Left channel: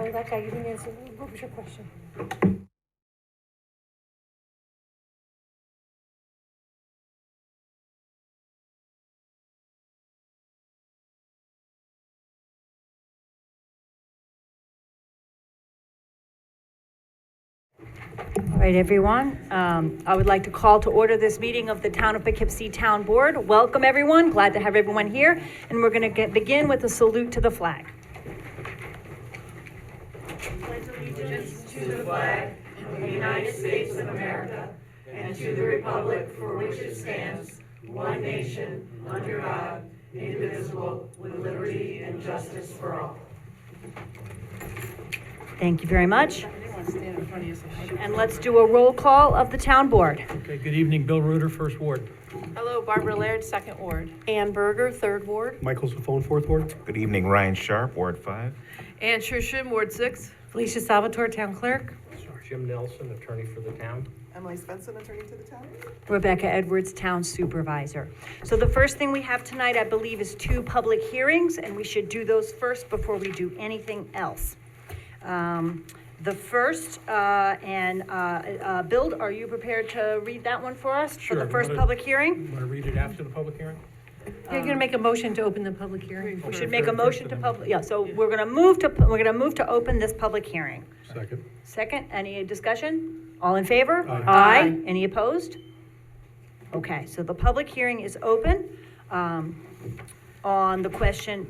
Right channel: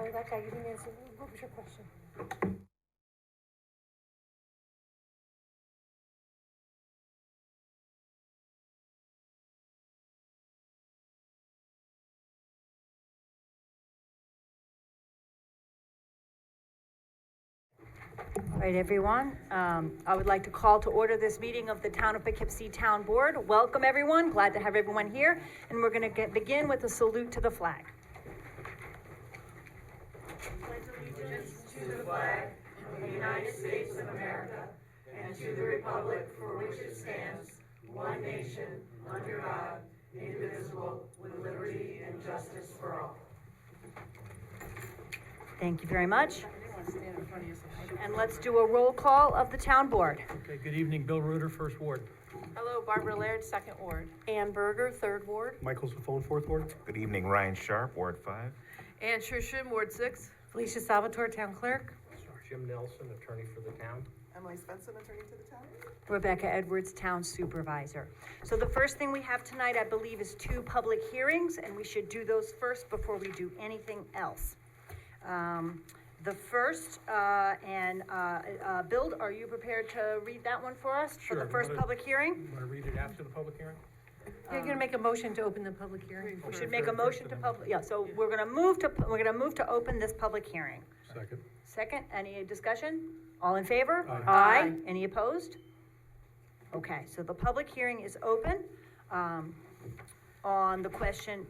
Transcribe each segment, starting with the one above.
Oh, that guy, you didn't answer. What was your question? All right, everyone. I would like to call to order this meeting of the Town of Poughkeepsie Town Board. Welcome, everyone. Glad to have everyone here. And we're going to begin with a salute to the flag. Pledge allegiance to the flag of the United States of America and to the republic for which it stands, one nation, under God, indivisible, with liberty and justice for all. Thank you very much. And let's do a roll call of the town board. Okay, good evening. Bill Reuter, First Ward. Hello, Barbara Laird, Second Ward. Ann Berger, Third Ward. Michael Safone, Fourth Ward. Good evening, Ryan Sharp, Ward 5. Ann Shushin, Ward 6. Felicia Salvatore, Town Clerk. Jim Nelson, attorney for the town. Emily Svensson, attorney to the town. Rebecca Edwards, Town Supervisor. So the first thing we have tonight, I believe, is 2 public hearings, and we should do those first before we do anything else. The first, Bill, are you prepared to read that one for us? Sure. For the first public hearing? You want to read it after the public hearing? You're gonna make a motion to open the public hearing. We should make a motion to so we're gonna move to open this public hearing. Second. Second, any discussion? All in favor? Aye. Aye. Any opposed? Okay, so the public hearing is open, on the question,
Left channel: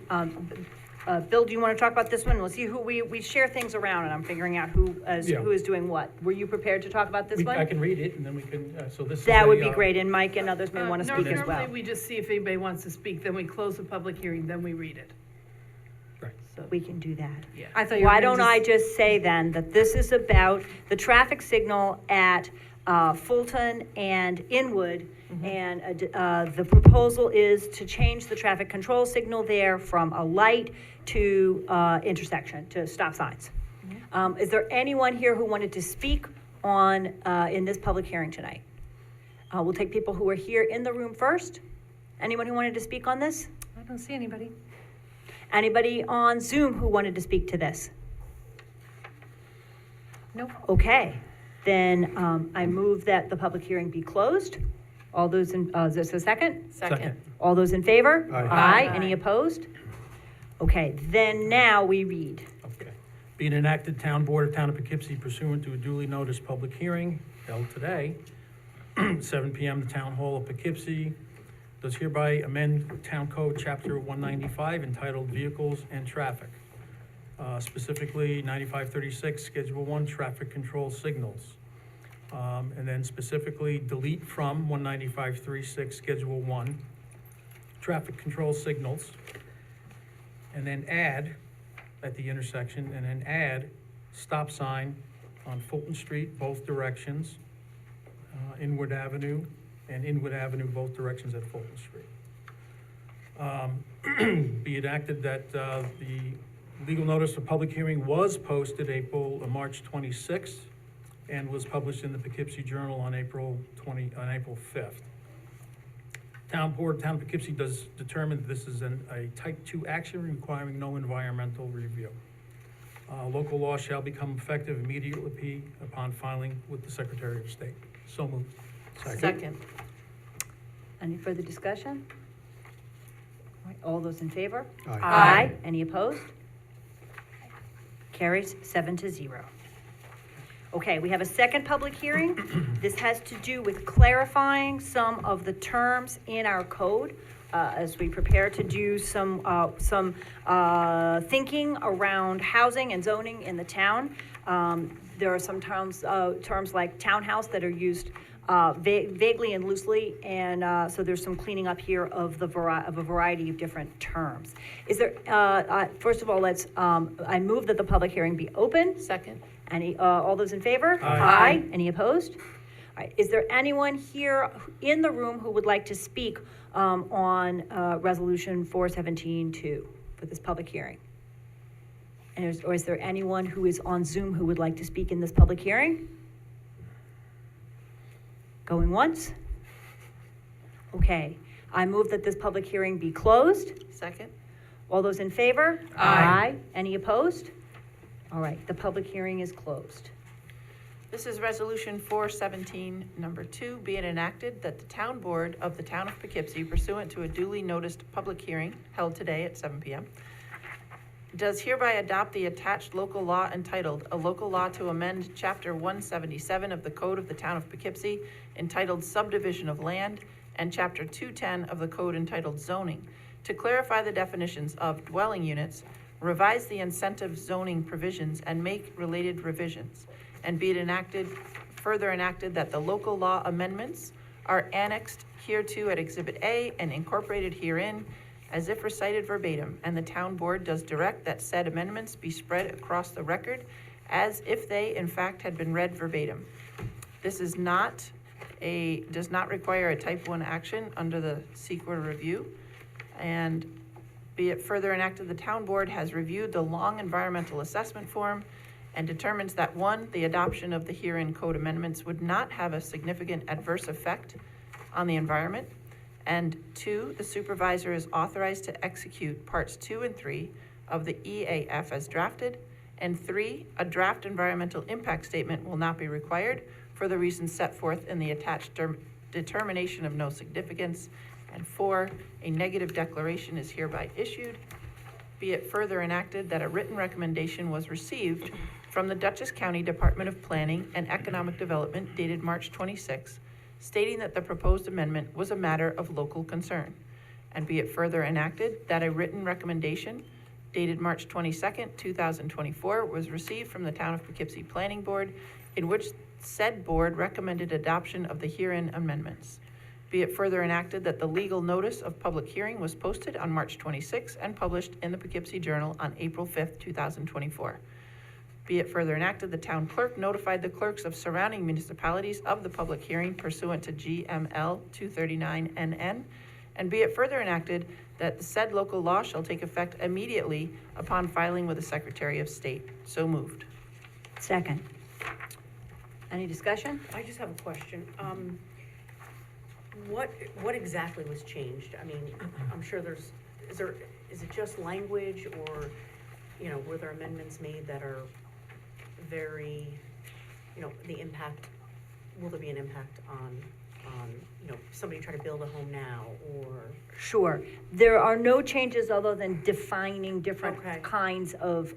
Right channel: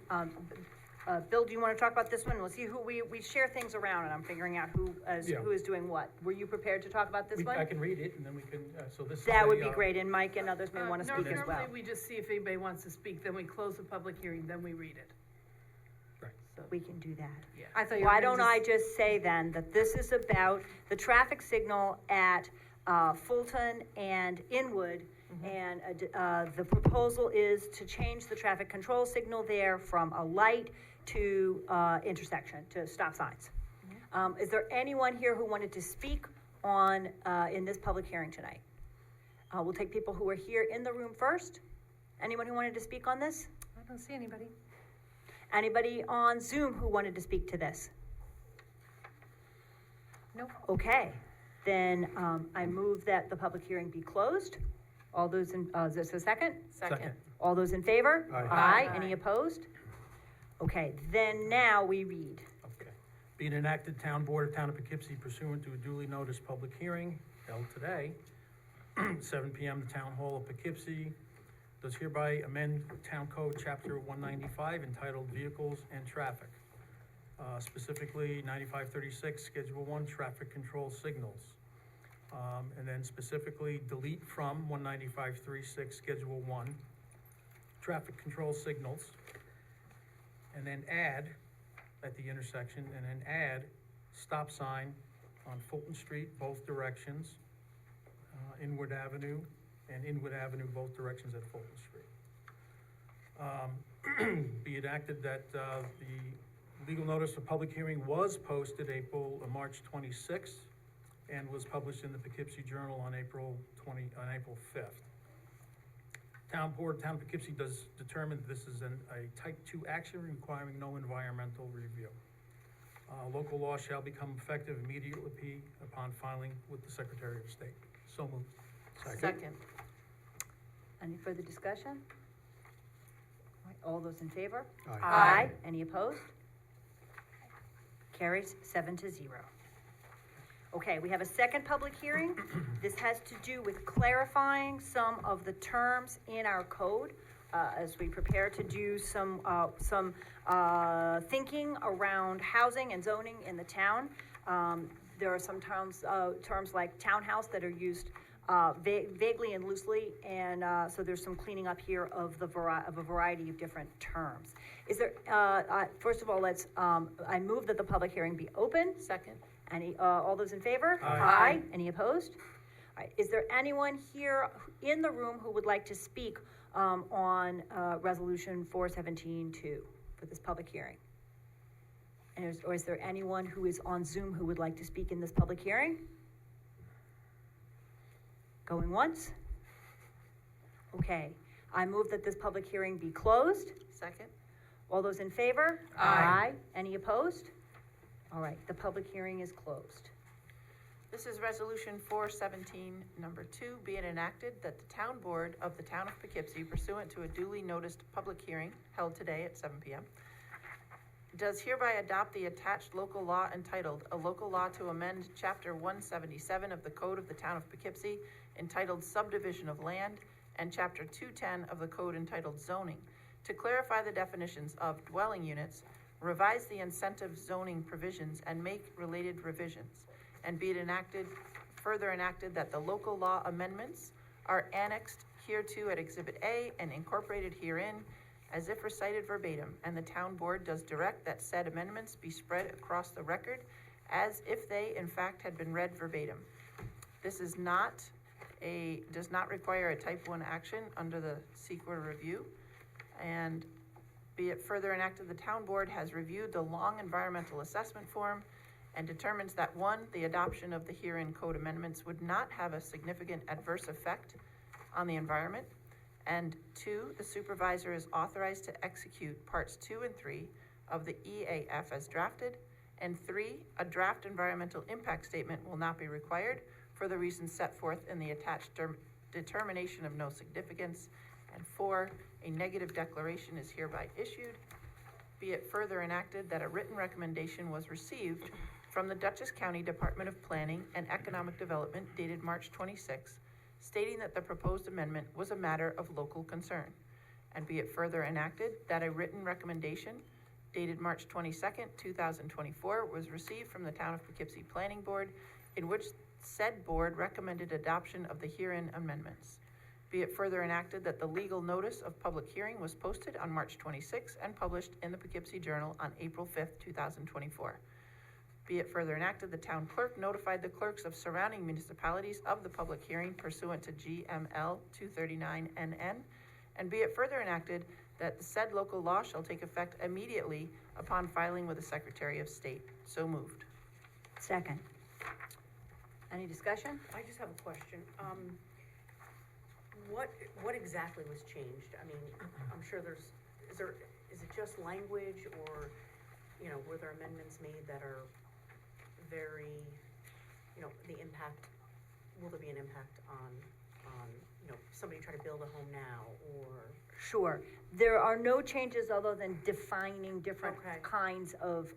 Bill, do you want to talk about this one? We'll see who, we share things around and I'm figuring out who is doing what. Were you prepared to talk about this one? I can read it and then we can, so this is That would a, be great, and Mike and others may want to speak as well. Normally, we just see if anybody wants to speak, then we close the public hearing, then we read it. Right. So we can do that. Yeah. I thought you were Why gonna don't I just say then that this is about the traffic signal at Fulton and Inwood. And the proposal is to change the traffic control signal there from a light to intersection, to stop signs. Is there anyone here who wanted to speak on, in this public hearing tonight? We'll take people who are here in the room first. Anyone who wanted to speak on this? I don't see anybody. Anybody on Zoom who wanted to speak to this? Nope. Okay, then I move that the public hearing be closed. All those in, is this a second? Second. All those in favor? Aye. Any opposed? Okay, then now we read. Okay. Being enacted Town Board of Town of Poughkeepsie pursuant to a duly noticed public hearing held today, 7 p.m. the Town Hall of Poughkeepsie does hereby amend Town Code Chapter 195 entitled Vehicles and Traffic. Specifically 9536 Schedule 1 Traffic Control Signals. And then specifically delete from 19536 Schedule 1 Traffic Control Signals. And then add at the intersection, and then add stop sign on Fulton Street, both directions, Inwood Avenue, and Inwood Avenue, both directions at Fulton Street. Be it acted that the legal notice of public hearing was posted March 26th, and was published in the Poughkeepsie Journal on April 5th. Town Board, Town of Poughkeepsie does determine that this is a type 2 action requiring no environmental review. Local law shall become effective immediately upon filing with the Secretary of State. So moved. Second. Any further discussion? All right, all those in favor? Aye. Any opposed? Carries 7-0. Okay, we have a second public hearing. This has to do with clarifying some of the terms in our code as we prepare to do some thinking around housing and zoning in the town. There are some terms like townhouse that are used vaguely and loosely, and so there's some cleaning up here of a variety of different terms. Is there? First of all, I move that the public hearing be open. Second. Any, all those in favor? Aye. Any opposed? All right, is there anyone here in the room who would like to speak on Resolution 417-2 for this public hearing? And or is there anyone who is on Zoom who would like to speak in this public hearing? Going once? Okay, I move that this public hearing be closed. Second. All those in favor? Aye. Any opposed? All right, the public hearing is closed. This is Resolution 417, number 2, be it enacted that the Town Board of the Town of Poughkeepsie pursuant to a duly noticed public hearing held today at 7 p.m. does hereby adopt the attached local law entitled, "A Local Law to Amend Chapter 177 of the Code of the Town of Poughkeepsie entitled Subdivision of Land, and Chapter 210 of the Code entitled Zoning, to clarify the definitions of dwelling units, revise the incentive zoning provisions, and make related revisions. And be it enacted, further enacted, that the local law amendments are annexed hereto at Exhibit A and incorporated herein as if recited verbatim, and the town board does direct that said amendments be spread across the record as if they in fact had been read verbatim. This does not require a type 1 action under the SEQR review. And be it further enacted, the town board has reviewed the long environmental assessment form and determines that 1, the adoption of the herein code amendments would not have a significant adverse effect on the environment, and 2, the supervisor is authorized to execute parts 2 and 3 of the EAF as drafted, and 3, a draft environmental impact statement will not be required for the reasons set forth in the attached determination of no significance, and 4, a negative declaration is hereby issued. Be it further enacted that a written recommendation was received from the Dutchess County Department of Planning and Economic Development dated March 26, stating that the proposed amendment was a matter of local concern. And be it further enacted that a written recommendation dated March 22nd, 2024 was received from the Town of Poughkeepsie Planning Board, in which said board recommended adoption of the herein amendments. Be it further enacted that the legal notice of public hearing was posted on March 26 and published in the Poughkeepsie Journal on April 5th, 2024. Be it further enacted, the town clerk notified the clerks of surrounding municipalities of the public hearing pursuant to GML 239 NN. And be it further enacted that the said local law shall take effect immediately upon filing with the Secretary of State. So moved. Second. Any discussion? I just have a question. What exactly was changed? I mean, I'm sure is it just language, or, were there amendments made that are very, the impact, will there be an impact on, somebody trying to build a home now, or? Sure. There are no changes other than defining different Okay. kinds of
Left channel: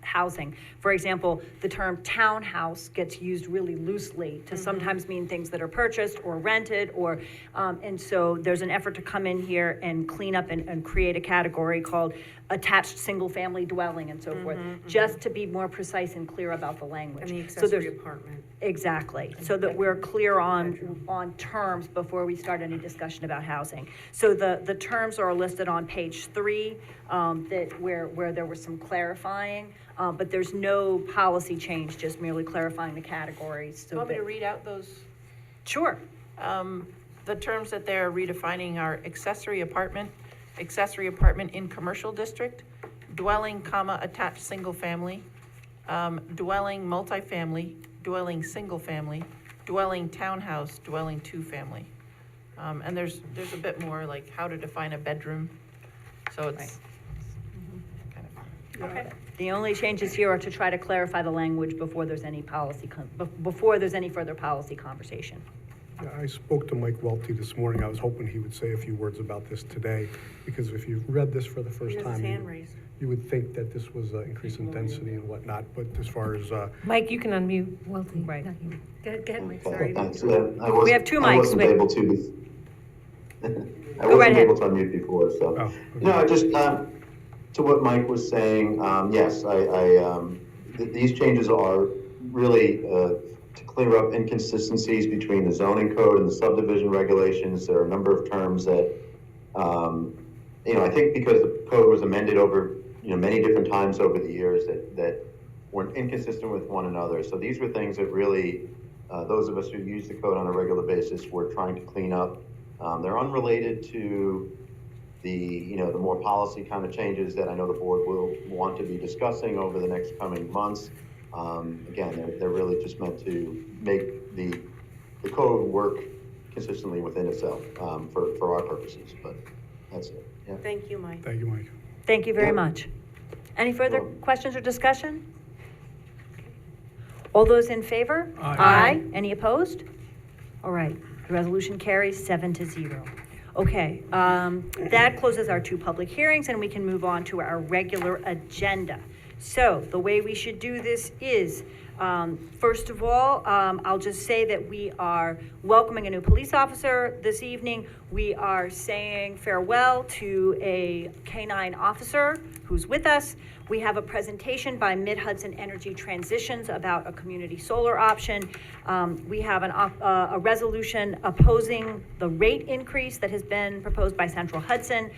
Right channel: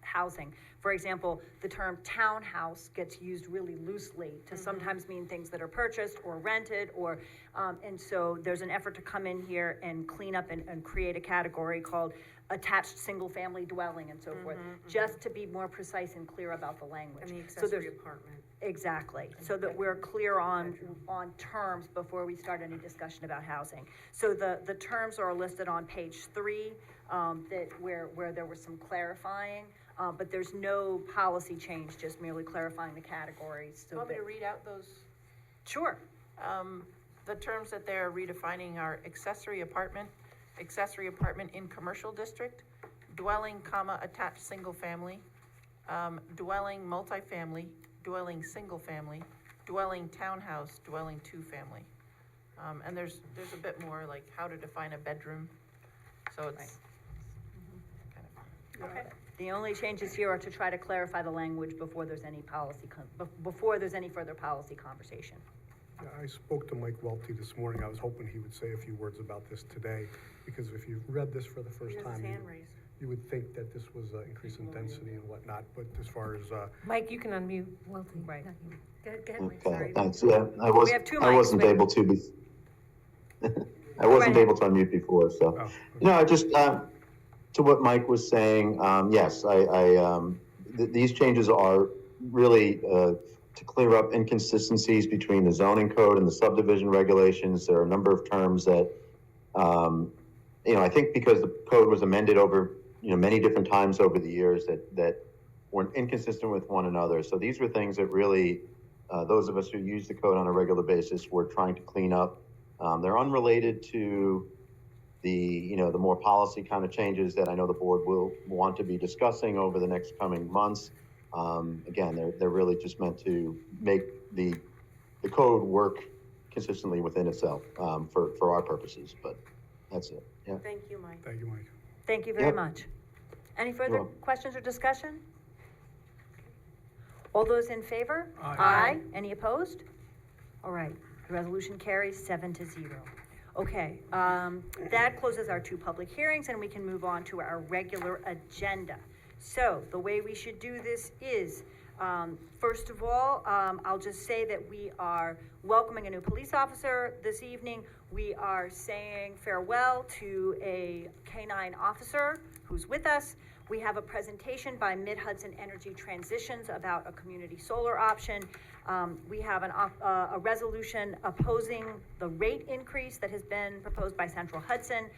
housing. For example, the term townhouse gets used really loosely to sometimes mean things that are purchased or rented, or, and so there's an effort to come in here and clean up and create a category called attached single-family dwelling and so forth, just to be more precise and clear about the language. And the So there's- accessory apartment? Exactly, so that we're clear on terms before we start any discussion about housing. So the terms are listed on page 3, where there was some clarifying, but there's no policy change, just merely clarifying the categories. Do you want me to read out those? Sure. The terms that they're redefining are accessory apartment in commercial district, dwelling, attached single family, dwelling multifamily, dwelling single family, dwelling townhouse, dwelling two-family. And there's a bit more like how to define a bedroom, so it's kind of. Okay. The only changes here are to try to clarify the language before there's any before there's any further policy conversation. Yeah, I spoke to Mike Welty this morning. I was hoping he would say a few words about this today, because if you've read this for the He first has his time, hand raised. you would think that this was increase in density and whatnot, but as far as, Mike, you can unmute Welty. Right. Not you. Go ahead, Mike, Okay, sorry. thanks. Yeah, We have two I mics, wasn't but- able to be, I right wasn't ahead. able to unmute before, so. oh, No, just, to what Mike was saying, yes, these changes are really, to clear up inconsistencies between the zoning code and the subdivision regulations. There are a number of terms that, I think because the code was amended over, many different times over the years that weren't inconsistent with one another. So these were things that really, those of us who use the code on a regular basis were trying to clean up. They're unrelated to the more policy kind of changes that I know the board will want to be discussing over the next coming months. Again, they're really just meant to make the code work consistently within itself, for our purposes, but that's it, yeah. Thank you, Mike. thank you, Mike. Thank you very Yep. much. Any further Well- questions or discussion? All those in favor? Aye. Any opposed? All right, the resolution carries 7-0. Okay, that closes our 2 public hearings, and we can move on to our regular agenda. So the way we should do this is, first of all, I'll just say that we are welcoming a new police officer this evening. We are saying farewell to a K-9 officer who's with us. We have a presentation by Mid-Hudson Energy Transitions about a community solar option. We have a resolution opposing the rate increase that has been proposed by Central Hudson.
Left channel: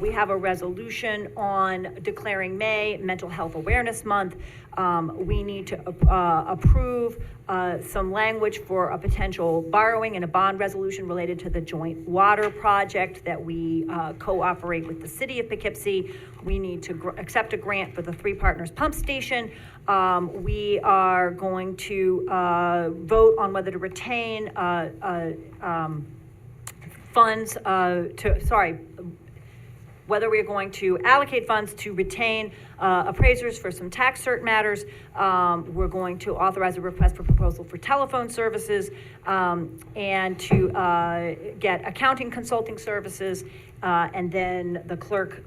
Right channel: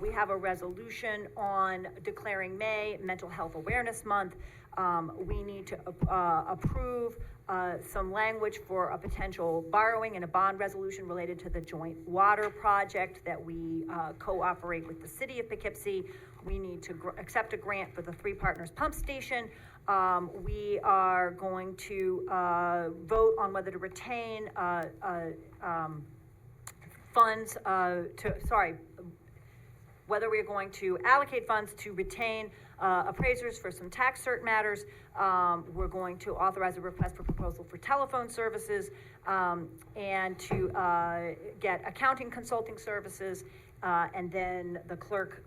We have a resolution on declaring May Mental Health Awareness Month. We need to approve some language for a potential borrowing and a bond resolution related to the joint water project that we cooperate with the city of Poughkeepsie. We need to accept a grant for the 3 Partners Pump Station. We are going to vote on whether to retain funds whether we are going to allocate funds to retain appraisers for some tax cert matters. We're going to authorize a request for proposal for telephone services and to get accounting consulting services. And then the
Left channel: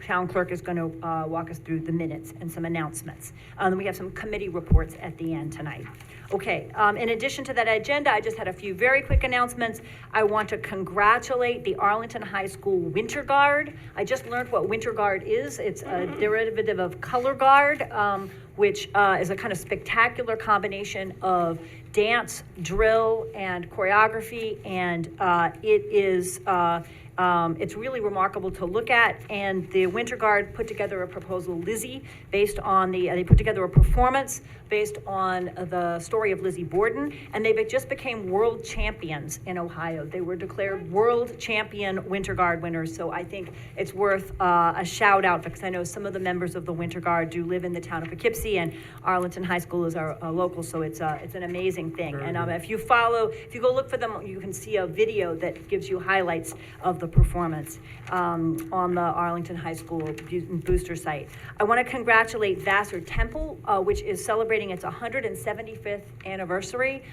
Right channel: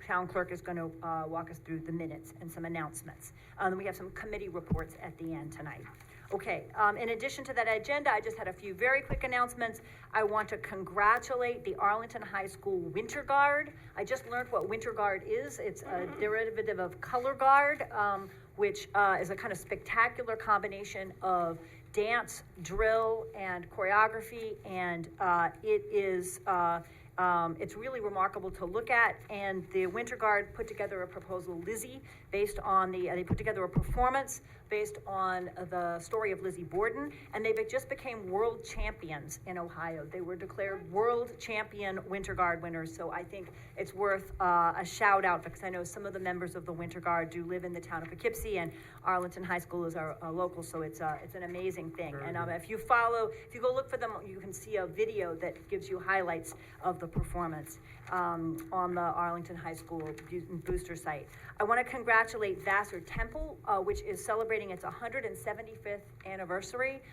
town clerk is going to walk us through the minutes and some announcements. We have some committee reports at the end tonight. Okay, in addition to that agenda, I just had a few very quick announcements. I want to congratulate the Arlington High School Winter Guard. I just learned what Winter Guard is. It's a derivative of Color Guard, which is a kind of spectacular combination of dance, drill, and choreography, and it is it's really remarkable to look at, and the Winter Guard put together a proposal, Lizzie, based on they put together a performance based on the story of Lizzie Borden, and they just became world champions in Ohio. They were declared world champion Winter Guard winners, so I think it's worth a shout out, because I know some of the members of the Winter Guard do live in the town of Poughkeepsie, and Arlington High School is our local, so it's an amazing thing. Very And good. if you go look for them, you can see a video that gives you highlights of the performance on the Arlington High School booster site. I want to congratulate Vassar Temple, which is celebrating its 175th anniversary.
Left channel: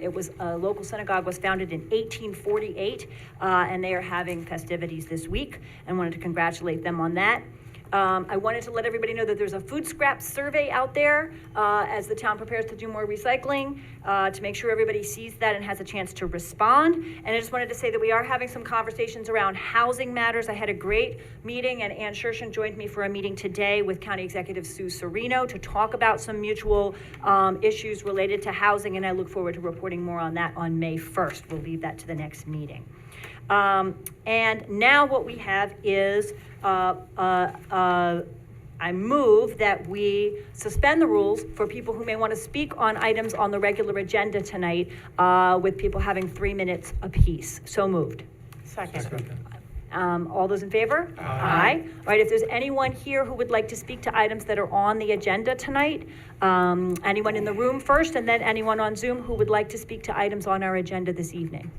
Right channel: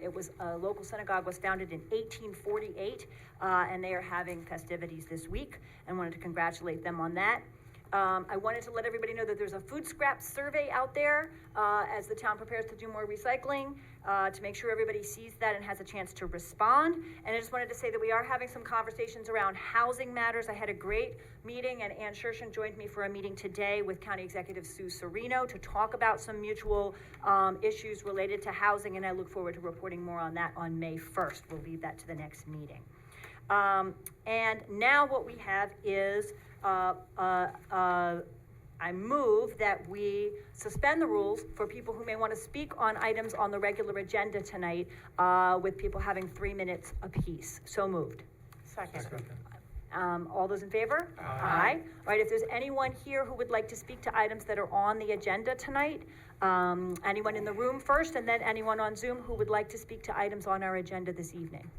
It was a local synagogue, was founded in 1848, and they are having festivities this week, and wanted to congratulate them on that. I wanted to let everybody know that there's a food scrap survey out there as the town prepares to do more recycling, to make sure everybody sees that and has a chance to respond. And I just wanted to say that we are having some conversations around housing matters. I had a great meeting, and Ann Shershen joined me for a meeting today with County Executive Sue Serino to talk about some mutual issues related to housing, and I look forward to reporting more on that on May 1st. We'll leave that to the next meeting. And now what we have is I move that we suspend the rules for people who may want to speak on items on the regular agenda tonight, with people having 3 minutes apiece. So moved. Second. All those in favor? Aye. All right, if there's anyone here who would like to speak to items that are on the agenda tonight, anyone in the room first, and then anyone on Zoom who would like to speak to items on our agenda this evening.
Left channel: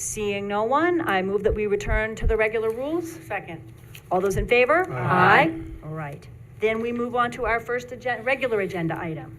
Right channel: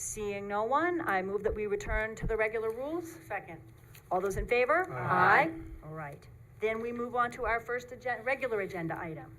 Seeing no one, I move that we return to the regular rules. Second. All those in favor? Aye. All right. Then we move on to our first regular agenda item.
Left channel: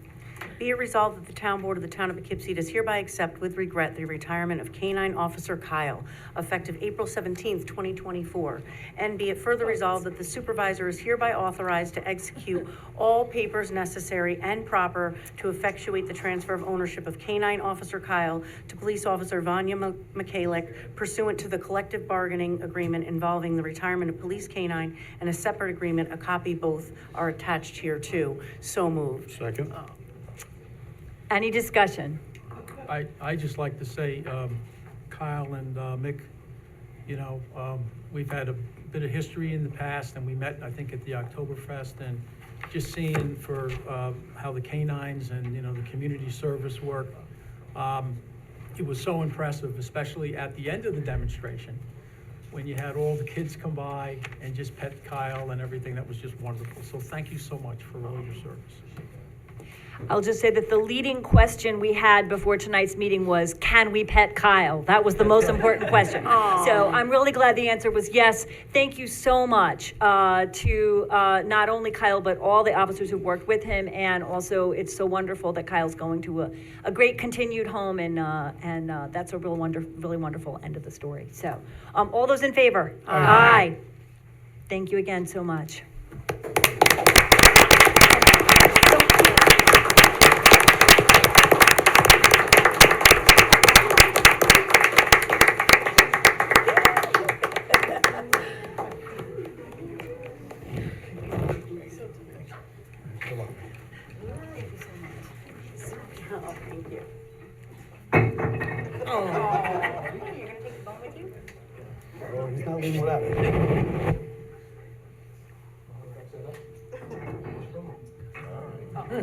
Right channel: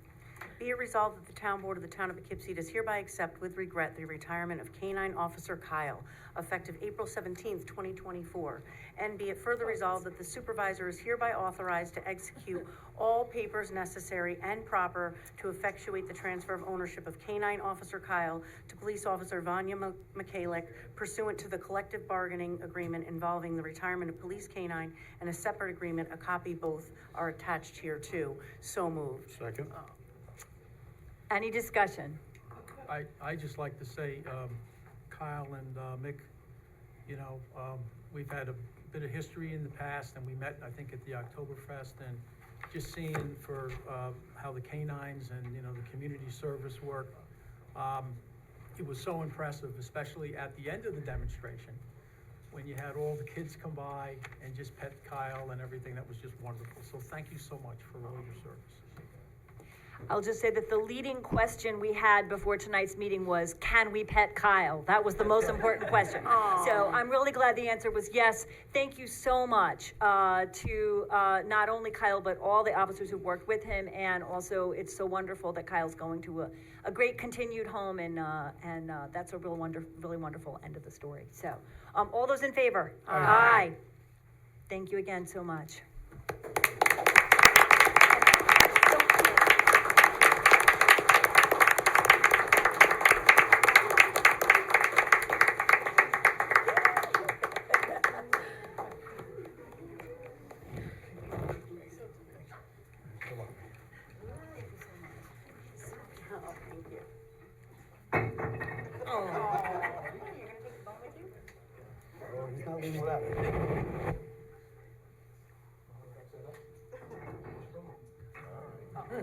Be it resolved that the town board of the town of Poughkeepsie does hereby accept with regret the retirement of K-9 Officer Kyle, effective April 17th, 2024. And be it further resolved that the supervisor is hereby authorized to execute all papers necessary and proper to effectuate the transfer of ownership of K-9 Officer Kyle to Police Officer Vanya Mikhalik pursuant to the collective bargaining agreement involving the retirement of Police K-9 and a separate agreement, a copy both are attached here too. So moved. Second. Any discussion? I just like to say, Kyle and Mick, we've had a bit of history in the past, and we met, I think, at the Oktoberfest, and just seeing for how the canines and, the community service work, it was so impressive, especially at the end of the demonstration, when you had all the kids come by and just pet Kyle and everything. That was just wonderful. So thank you so much for all your service. I'll just say that the leading question we had before tonight's meeting was, can we pet Kyle? That was the most important question. So I'm really glad the answer was yes. Thank you so much to not only Kyle, but all the officers who worked with him. And also, it's so wonderful that Kyle's going to a great continued home, and that's a really wonderful end of the story. So all those in favor? Aye. Thank you again so much. He's not leaving without it.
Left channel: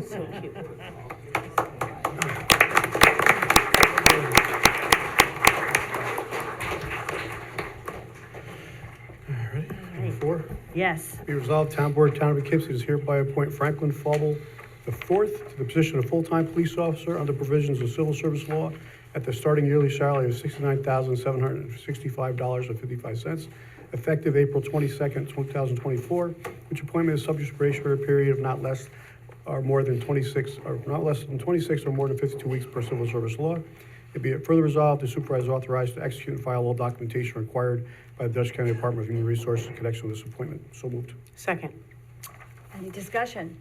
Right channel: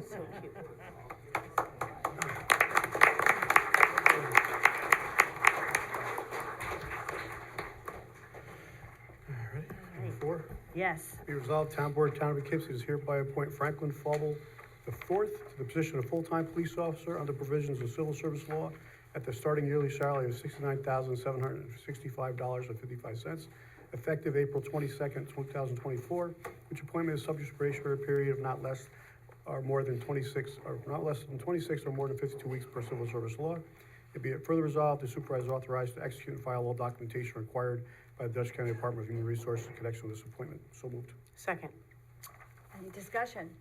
So cute. Number 4. Yes. Be resolved, Town Board, Town of Poughkeepsie does hereby appoint Franklin Fauble IV to the position of full-time police officer under provisions of civil service law at the starting yearly salary of $69,765.55, effective April 22nd, 2024, which appointment is subject to probationary period of not less than 26 or more than 52 weeks per civil service law. It be it further resolved, the supervisor is authorized to execute and file all documentation required by the Dutchess County Department of Human Resources in connection with this appointment. So moved. Second. Any discussion?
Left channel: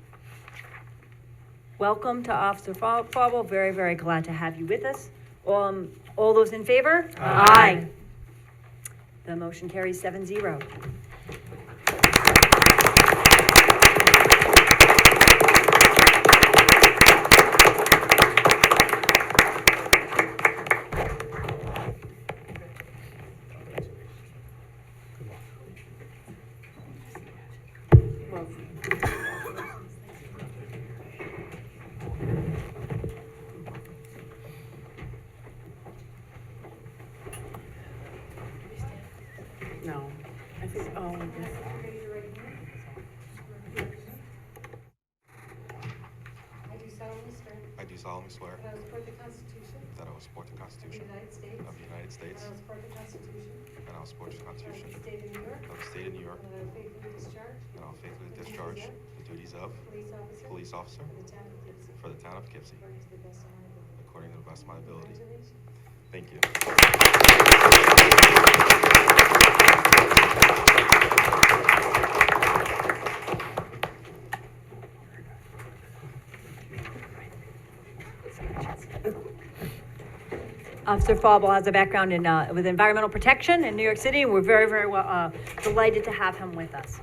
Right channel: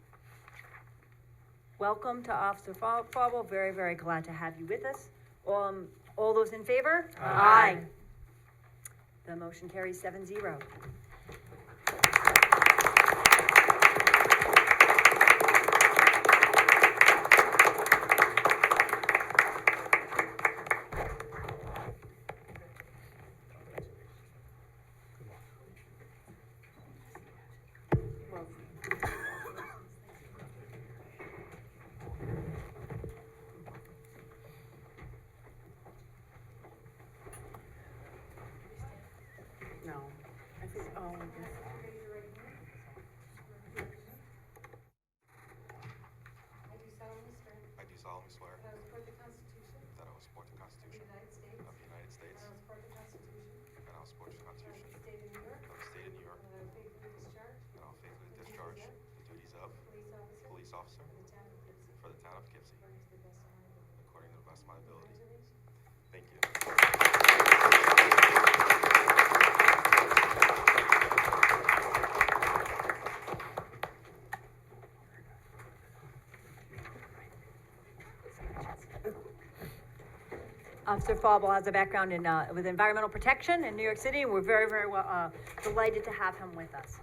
Welcome to Officer Fauble. Very, very glad to have you with us. All those in favor? Aye. The motion carries 7-0. No. I think, oh, yes. I do solemnly swear that I will support the Constitution of the United States and I will support the Constitution of the State of New York, and I will faithfully discharge the duties of police officer for the town of Poughkeepsie according to the best of my ability. Thank you. Officer Fauble has a background in with environmental protection in New York City, and we're very, very delighted to have him with us.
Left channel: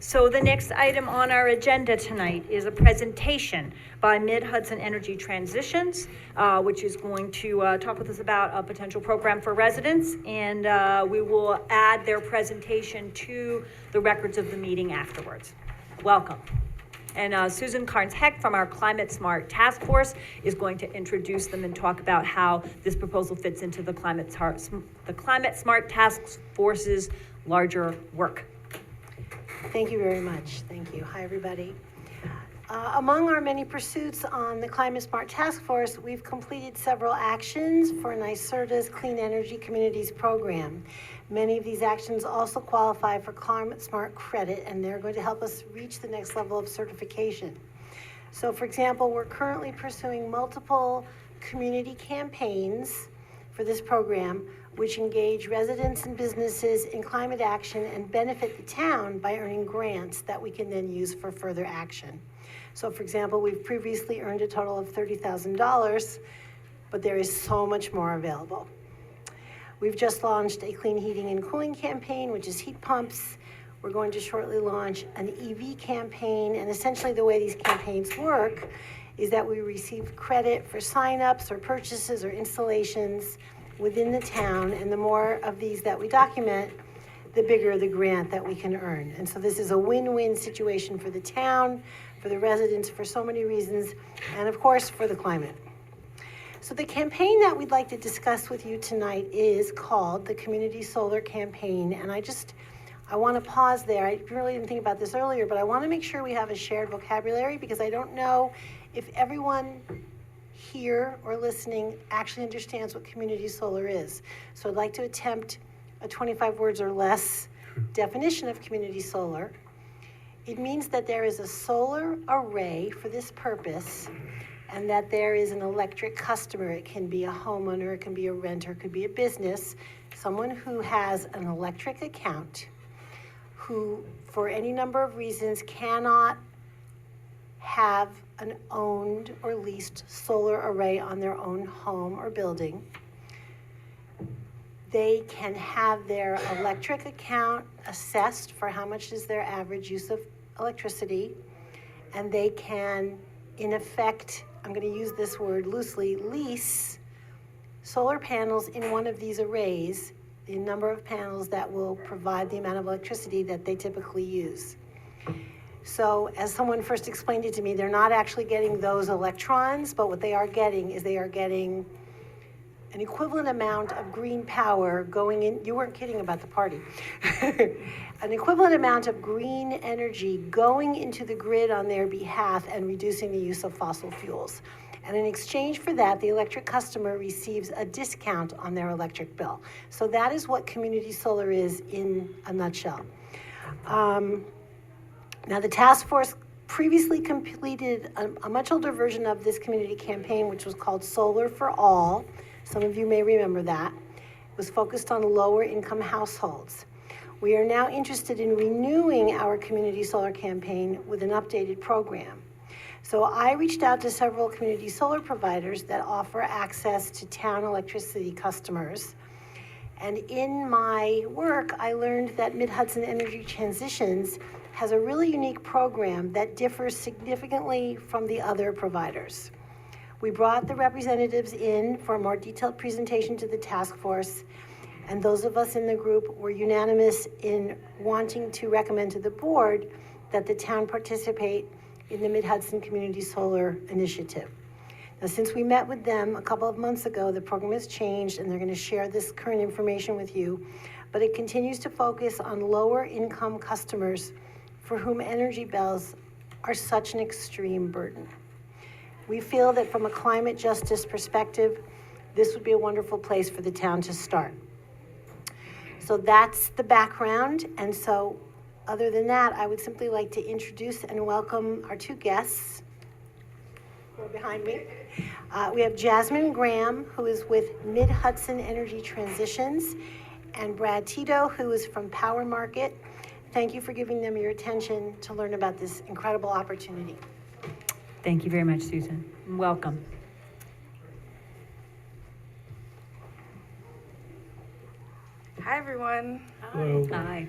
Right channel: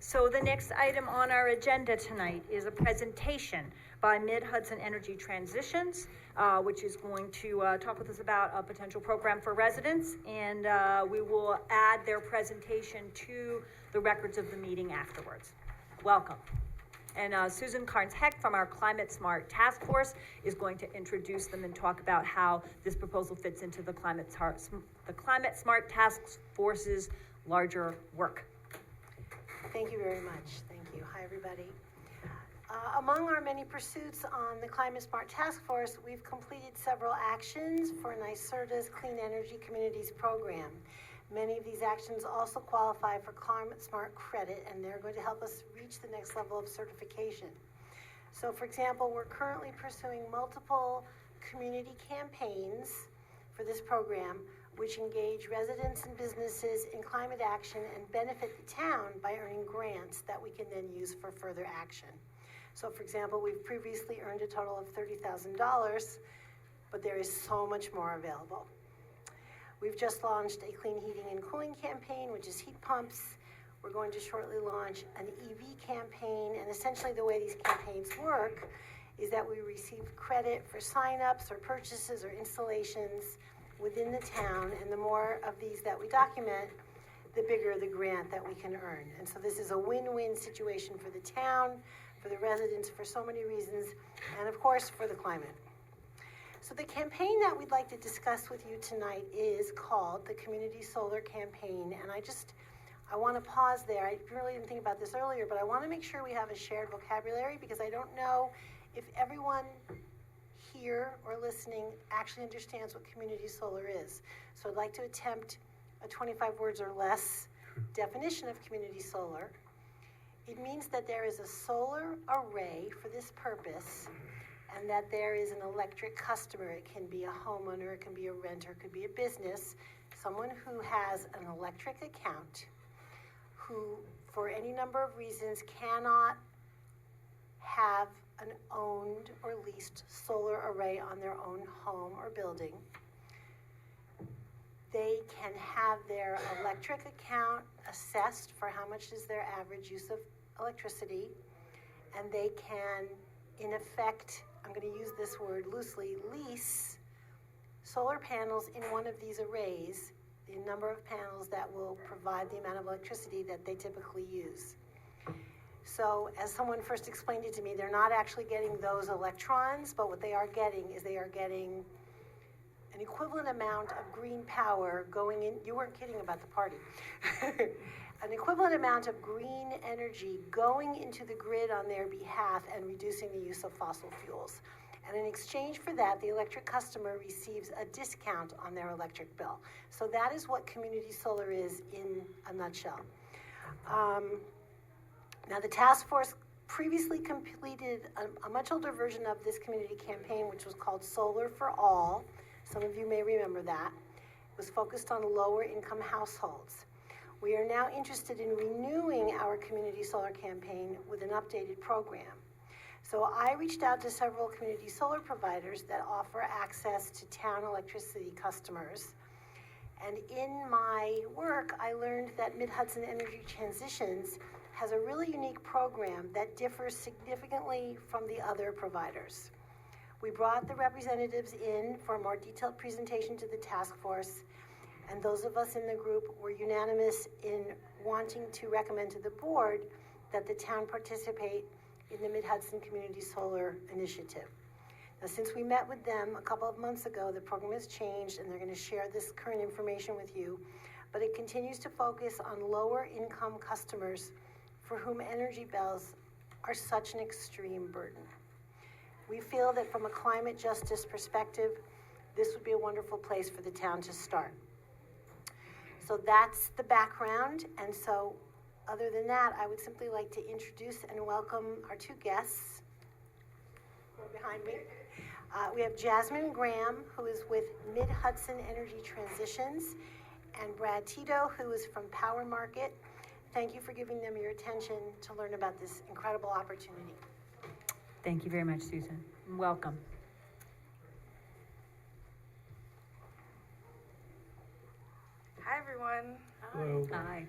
So the next item on our agenda tonight is a presentation by Mid-Hudson Energy Transitions, which is going to talk with us about a potential program for residents, and we will add their presentation to the records of the meeting afterwards. Welcome. And Susan Carnes-Heck from our Climate Smart Task Force is going to introduce them and talk about how this proposal fits into the Climate Smart Task Force's larger work. Thank you very much. Thank you. Hi, everybody. Among our many pursuits on the Climate Smart Task Force, we've completed several actions for NYSERDA's Clean Energy Communities program. Many of these actions also qualify for Climate Smart credit, and they're going to help us reach the next level of certification. So, for example, we're currently pursuing multiple community campaigns for this program, which engage residents and businesses in climate action and benefit the town by earning grants that we can then use for further action. So, for example, we've previously earned a total of $30,000, but there is so much more available. We've just launched a clean heating and cooling campaign, which is heat pumps. We're going to shortly launch an EV campaign, and essentially the way these campaigns work is that we receive credit for signups or purchases or installations within the town, and the more of these that we document, the bigger the grant that we can earn. And so this is a win-win situation for the town, for the residents, for so many reasons, and of course, for the climate. So the campaign that we'd like to discuss with you tonight is called the Community Solar Campaign, and I want to pause there. I really didn't think about this earlier, but I want to make sure we have a shared vocabulary because I don't know if everyone here or listening actually understands what community solar is. So I'd like to attempt a 25 words or less definition of community solar. It means that there is a solar array for this purpose, and that there is an electric customer. It can be a homeowner, it can be a renter, it could be a business, someone who has an electric account, who, for any number of reasons, cannot have an owned or leased solar array on their own home or building. They can have their electric account assessed for how much is their average use of electricity, and they can, in effect, I'm going to use this word loosely, lease solar panels in one of these arrays, the number of panels that will provide the amount of electricity that they typically use. So as someone first explained it to me, they're not actually getting those electrons, but what they are getting is they are getting an equivalent amount of green power going in. You weren't kidding about the party. An equivalent amount of green energy going into the grid on their behalf and reducing the use of fossil fuels. And in exchange for that, the electric customer receives a discount on their electric bill. So that is what community solar is in a nutshell. Now, the task force previously completed a much older version of this community campaign, which was called Solar for All. Some of you may remember that. It was focused on lower income households. We are now interested in renewing our community solar campaign with an updated program. So I reached out to several community solar providers that offer access to town electricity customers. And in my work, I learned that Mid-Hudson Energy Transitions has a really unique program that differs significantly from the other providers. We brought the representatives in for a more detailed presentation to the task force, and those of us in the group were unanimous in wanting to recommend to the board that the town participate in the Mid-Hudson Community Solar Initiative. Now, since we met with them a couple of months ago, the program has changed, and they're going to share this current information with you, but it continues to focus on lower income customers for whom energy bills are such an extreme burden. We feel that from a climate justice perspective, this would be a wonderful place for the town to start. So that's the background, and so other than that, I would simply like to introduce and welcome our two guests who are behind me. We have Jasmine Graham, who is with Mid-Hudson Energy Transitions, and Brad Tito, who is from Power Market. Thank you for giving them your attention to learn about this incredible opportunity. Thank you very much, Susan. Welcome. Hi, everyone. Hello. Hi.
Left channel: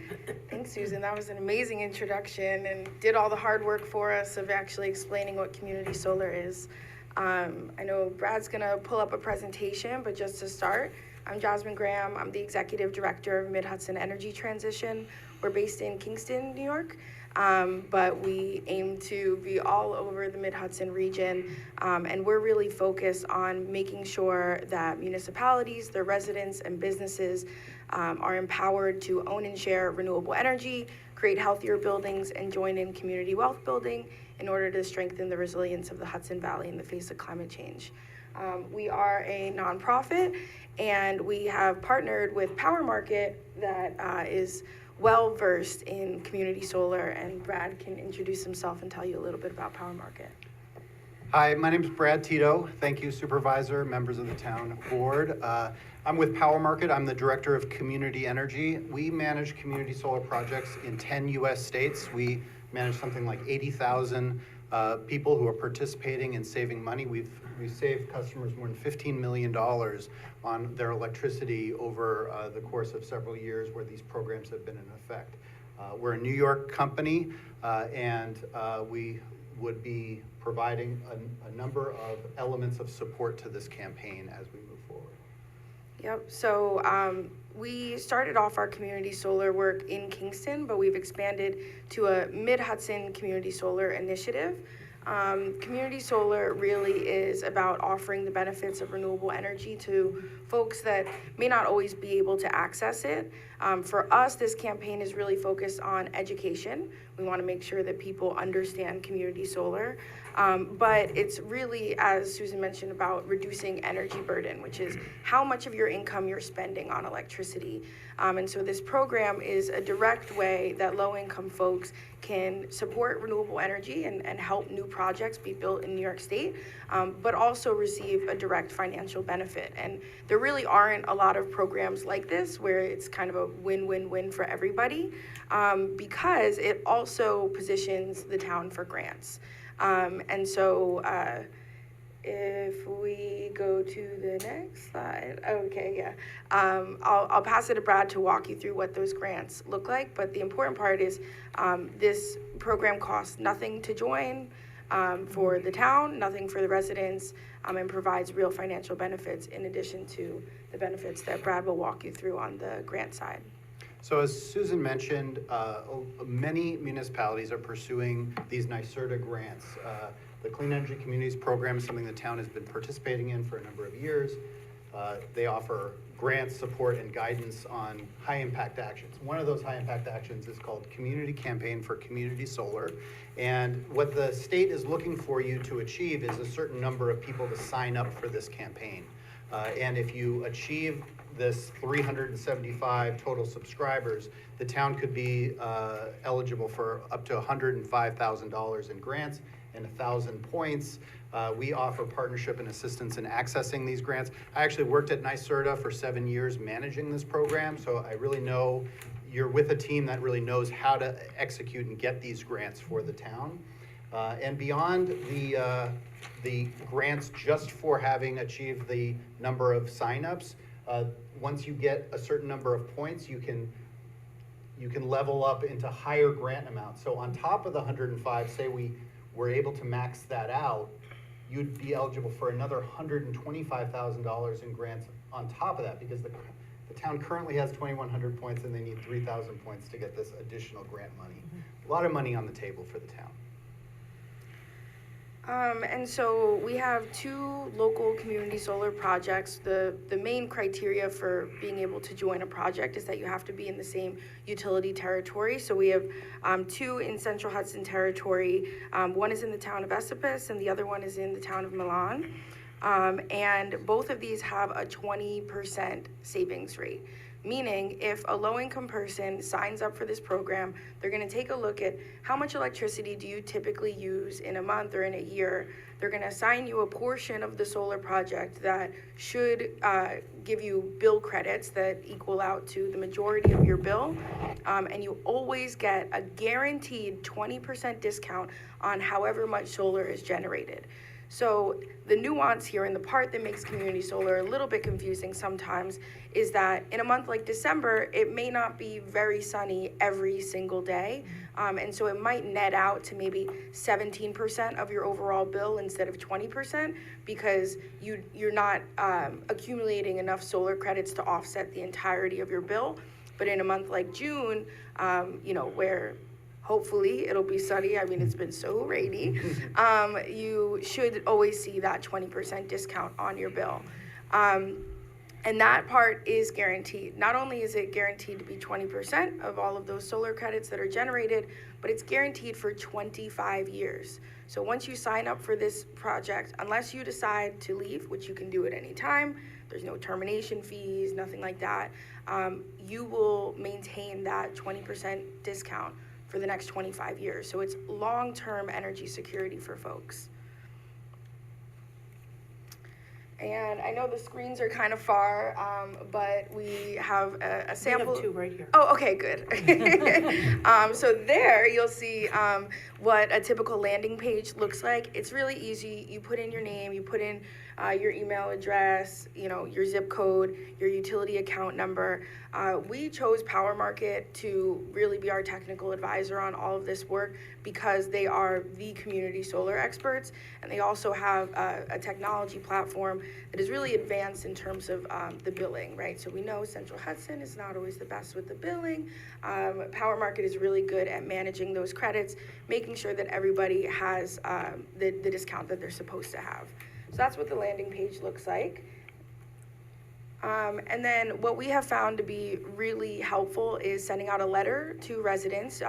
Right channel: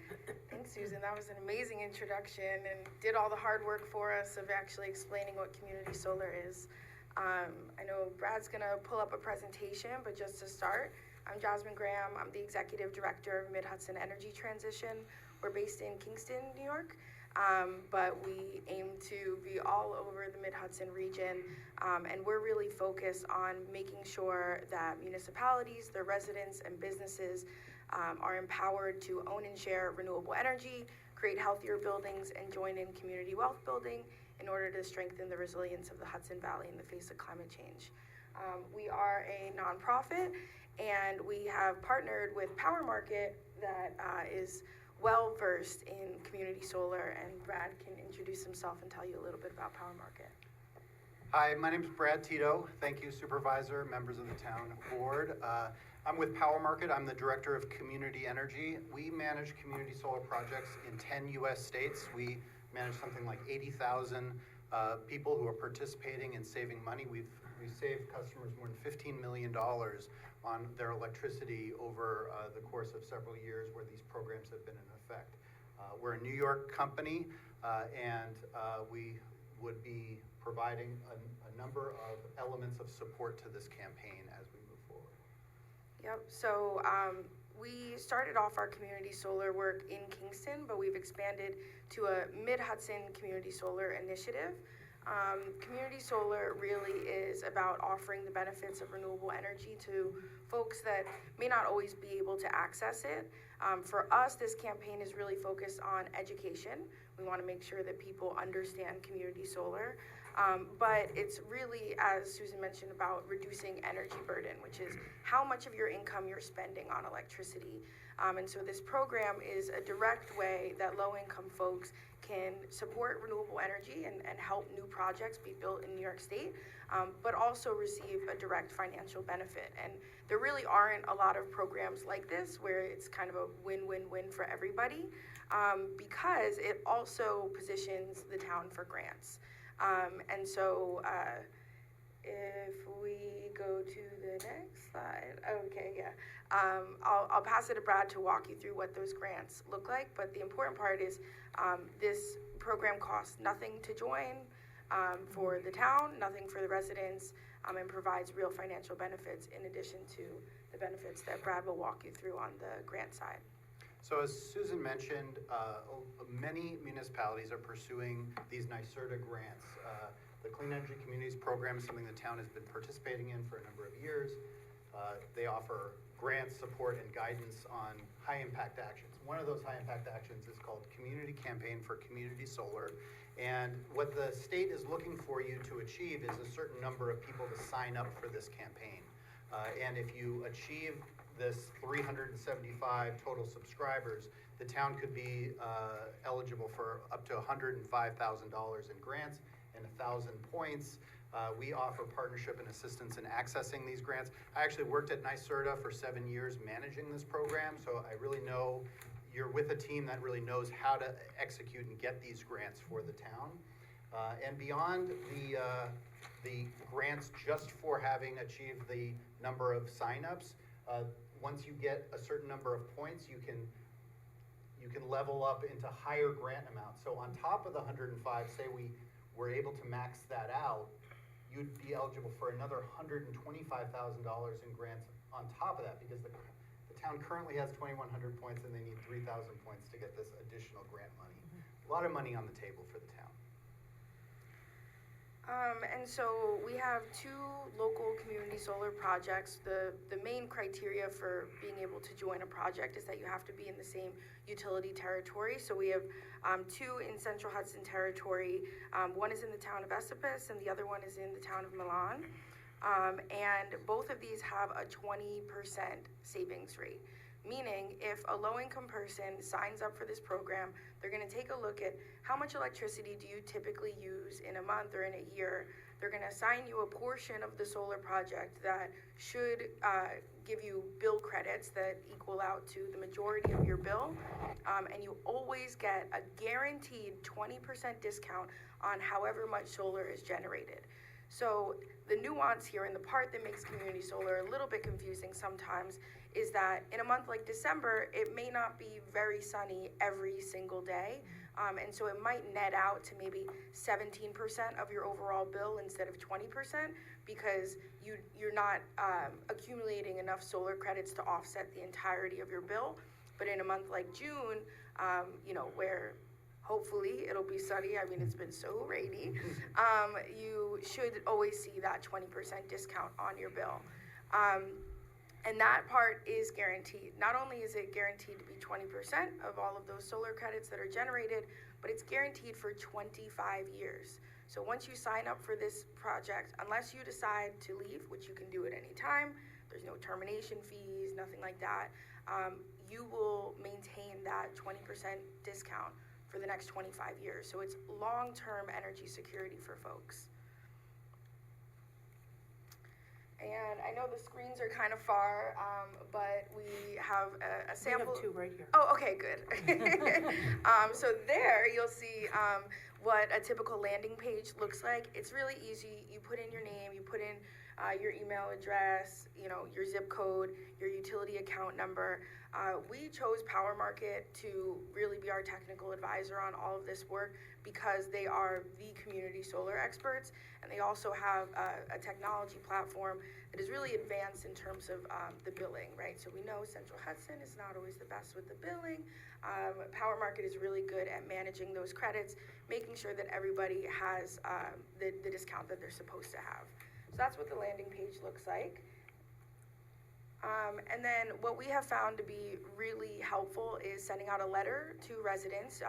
Thanks, Susan. That was an amazing introduction and did all the hard work for us of actually explaining what community solar is. I know Brad's gonna pull up a presentation, but just to start, I'm Jasmine Graham. I'm the Executive Director of Mid-Hudson Energy Transition. We're based in Kingston, New York, but we aim to be all over the Mid-Hudson region, and we're really focused on making sure that municipalities, their residents, and businesses are empowered to own and share renewable energy, create healthier buildings, and join in community wealth building in order to strengthen the resilience of the Hudson Valley in the face of climate change. We are a nonprofit, and we have partnered with Power Market that is well-versed in community solar, and Brad can introduce himself and tell you a little bit about Power Market. Hi, my name is Brad Tito. Thank you, Supervisor, members of the town board. I'm with Power Market. I'm the Director of Community Energy. We manage community solar projects in 10 US states. We manage something like 80,000 people who are participating in saving money. We've saved customers more than $15 million on their electricity over the course of several years where these programs have been in effect. We're a New York company, and we would be providing a number of elements of support to this campaign as we move forward. Yep, so we started off our community solar work in Kingston, but we've expanded to a Mid-Hudson Community Solar Initiative. Community solar really is about offering the benefits of renewable energy to folks that may not always be able to access it. For us, this campaign is really focused on education. We want to make sure that people understand community solar. But it's really, as Susan mentioned, about reducing energy burden, which is how much of your income you're spending on electricity. And so this program is a direct way that low-income folks can support renewable energy and help new projects be built in New York State, but also receive a direct financial benefit. And there really aren't a lot of programs like this where it's kind of a win-win-win for everybody, because it also positions the town for grants. And so if we go to the next slide, okay, yeah. I'll pass it to Brad to walk you through what those grants look like, but the important part is this program costs nothing to join for the town, nothing for the residents, and provides real financial benefits in addition to the benefits that Brad will walk you through on the grant side. So as Susan mentioned, many municipalities are pursuing these NYSERDA grants. The Clean Energy Communities Program is something the town has been participating in for a number of years. They offer grants, support, and guidance on high-impact actions. One of those high-impact actions is called Community Campaign for Community Solar. And what the state is looking for you to achieve is a certain number of people to sign up for this campaign. And if you achieve this 375 total subscribers, the town could be eligible for up to $105,000 in grants and 1,000 points. We offer partnership and assistance in accessing these grants. I actually worked at NYSERDA for 7 years managing this program, so I really know you're with a team that really knows how to execute and get these grants for the town. And beyond the grants just for having achieved the number of signups, once you get a certain number of points, you can level up into higher grant amounts. So on top of the 105, say we were able to max that out, you'd be eligible for another $125,000 in grants on top of that, because the town currently has 2,100 points and they need 3,000 points to get this additional grant money. A lot of money on the table for the town. And so we have 2 local community solar projects. The main criteria for being able to join a project is that you have to be in the same utility territory. So we have 2 in Central Hudson territory. One is in the town of Esopus and the other one is in the town of Milan. And both of these have a 20% savings rate. Meaning, if a low-income person signs up for this program, they're going to take a look at how much electricity do you typically use in a month or in a year. They're going to assign you a portion of the solar project that should give you bill credits that equal out to the majority of your bill. And you always get a guaranteed 20% discount on however much solar is generated. So the nuance here, and the part that makes community solar a little bit confusing sometimes, is that in a month like December, it may not be very sunny every single day. And so it might net out to maybe 17% of your overall bill instead of 20%, because you're not accumulating enough solar credits to offset the entirety of your bill. But in a month like June, where hopefully it'll be sunny, I mean, it's been so rainy, you should always see that 20% discount on your bill. And that part is guaranteed. Not only is it guaranteed to be 20% of all of those solar credits that are generated, but it's guaranteed for 25 years. So once you sign up for this project, unless you decide to leave, which you can do at any time, there's no termination fees, nothing like that, you will maintain that 20% discount for the next 25 years. So it's long-term energy security for folks. And I know the screens are kind of far, but we have a sample. We have 2 right here. Oh, okay, good. So there you'll see what a typical landing page looks like. It's really easy. You put in your name, you put in your email address, your zip code, your utility account number. We chose Power Market to really be our technical advisor on all of this work because they are the community solar experts, and they also have a technology platform that is really advanced in terms of the billing, right? So we know Central Hudson is not always the best with the billing. Power Market is really good at managing those credits, making sure that everybody has the discount that they're supposed to have. So that's what the landing page looks like. And then what we have found to be really helpful is sending out a letter to residents,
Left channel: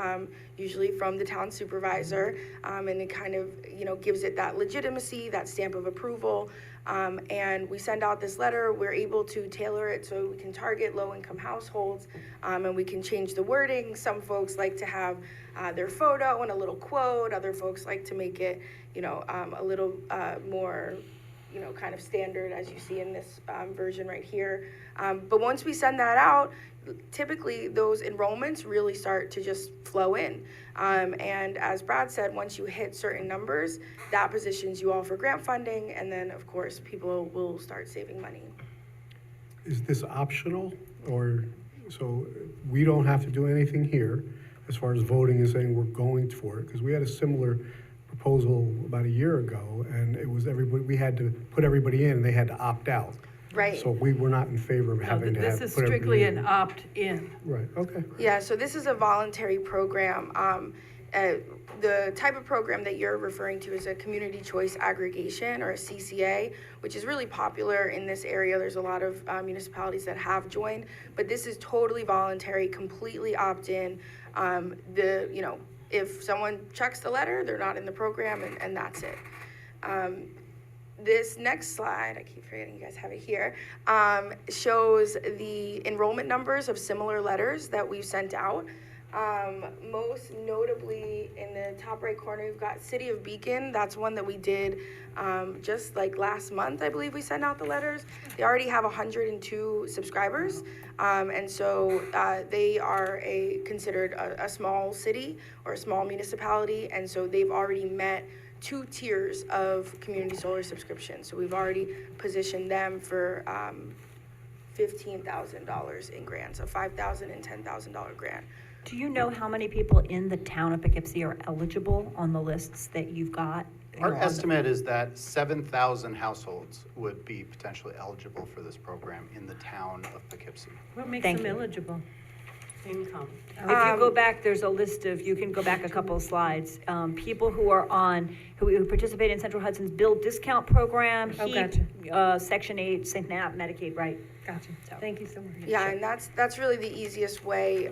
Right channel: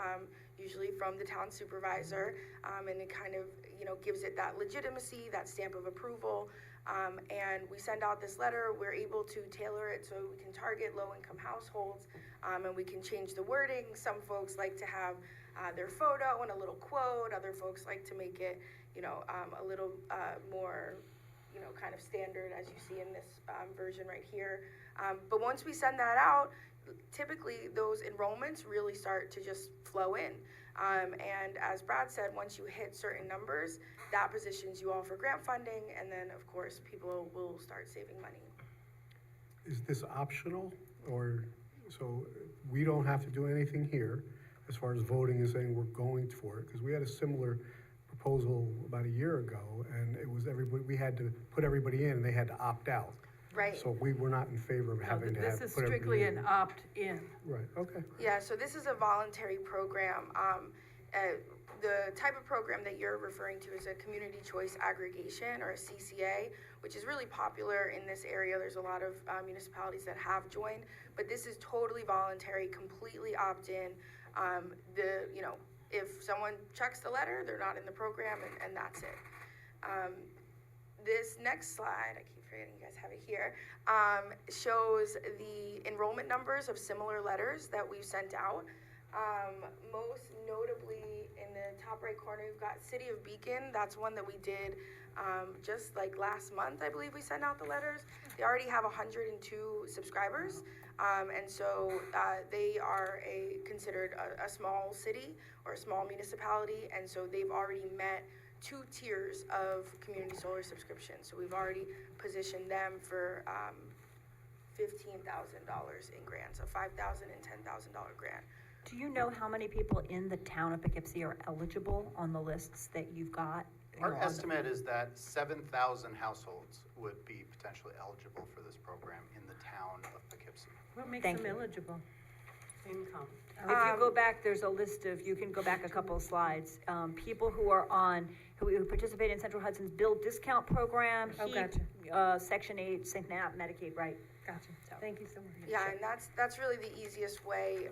usually from the town supervisor, and it kind of, gives it that legitimacy, that stamp of approval. And we send out this letter, we're able to tailor it so we can target low-income households, and we can change the wording. Some folks like to have their photo and a little quote, other folks like to make it, a little more, kind of standard as you see in this version right here. But once we send that out, typically those enrollments really start to just flow in. And as Brad said, once you hit certain numbers, that positions you all for grant funding, and then of course people will start saving money. Is this optional, or, so we don't have to do anything here as far as voting and saying we're going for it? Because we had a similar proposal about a year ago, and it was everybody, we had to put everybody in, and they had to opt out. Right. So we were not in favor of No, having to this have, is put strictly everybody in. an opt-in. Right, okay. Yeah, so this is a voluntary program. The type of program that you're referring to is a community choice aggregation, or a CCA, which is really popular in this area. There's a lot of municipalities that have joined, but this is totally voluntary, completely opt-in. If someone checks the letter, they're not in the program, and that's it. This next slide, I keep forgetting you guys have it here, shows the enrollment numbers of similar letters that we've sent out. Most notably, in the top right corner, we've got City of Beacon. That's one that we did just like last month, I believe we sent out the letters. They already have 102 subscribers, and so they are considered a small city or a small municipality, and so they've already met 2 tiers of community solar subscription. So we've already positioned them for $15,000 in grants, a $5,000 and $10,000 grant. Do you know how many people in the town of Poughkeepsie are eligible on the lists that you've got? Our estimate is that 7,000 households would be potentially eligible for this program in the town of Poughkeepsie. What makes Thank them you. eligible? Income. If you go back, there's a list of, you can go back a couple of slides, people who are who participate in Central Hudson's Build Discount Program, Oh, HEAP, gotcha. Section 8, SNAP, Medicaid, right? Gotcha. So- Thank you so much. Yeah, and that's really the easiest way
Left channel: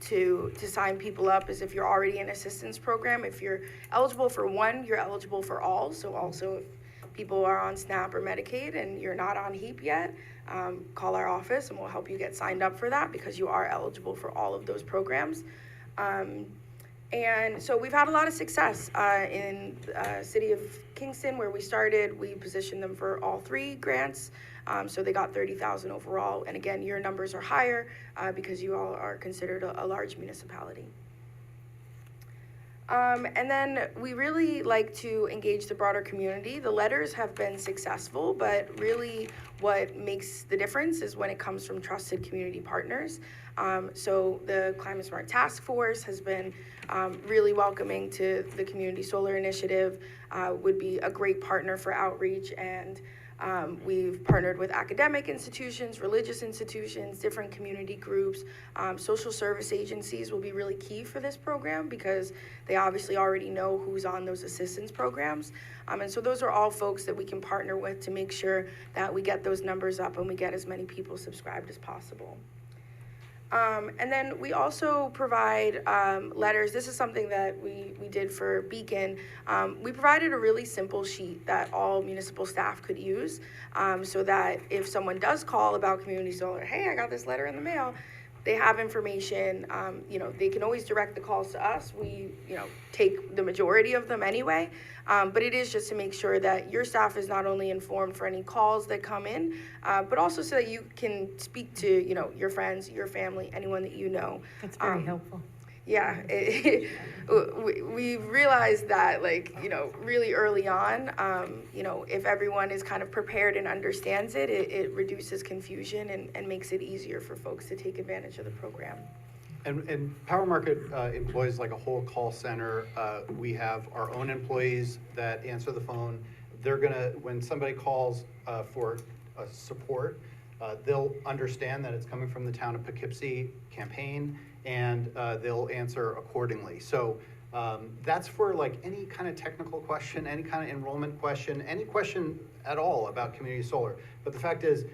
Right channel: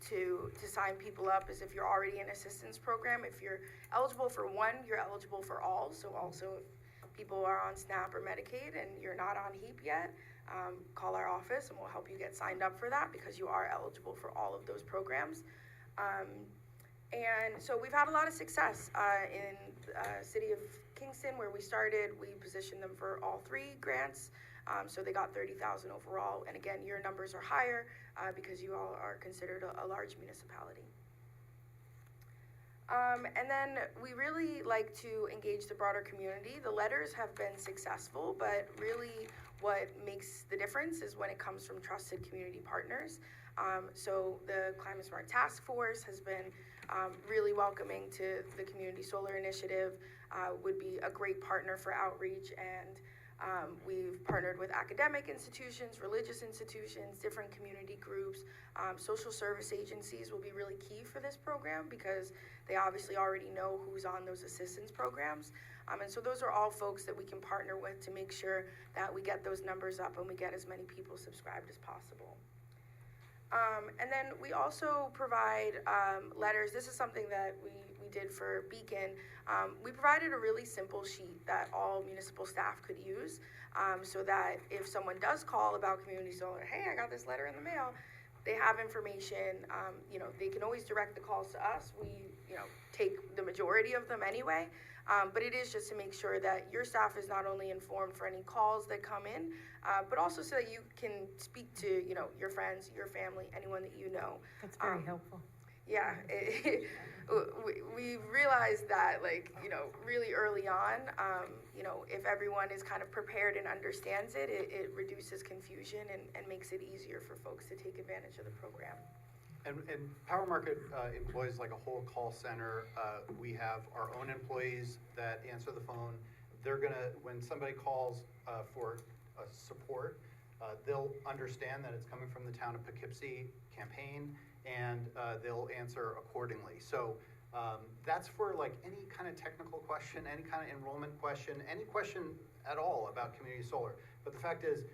to sign people up, is if you're already in assistance program. If you're eligible for one, you're eligible for all. So also if people are on SNAP or Medicaid and you're not on HEAP yet, call our office and we'll help you get signed up for that, because you are eligible for all of those programs. And so we've had a lot of success in City of Kingston, where we started. We positioned them for all 3 grants. So they got 30,000 overall. And again, your numbers are higher because you all are considered a large municipality. And then we really like to engage the broader community. The letters have been successful, but really what makes the difference is when it comes from trusted community partners. So the Climate Smart Task Force has been really welcoming to the Community Solar Initiative, would be a great partner for outreach, and we've partnered with academic institutions, religious institutions, different community groups. Social service agencies will be really key for this program, because they obviously already know who's on those assistance programs. And so those are all folks that we can partner with to make sure that we get those numbers up and we get as many people subscribed as possible. And then we also provide letters. This is something that we did for Beacon. We provided a really simple sheet that all municipal staff could use, so that if someone does call about community solar, hey, I got this letter in the mail, they have information. They can always direct the calls to us. We, take the majority of them anyway. But it is just to make sure that your staff is not only informed for any calls that come in, but also so that you can speak to, your friends, your family, anyone that you know. That's very helpful. Yeah, we realized that, really early on, if everyone is kind of prepared and understands it, it reduces confusion and makes it easier for folks to take advantage of the program. And Power Market employs like a whole call center. We have our own employees that answer the phone. They're gonna, when somebody calls for support, they'll understand that it's coming from the Town of Poughkeepsie campaign, and they'll answer accordingly. So that's for like any kind of technical question, any kind of enrollment question, any question at all about community solar. But the fact is,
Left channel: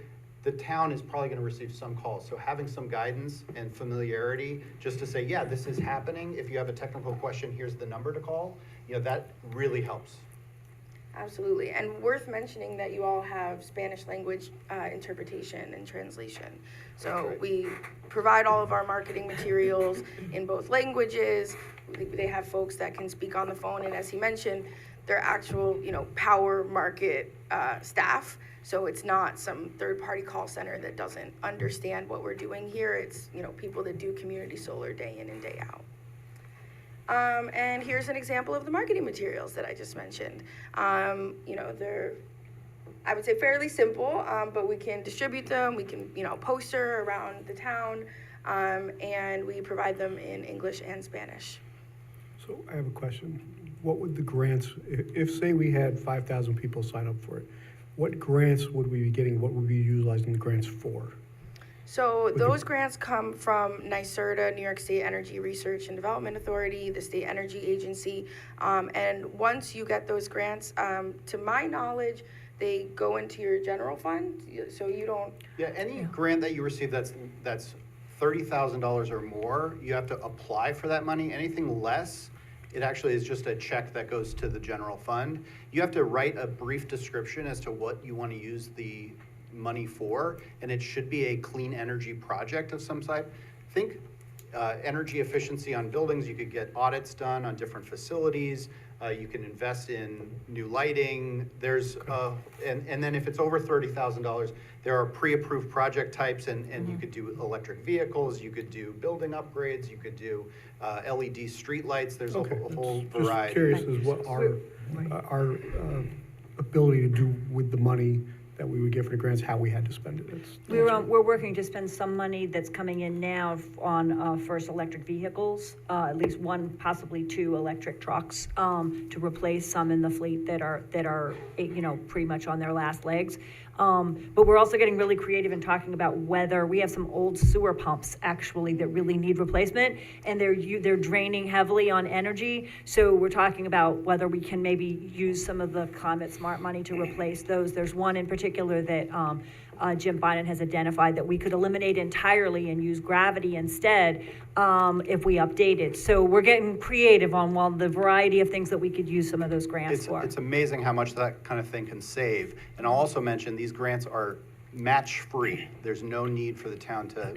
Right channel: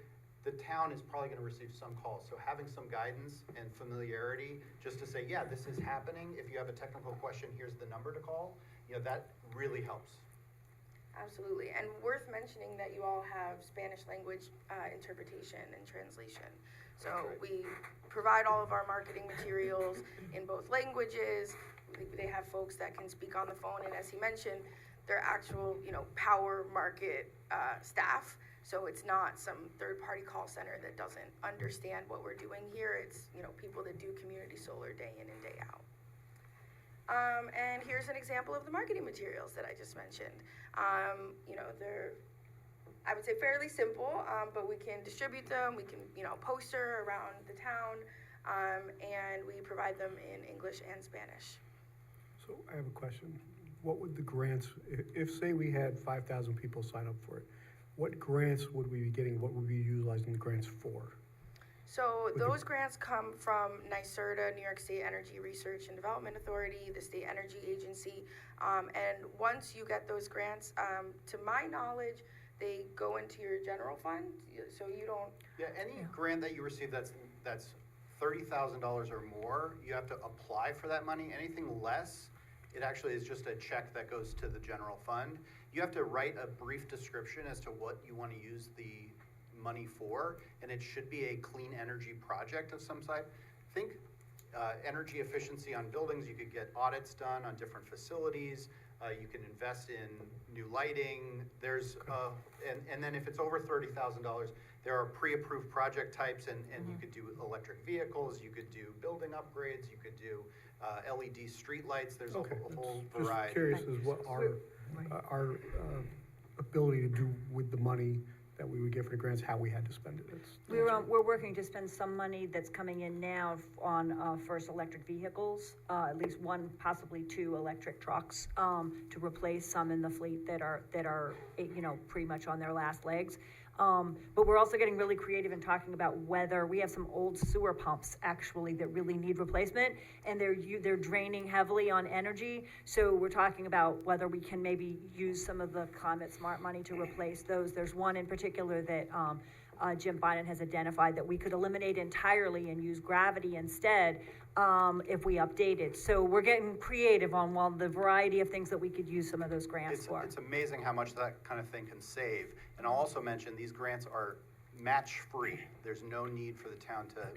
the town is probably gonna receive some calls. So having some guidance and familiarity, just to say, yeah, this is happening. If you have a technical question, here's the number to call. That really helps. Absolutely, and worth mentioning that you all have Spanish language interpretation and translation. So we provide all of our marketing materials in both languages. They have folks that can speak on the phone, and as he mentioned, they're actual, power market staff. So it's not some third-party call center that doesn't understand what we're doing here. It's, people that do community solar day in and day out. And here's an example of the marketing materials that I just mentioned. They're, I would say, fairly simple, but we can distribute them. We can, poster around the town, and we provide them in English and Spanish. So I have a question. What would the grants, if say we had 5,000 people sign up for it, what grants would we be getting? What would we be utilizing the grants for? So those grants come from NYSERDA, New York State Energy Research and Development Authority, the State Energy Agency. And once you get those grants, to my knowledge, they go into your general fund, so you don't. Yeah, any grant that you receive that's $30,000 or more, you have to apply for that money. Anything less, it actually is just a check that goes to the general fund. You have to write a brief description as to what you want to use the money for, and it should be a clean energy project of some type. Think energy efficiency on buildings. You could get audits done on different facilities. You can invest in new lighting. There's and then if it's over $30,000, there are pre-approved project types, and you could do electric vehicles. You could do building upgrades. You could do LED street lights. There's a whole variety. Just curious as what our ability to do with the money that we would get for the grants, how we had to spend it. We're working to spend some money that's coming in now on first electric vehicles, at least one, possibly two electric trucks, to replace some in the fleet that are pretty much on their last legs. But we're also getting really creative in talking about whether we have some old sewer pumps actually that really need replacement, and they're draining heavily on energy. So we're talking about whether we can maybe use some of the Climate Smart money to replace those. There's one in particular that Jim Biden has identified that we could eliminate entirely and use gravity instead if we update it. So we're getting creative on the variety of things that we could use some of those grants for. It's amazing how much that kind of thing can save. And I'll also mention these grants are match-free. There's no need for the town to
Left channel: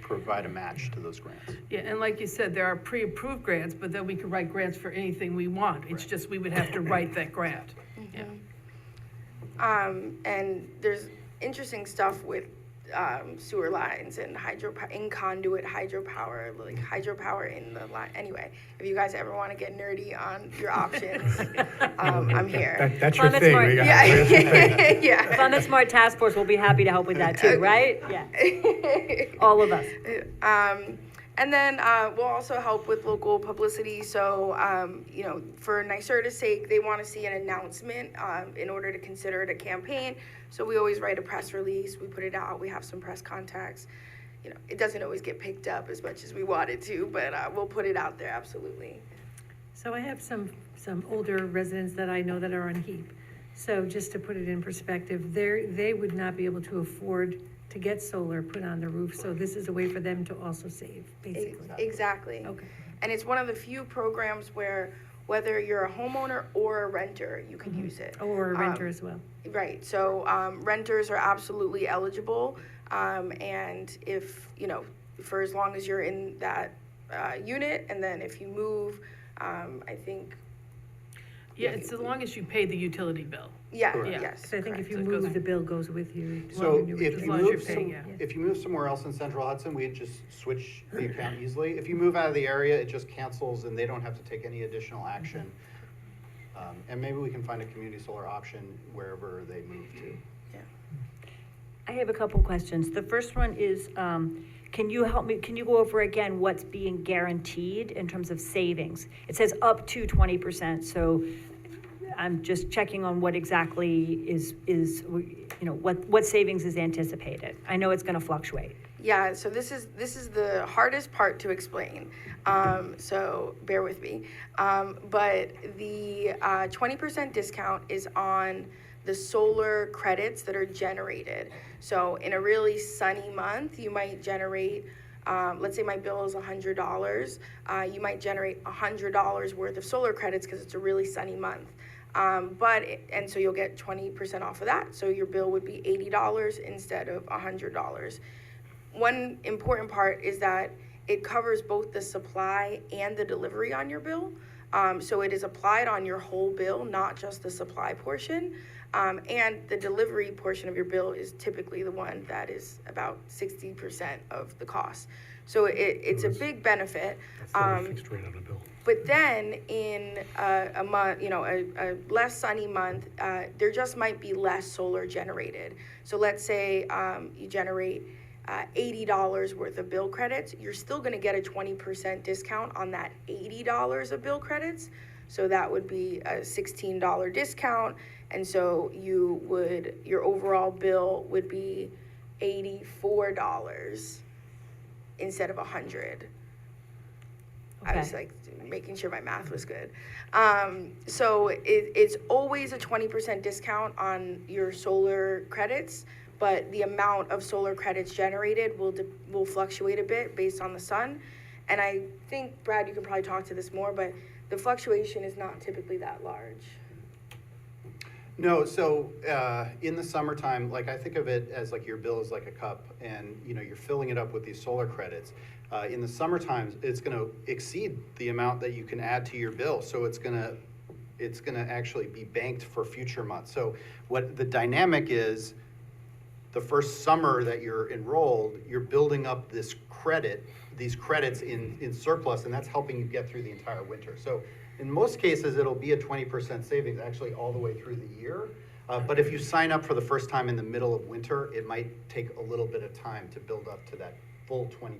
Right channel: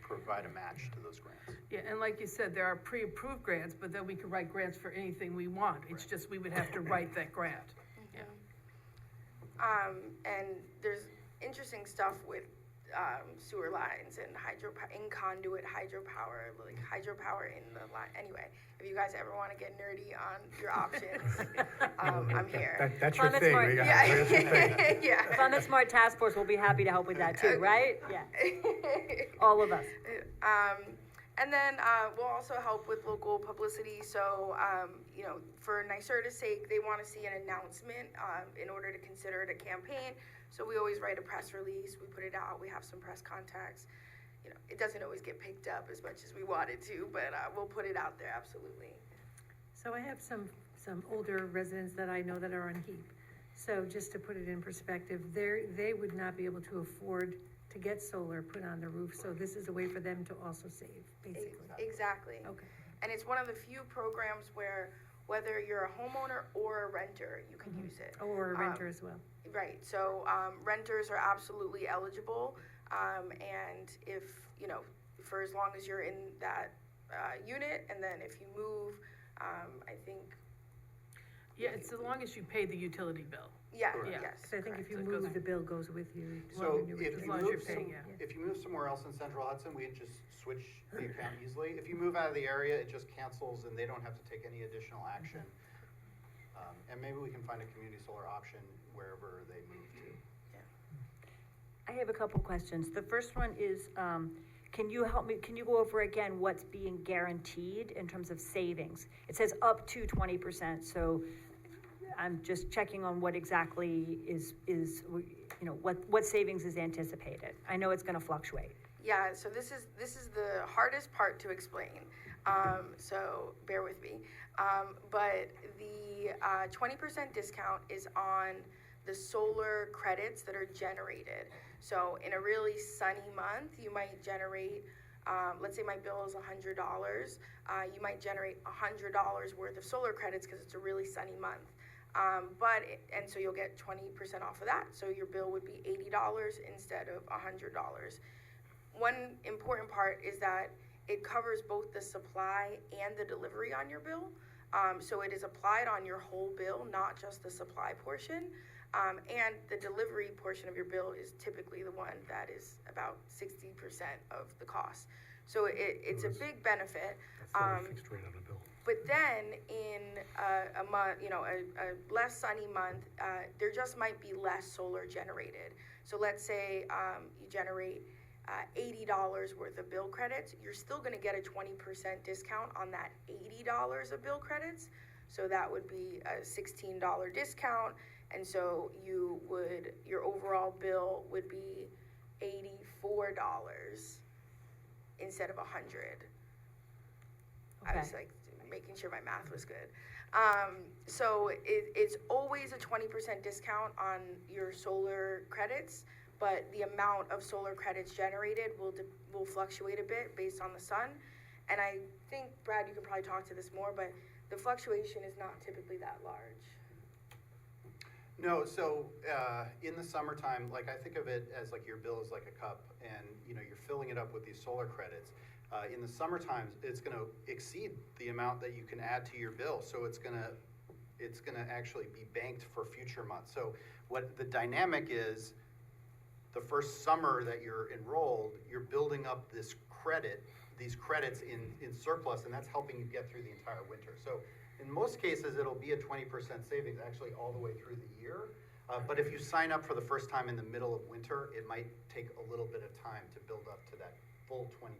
provide a match to those grants. Yeah, and like you said, there are pre-approved grants, but then we could write grants for anything we want. It's just we would have to write that grant. And there's interesting stuff with sewer lines and conduit hydropower, like hydropower in the line. Anyway, if you guys ever want to get nerdy on your options, I'm here. That's your thing. Smart. Yeah. Climate Smart Task Force will be happy to help with that too, right? Yeah. All of us. And then we'll also help with local publicity. So, for NYSERDA's sake, they want to see an announcement in order to consider it a campaign. So we always write a press release. We put it out. We have some press contacts. It doesn't always get picked up as much as we want it to, but we'll put it out there, absolutely. So I have some older residents that I know that are on HEAP. So just to put it in perspective, they would not be able to afford to get solar put on their roof. So this is a way for them to also save, basically. Exactly. Okay. And it's one of the few programs where whether you're a homeowner or a renter, you can use it. Or a renter as well. Right, so renters are absolutely eligible, and if, for as long as you're in that unit, and then if you move, I think. Yeah, it's as long as you pay the utility bill. Yeah, Correct. yes. So I think if correct. you So it goes- move, the bill goes with you. So As if long as you're you paying, move, yeah. if you move somewhere else in Central Hudson, we just switch the account easily. If you move out of the area, it just cancels and they don't have to take any additional action. And maybe we can find a community solar option wherever they move to. I have a couple questions. The first one is, can you go over again what's being guaranteed in terms of savings? It says up to 20%, so I'm just checking on what exactly is what savings is anticipated. I know it's gonna fluctuate. Yeah, so this is the hardest part to explain, so bear with me. But the 20% discount is on the solar credits that are generated. So in a really sunny month, you might generate, let's say my bill is $100, you might generate $100 worth of solar credits because it's a really sunny month. And so you'll get 20% off of that. So your bill would be $80 instead of $100. One important part is that it covers both the supply and the delivery on your bill. So it is applied on your whole bill, not just the supply portion. And the delivery portion of your bill is typically the one that is about 60% of the cost. So it's a big benefit. That's not a fixed rate on the bill. But then in a month, a less sunny month, there just might be less solar generated. So let's say you generate $80 worth of bill credits, you're still going to get a 20% discount on that $80 of bill credits. So that would be a $16 discount. And so your overall bill would be $84 instead of $100. I was like making sure my math was good. So it's always a 20% discount on your solar credits, but the amount of solar credits generated will fluctuate a bit based on the sun. And I think, Brad, you can probably talk to this more, but the fluctuation is not typically that large. No, so in the summertime, like I think of it as like your bill is like a cup, and you're filling it up with these solar credits. In the summertime, it's going to exceed the amount that you can add to your bill, so it's going to actually be banked for future months. So what the dynamic is, the first summer that you're enrolled, you're building up these credits in surplus, and that's helping you get through the entire winter. So in most cases, it'll be a 20% savings actually all the way through the year. But if you sign up for the first time in the middle of winter, it might take a little bit of time to build up to that full 20%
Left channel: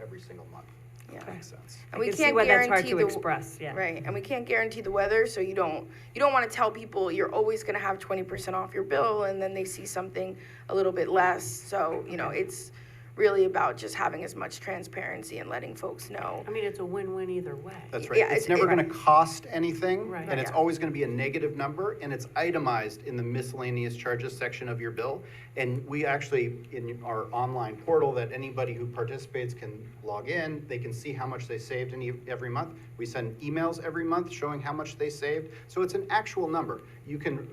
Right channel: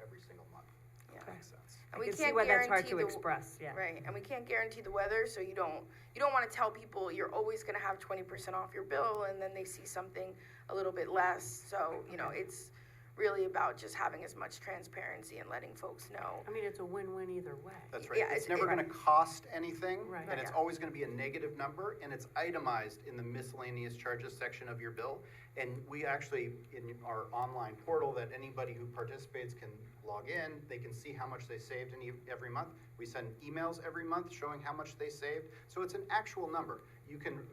every single month. Yeah. Makes sense. And we I can see can't why that's hard guarantee to the express, yeah. Right, and we can't guarantee the weather, so you don't want to tell people you're always going to have 20% off your bill, and then they see something a little bit less. So it's really about just having as much transparency and letting folks know. I mean, it's a win-win either way. That's right. Yeah, It's never going to cost anything, Right. and it's Yeah. always going to be a negative number, and it's itemized in the miscellaneous charges section of your bill. And we actually, in our online portal that anybody who participates can log in, they can see how much they saved every month. We send emails every month showing how much they saved. So it's an actual number. You can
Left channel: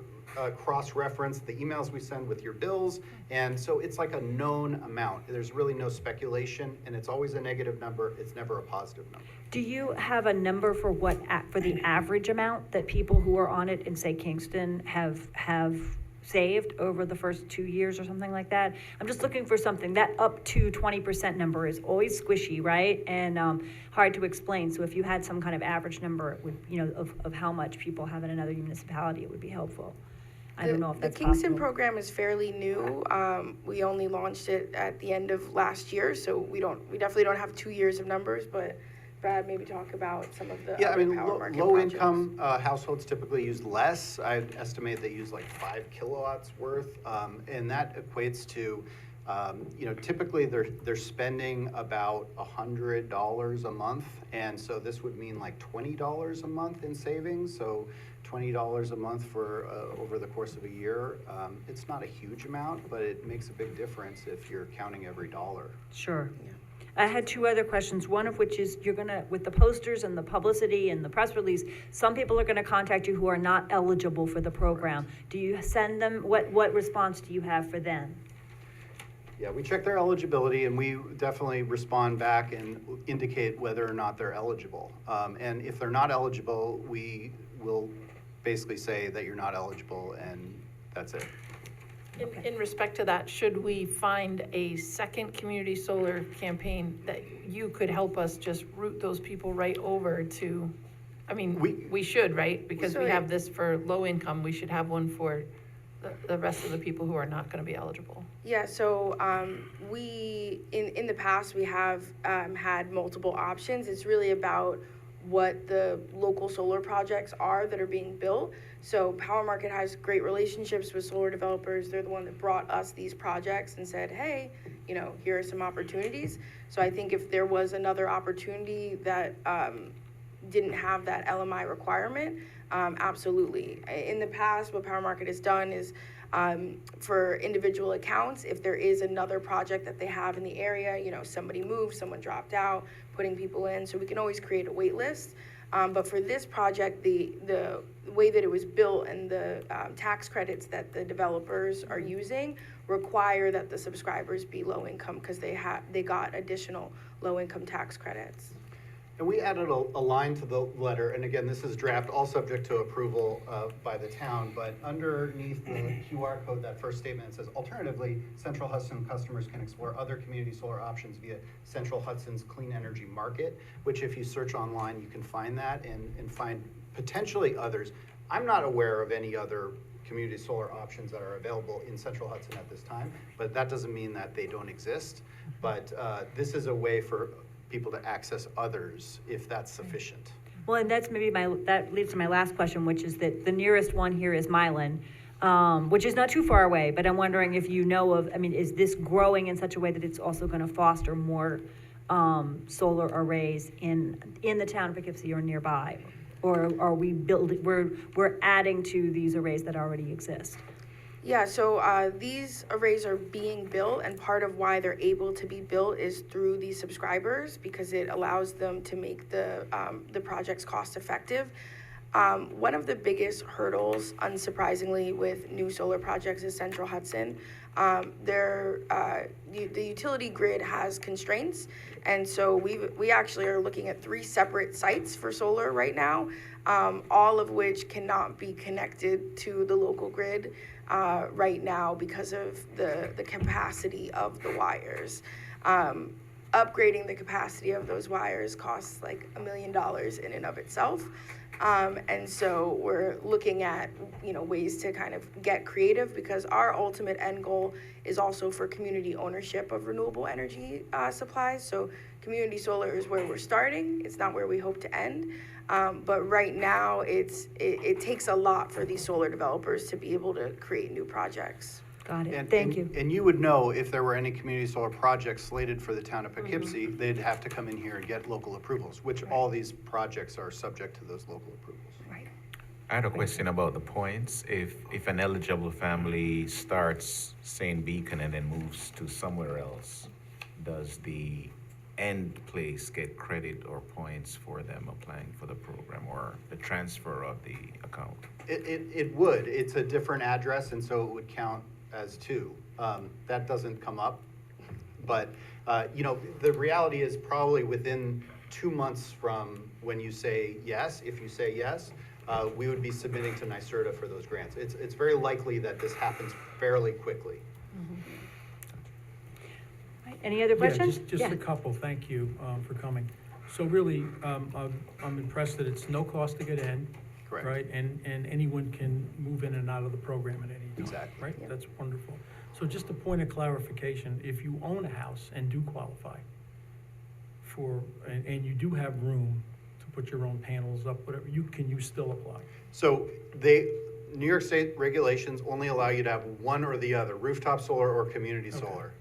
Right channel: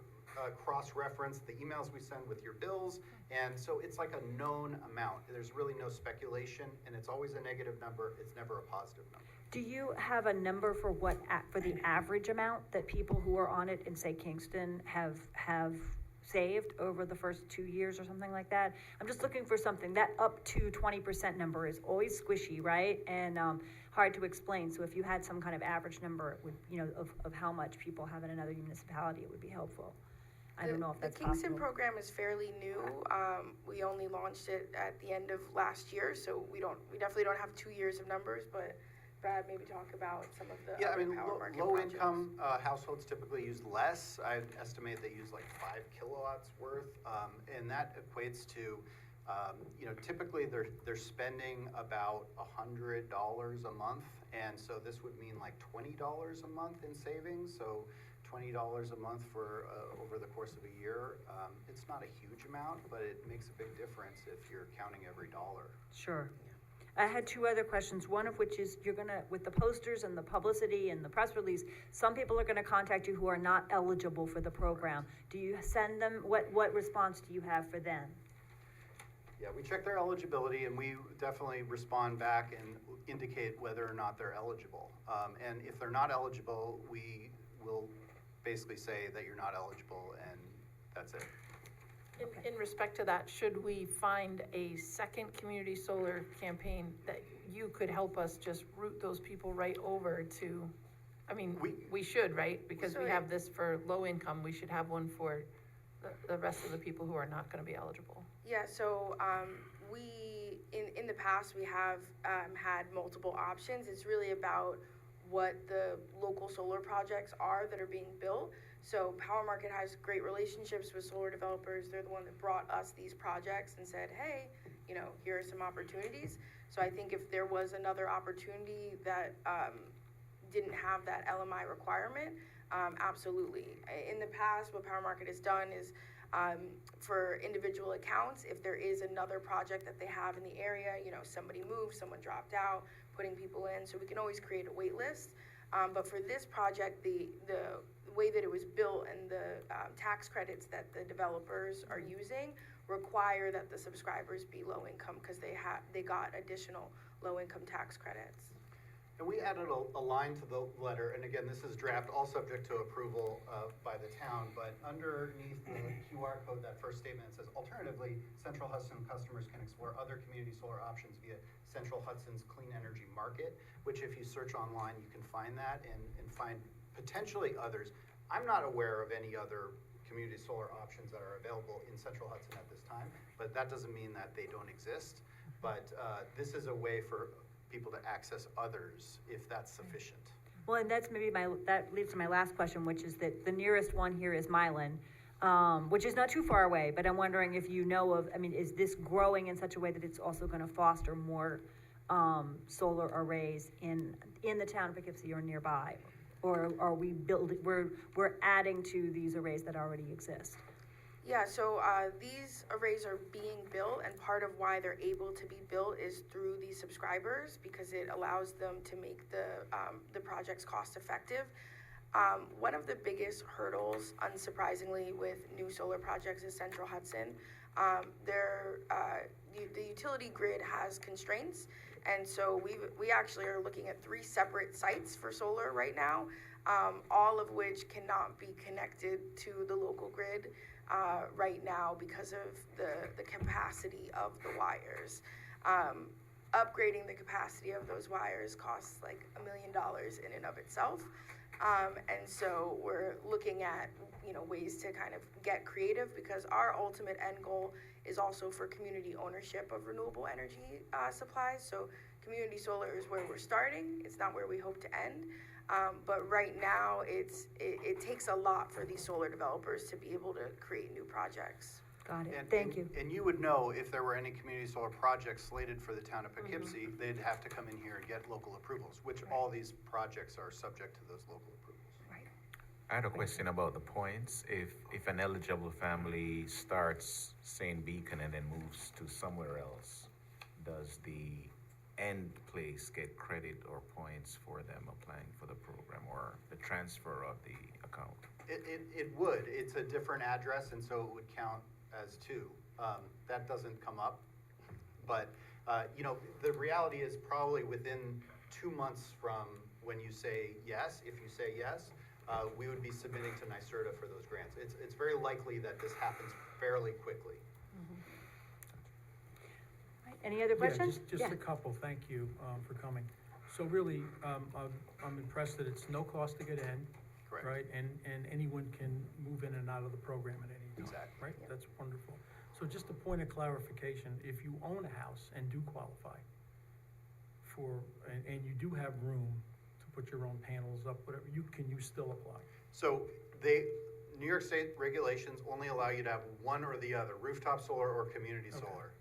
cross-reference the emails we send with your bills, and so it's like a known amount. There's really no speculation, and it's always a negative number. It's never a positive number. Do you have a number for for the average amount that people who are on it in, say, Kingston have saved over the first 2 years or something like that? I'm just looking for something. That up to 20% number is always squishy, right? And hard to explain. So if you had some kind of average number, it would, of how much people have in another municipality, it would be helpful. I don't know if that's The Kingston possible. program is fairly new. We only launched it at the end of last year, so we definitely don't have 2 years of numbers, but Brad, maybe talk about some of the Yeah, I other mean, power market low-income households typically use less. I estimate they use like 5 kilowatts worth, and that equates to, typically they're spending about $100 a month, and so this would mean like $20 a month in savings. So $20 a month for over the course of a year. It's not a huge amount, but it makes a big difference if you're counting every dollar. Sure. I had 2 other questions, one of which is with the posters and the publicity and the press release, some people are gonna contact you who are not eligible for the program. Do you send them, what response do you have for them? Yeah, we check their eligibility, and we definitely respond back and indicate whether or not they're eligible. And if they're not eligible, we will basically say that you're not eligible, and that's it. In respect to that, should we find a second community solar campaign that you could help us just route those people right over to? I mean, we should, right? Because we have this for low income, we should have one for the rest of the people who are not gonna be eligible. Yeah, so we, in the past, we have had multiple options. It's really about what the local solar projects are that are being built. So Power Market has great relationships with solar developers. They're the one that brought us these projects and said, hey, here are some opportunities. So I think if there was another opportunity that didn't have that LMI requirement, absolutely. In the past, what Power Market has done is For individual accounts, if there is another project that they have in the area, somebody moved, someone dropped out, putting people in, so we can always create a wait list. But for this project, the way that it was built and the tax credits that the developers are using require that the subscribers be low income because they got additional low income tax credits. And we added a line to the letter, and again, this is draft, all subject to approval by the town, but underneath the QR code, that first statement, it says, alternatively, Central Hudson customers can explore other community solar options via Central Hudson's Clean Energy Market, which if you search online, you can find that and find potentially others. I'm not aware of any other community solar options that are available in Central Hudson at this time, but that doesn't mean that they don't exist. But this is a way for people to access others if that's sufficient. Well, and that's maybe that leads to my last question, which is that the nearest one here is Milan, which is not too far away, but I'm wondering if you know of, is this growing in such a way that it's also gonna foster more solar arrays in the town of Poughkeepsie or nearby? Or are we we're adding to these arrays that already exist? Yeah, so these arrays are being built, and part of why they're able to be built is through these subscribers, because it allows them to make the projects cost effective. One of the biggest hurdles, unsurprisingly, with new solar projects is Central Hudson. The utility grid has constraints, and so we actually are looking at 3 separate sites for solar right now, all of which cannot be connected to the local grid right now because of the capacity of the wires. Upgrading the capacity of those wires costs like $1 million in and of itself. And so we're looking at, ways to kind of get creative, because our ultimate end goal is also for community ownership of renewable energy supplies. So community solar is where we're starting. It's not where we hope to end. But right now, it takes a lot for these solar developers to be able to create new projects. Got it, thank you. And you would know if there were any community solar projects slated for the town of Poughkeepsie, they'd have to come in here and get local approvals, which all these projects are subject to those local approvals. Right. I had a question about the points. If an eligible family starts, say, in Beacon and then moves to somewhere else, does the end place get credit or points for them applying for the program, or the transfer of the account? It would. It's a different address, and so it would count as 2. That doesn't come up. But, the reality is probably within 2 months from when you say yes, if you say yes, we would be submitting to NYSERDA for those grants. It's very likely that this happens fairly quickly. Any other questions? Yeah, just a couple, thank you for coming. So really, I'm impressed that it's no cost to get in. Correct. Right, and anyone can move in and out of the program at any time. Exactly. Right, that's wonderful. So just a point of clarification, if you own a house and do qualify and you do have room to put your own panels up, whatever, you still apply? So New York State regulations only allow you to have one or the other, rooftop solar or community solar.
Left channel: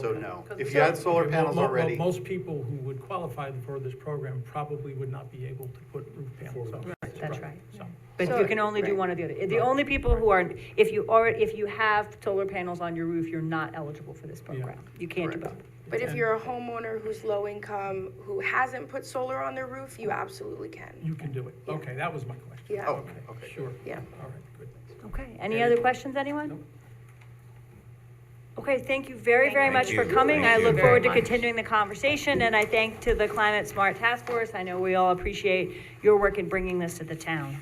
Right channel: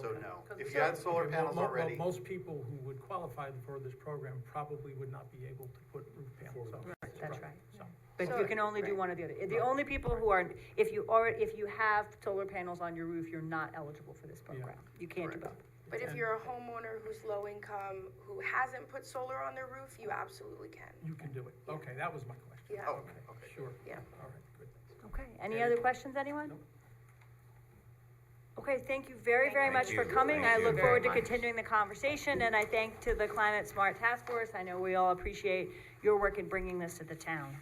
So Okay. no, if you had solar Okay, panels already. Most people who would qualify for this program probably would not be able to put roof panels up. That's right. So, But you can only do one or the other. The only people who are, if you have solar panels on your roof, you're not eligible for this program. You can't do both. But if you're a homeowner who's low income, who hasn't put solar on their roof, you absolutely can. you can do it. Okay, that was my question. Yeah. Oh, okay. Sure. Yeah. All right, good. Okay, any other questions, anyone? Nope. Okay, thank you very, very much for you. coming. Thank I you look very forward to much. continuing the conversation, and I thank to the Climate Smart Task Force. I know we all appreciate your work in bringing this to the town,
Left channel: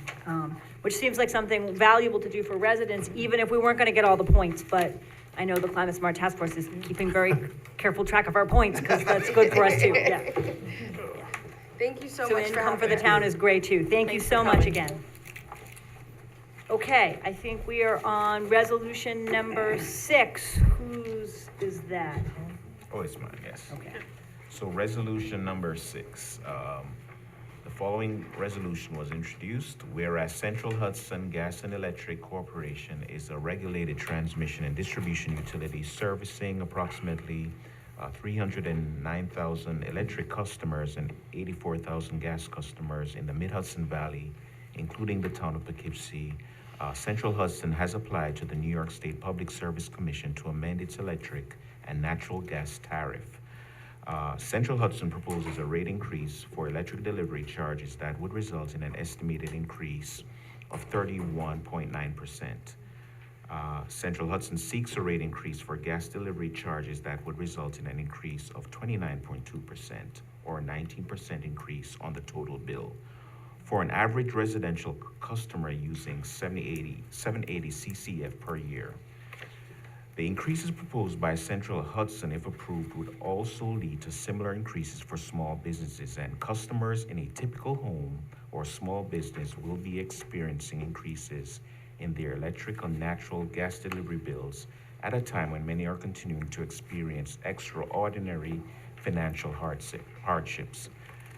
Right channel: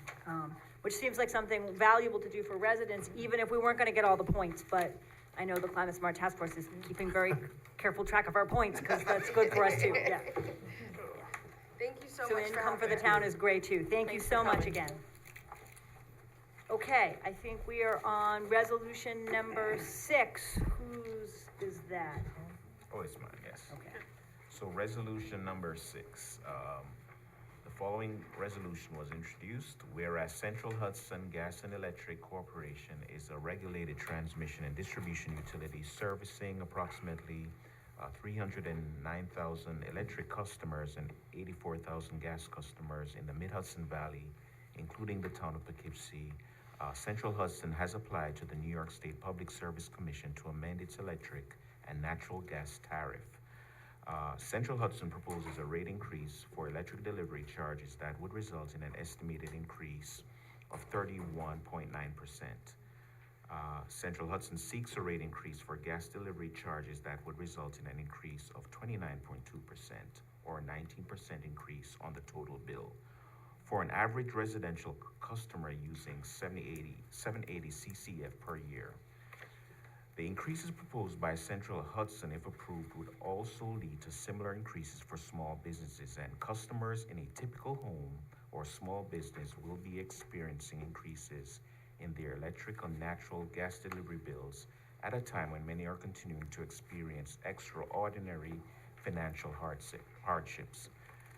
which seems like something valuable to do for residents, even if we weren't gonna get all the points, but I know the Climate Smart Task Force is keeping very careful track of our points, because that's good for us too, yeah. Thank you so So much for income for having the me. town is great too. Thank you Thanks so for much coming. again. Okay, I think we are on resolution number 6. Whose is that? Oh, it's mine, yes. Okay. So resolution number 6, the following resolution was introduced, whereas Central Hudson Gas and Electric Corporation is a regulated transmission and distribution utility servicing approximately 309,000 electric customers and 84,000 gas customers in the Mid-Hudson Valley, including the town of Poughkeepsie. Central Hudson has applied to the New York State Public Service Commission to amend its electric and natural gas tariff. Central Hudson proposes a rate increase for electric delivery charges that would result in an estimated increase of 31.9%. Central Hudson seeks a rate increase for gas delivery charges that would result in an increase of 29.2% or a 19% increase on the total bill. For an average residential customer using 780 CCF per year. The increases proposed by Central Hudson, if approved, would also lead to similar increases for small businesses, and customers in a typical home or small business will be experiencing increases in their electric and natural gas delivery bills at a time when many are continuing to experience extraordinary financial hardships.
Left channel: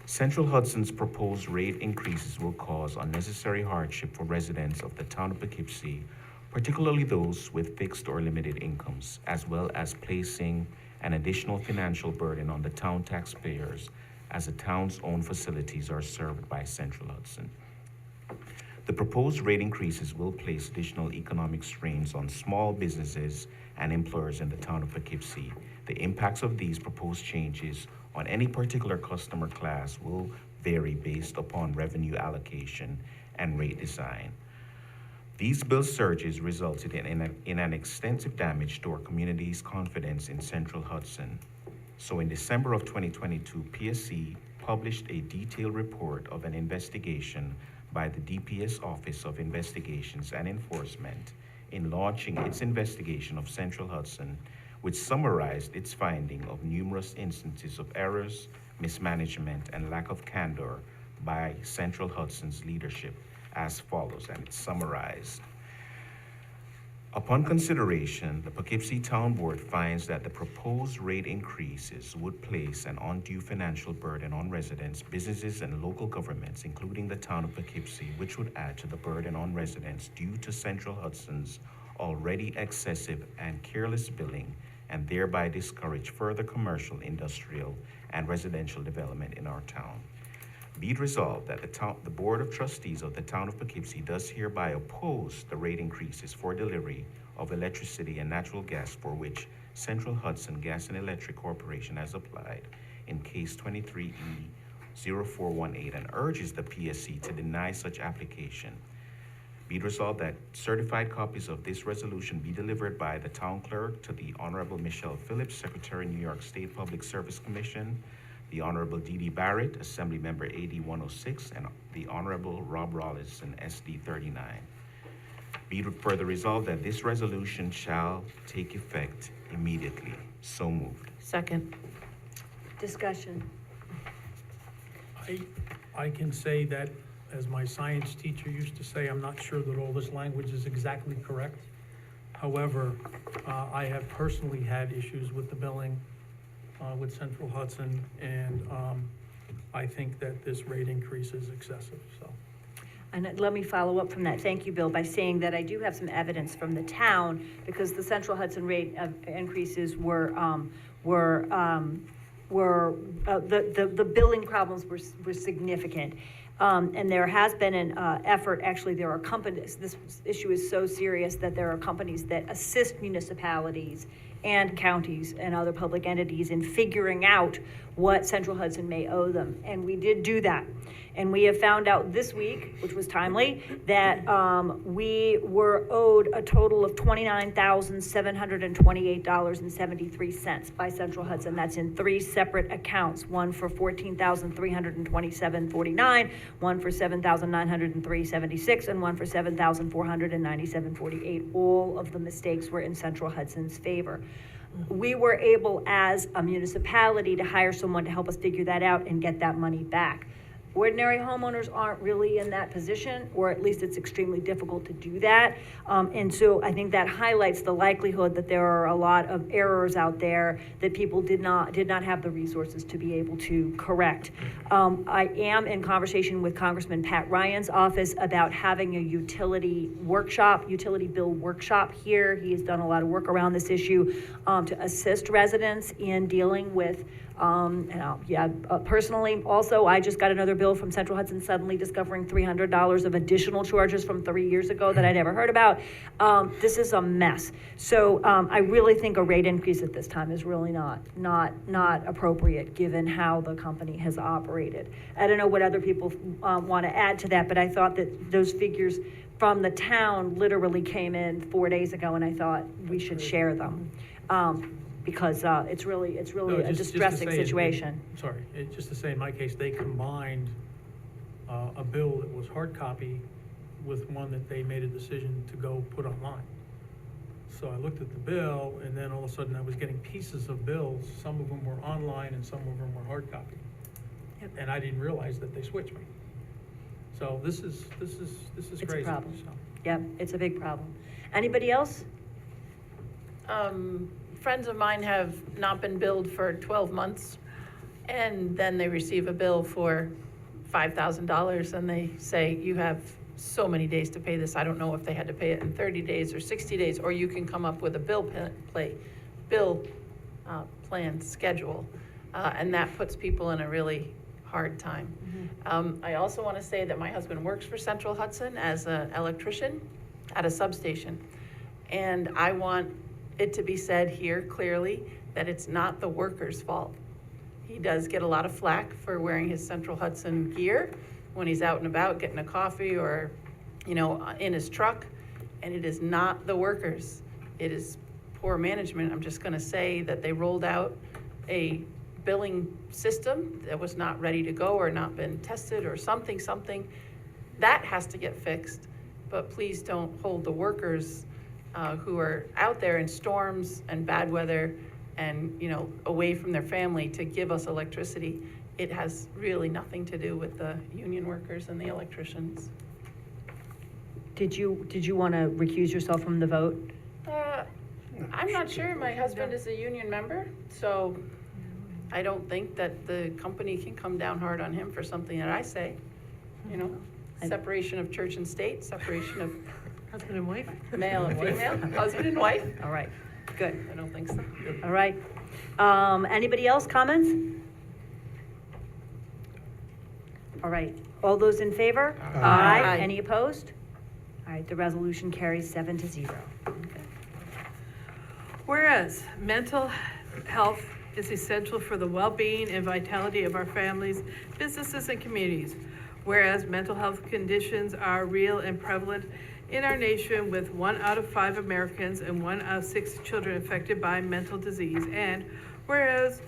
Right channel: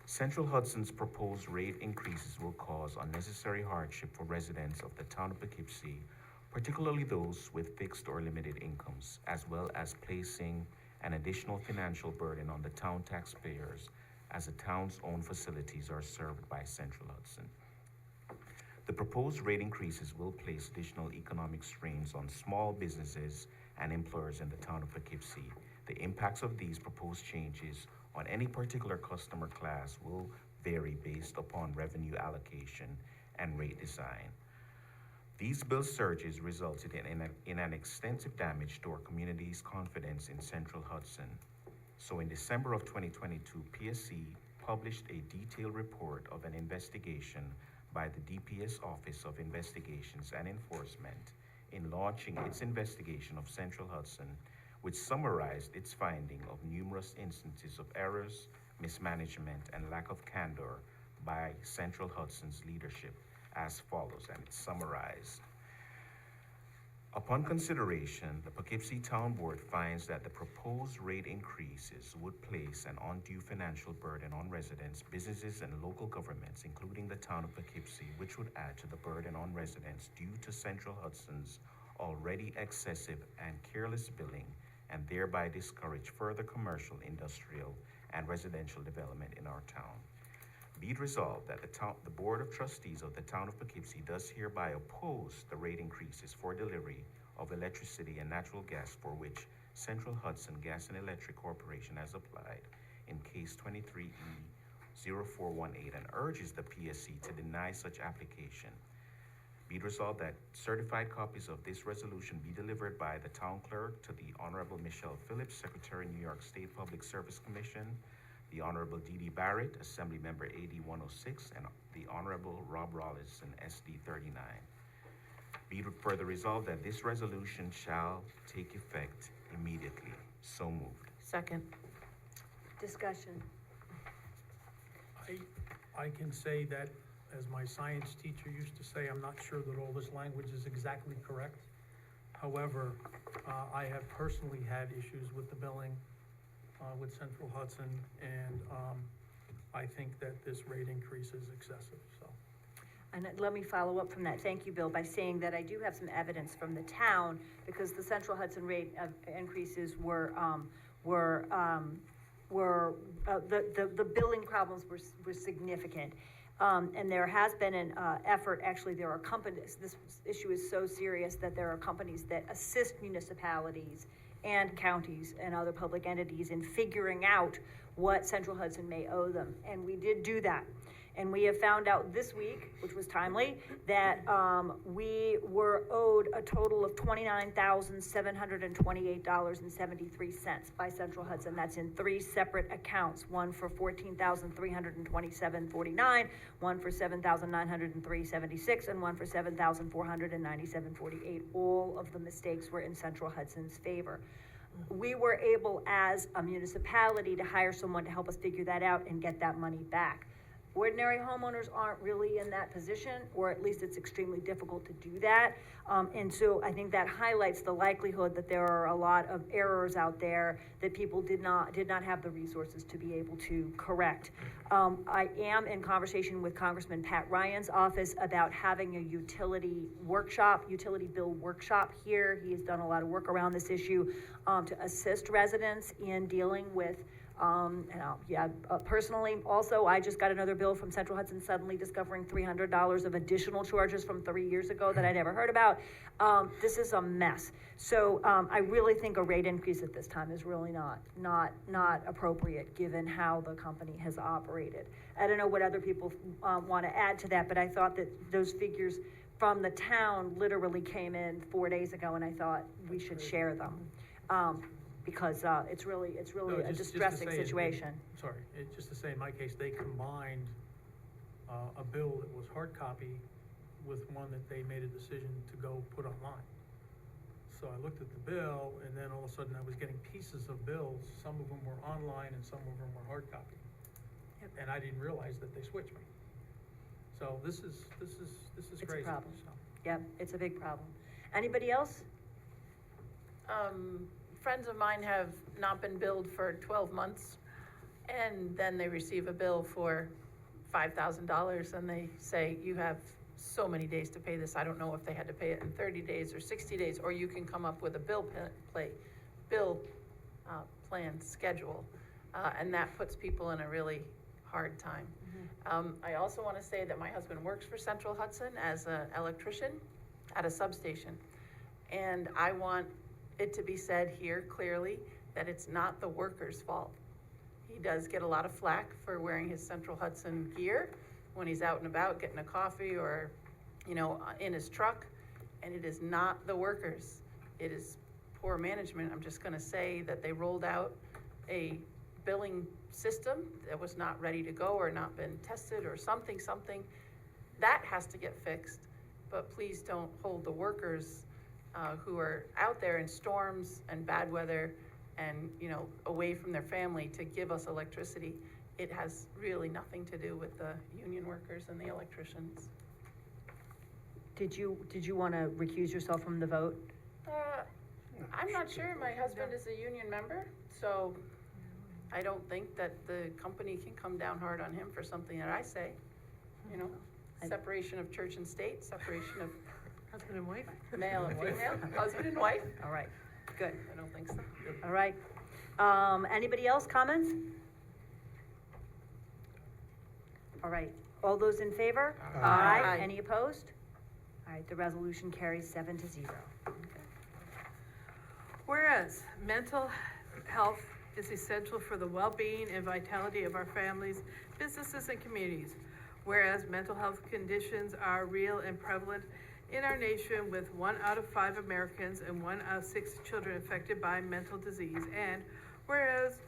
Central Hudson's proposed rate increases will cause unnecessary hardship for residents of the town of Poughkeepsie, particularly those with fixed or limited incomes, as well as placing an additional financial burden on the town taxpayers as the town's own facilities are served by Central Hudson. The proposed rate increases will place additional economic strains on small businesses and employers in the town of Poughkeepsie. The impacts of these proposed changes on any particular customer class will vary based upon revenue allocation and rate design. These bill surges resulted in an extensive damage to our community's confidence in Central Hudson. So in December of 2022, PSC published a detailed report of an investigation by the DPS Office of Investigations and Enforcement in launching its investigation of Central Hudson, which summarized its finding of numerous instances of errors, mismanagement, and lack of candor by Central Hudson's leadership as follows, and it's summarized. Upon consideration, the Poughkeepsie Town Board finds that the proposed rate increases would place an undue financial burden on residents, businesses, and local governments, including the town of Poughkeepsie, which would add to the burden on residents due to Central Hudson's already excessive and careless billing, and thereby discourage further commercial, industrial, and residential development in our town. Be it resolved that the Board of Trustees of the Town of Poughkeepsie does hereby oppose the rate increases for delivery of electricity and natural gas for which Central Hudson Gas and Electric Corporation has applied in case 23E0418 and urges the PSC to deny such application. Be it resolved that certified copies of this resolution be delivered by the Town Clerk to the Honorable Michelle Phillips, Secretary, New York State Public Service Commission, the Honorable D.D. Barrett, Assembly Member AD 106, and the Honorable Rob Rollison, SD 39. Be it further resolved that this resolution shall take effect immediately. So moved. Second. Discussion. I can say that, as my science teacher used to say, I'm not sure that all this language is exactly correct. However, I have personally had issues with the billing with Central Hudson, and I think that this rate increase is excessive, so. And let me follow up from that. Thank you, Bill, by saying that I do have some evidence from the town, because the Central Hudson rate of increases were the billing problems were significant. And there has been an effort, actually there are companies, this issue is so serious that there are companies that assist municipalities and counties and other public entities in figuring out what Central Hudson may owe them. And we did do that. And we have found out this week, which was timely, that we were owed a total of $29,728.73 by Central Hudson. That's in 3 separate accounts, one for $14,327.49, one for $7,903.76, and one for $7,497.48. All of the mistakes were in Central Hudson's favor. We were able, as a municipality, to hire someone to help us figure that out and get that money back. Ordinary homeowners aren't really in that position, or at least it's extremely difficult to do that. And so I think that highlights the likelihood that there are a lot of errors out there that people did not have the resources to be able to correct. I am in conversation with Congressman Pat Ryan's office about having a utility bill workshop here. He has done a lot of work around this issue to assist residents in dealing with Personally, also, I just got another bill from Central Hudson, suddenly discovering $300 of additional charges from 3 years ago that I never heard about. This is a mess. So, I really think a rate increase at this time is really not appropriate, given how the company has operated. I don't know what other people, want to add to that, but I thought that those figures from the town literally came in 4 days ago, and I thought we should share them. Because it's really No, a just to distressing say, situation. Sorry, just to say, in my case, they combined a bill that was hard copy with one that they made a decision to go put online. So I looked at the bill, and then all of a sudden I was getting pieces of bills. Some of them were online and some of them were hard copy. Yep. And I didn't realize that they switched me. So this is It's a crazy. problem. So. Yep, it's a big problem. Anybody else? Friends of mine have not been billed for 12 months, and then they receive a bill for $5,000, and they say, you have so many days to pay this. I don't know if they had to pay it in 30 days or 60 days, or you can come up with a bill plan schedule, and that puts people in a really hard time. I also want to say that my husband works for Central Hudson as an electrician at a substation, and I want it to be said here clearly that it's not the worker's fault. He does get a lot of flack for wearing his Central Hudson gear when he's out and about getting a coffee or, in his truck, and it is not the workers. It is poor management. I'm just gonna say that they rolled out a billing system that was not ready to go or not been tested or something. That has to get fixed, but please don't hold the workers who are out there in storms and bad weather and, away from their family to give us electricity. It has really nothing to do with the union workers and the electricians. Did you want to recuse yourself from the vote? I'm not sure. My husband is a union member, so I don't think that the company can come down hard on him for something that I say. Separation of church and state, separation of Husband and wife? male and female, husband and wife. All right, good. I don't think so. All right. Anybody else, comments? All right, all those in favor? Aye. Any opposed? All right, the resolution carries 7-0. Whereas mental health is essential for the well-being and vitality of our families, businesses, and communities. Whereas mental health conditions are real and prevalent in our nation, with 1 out of 5 Americans and 1 out of 6 children affected by mental disease. And whereas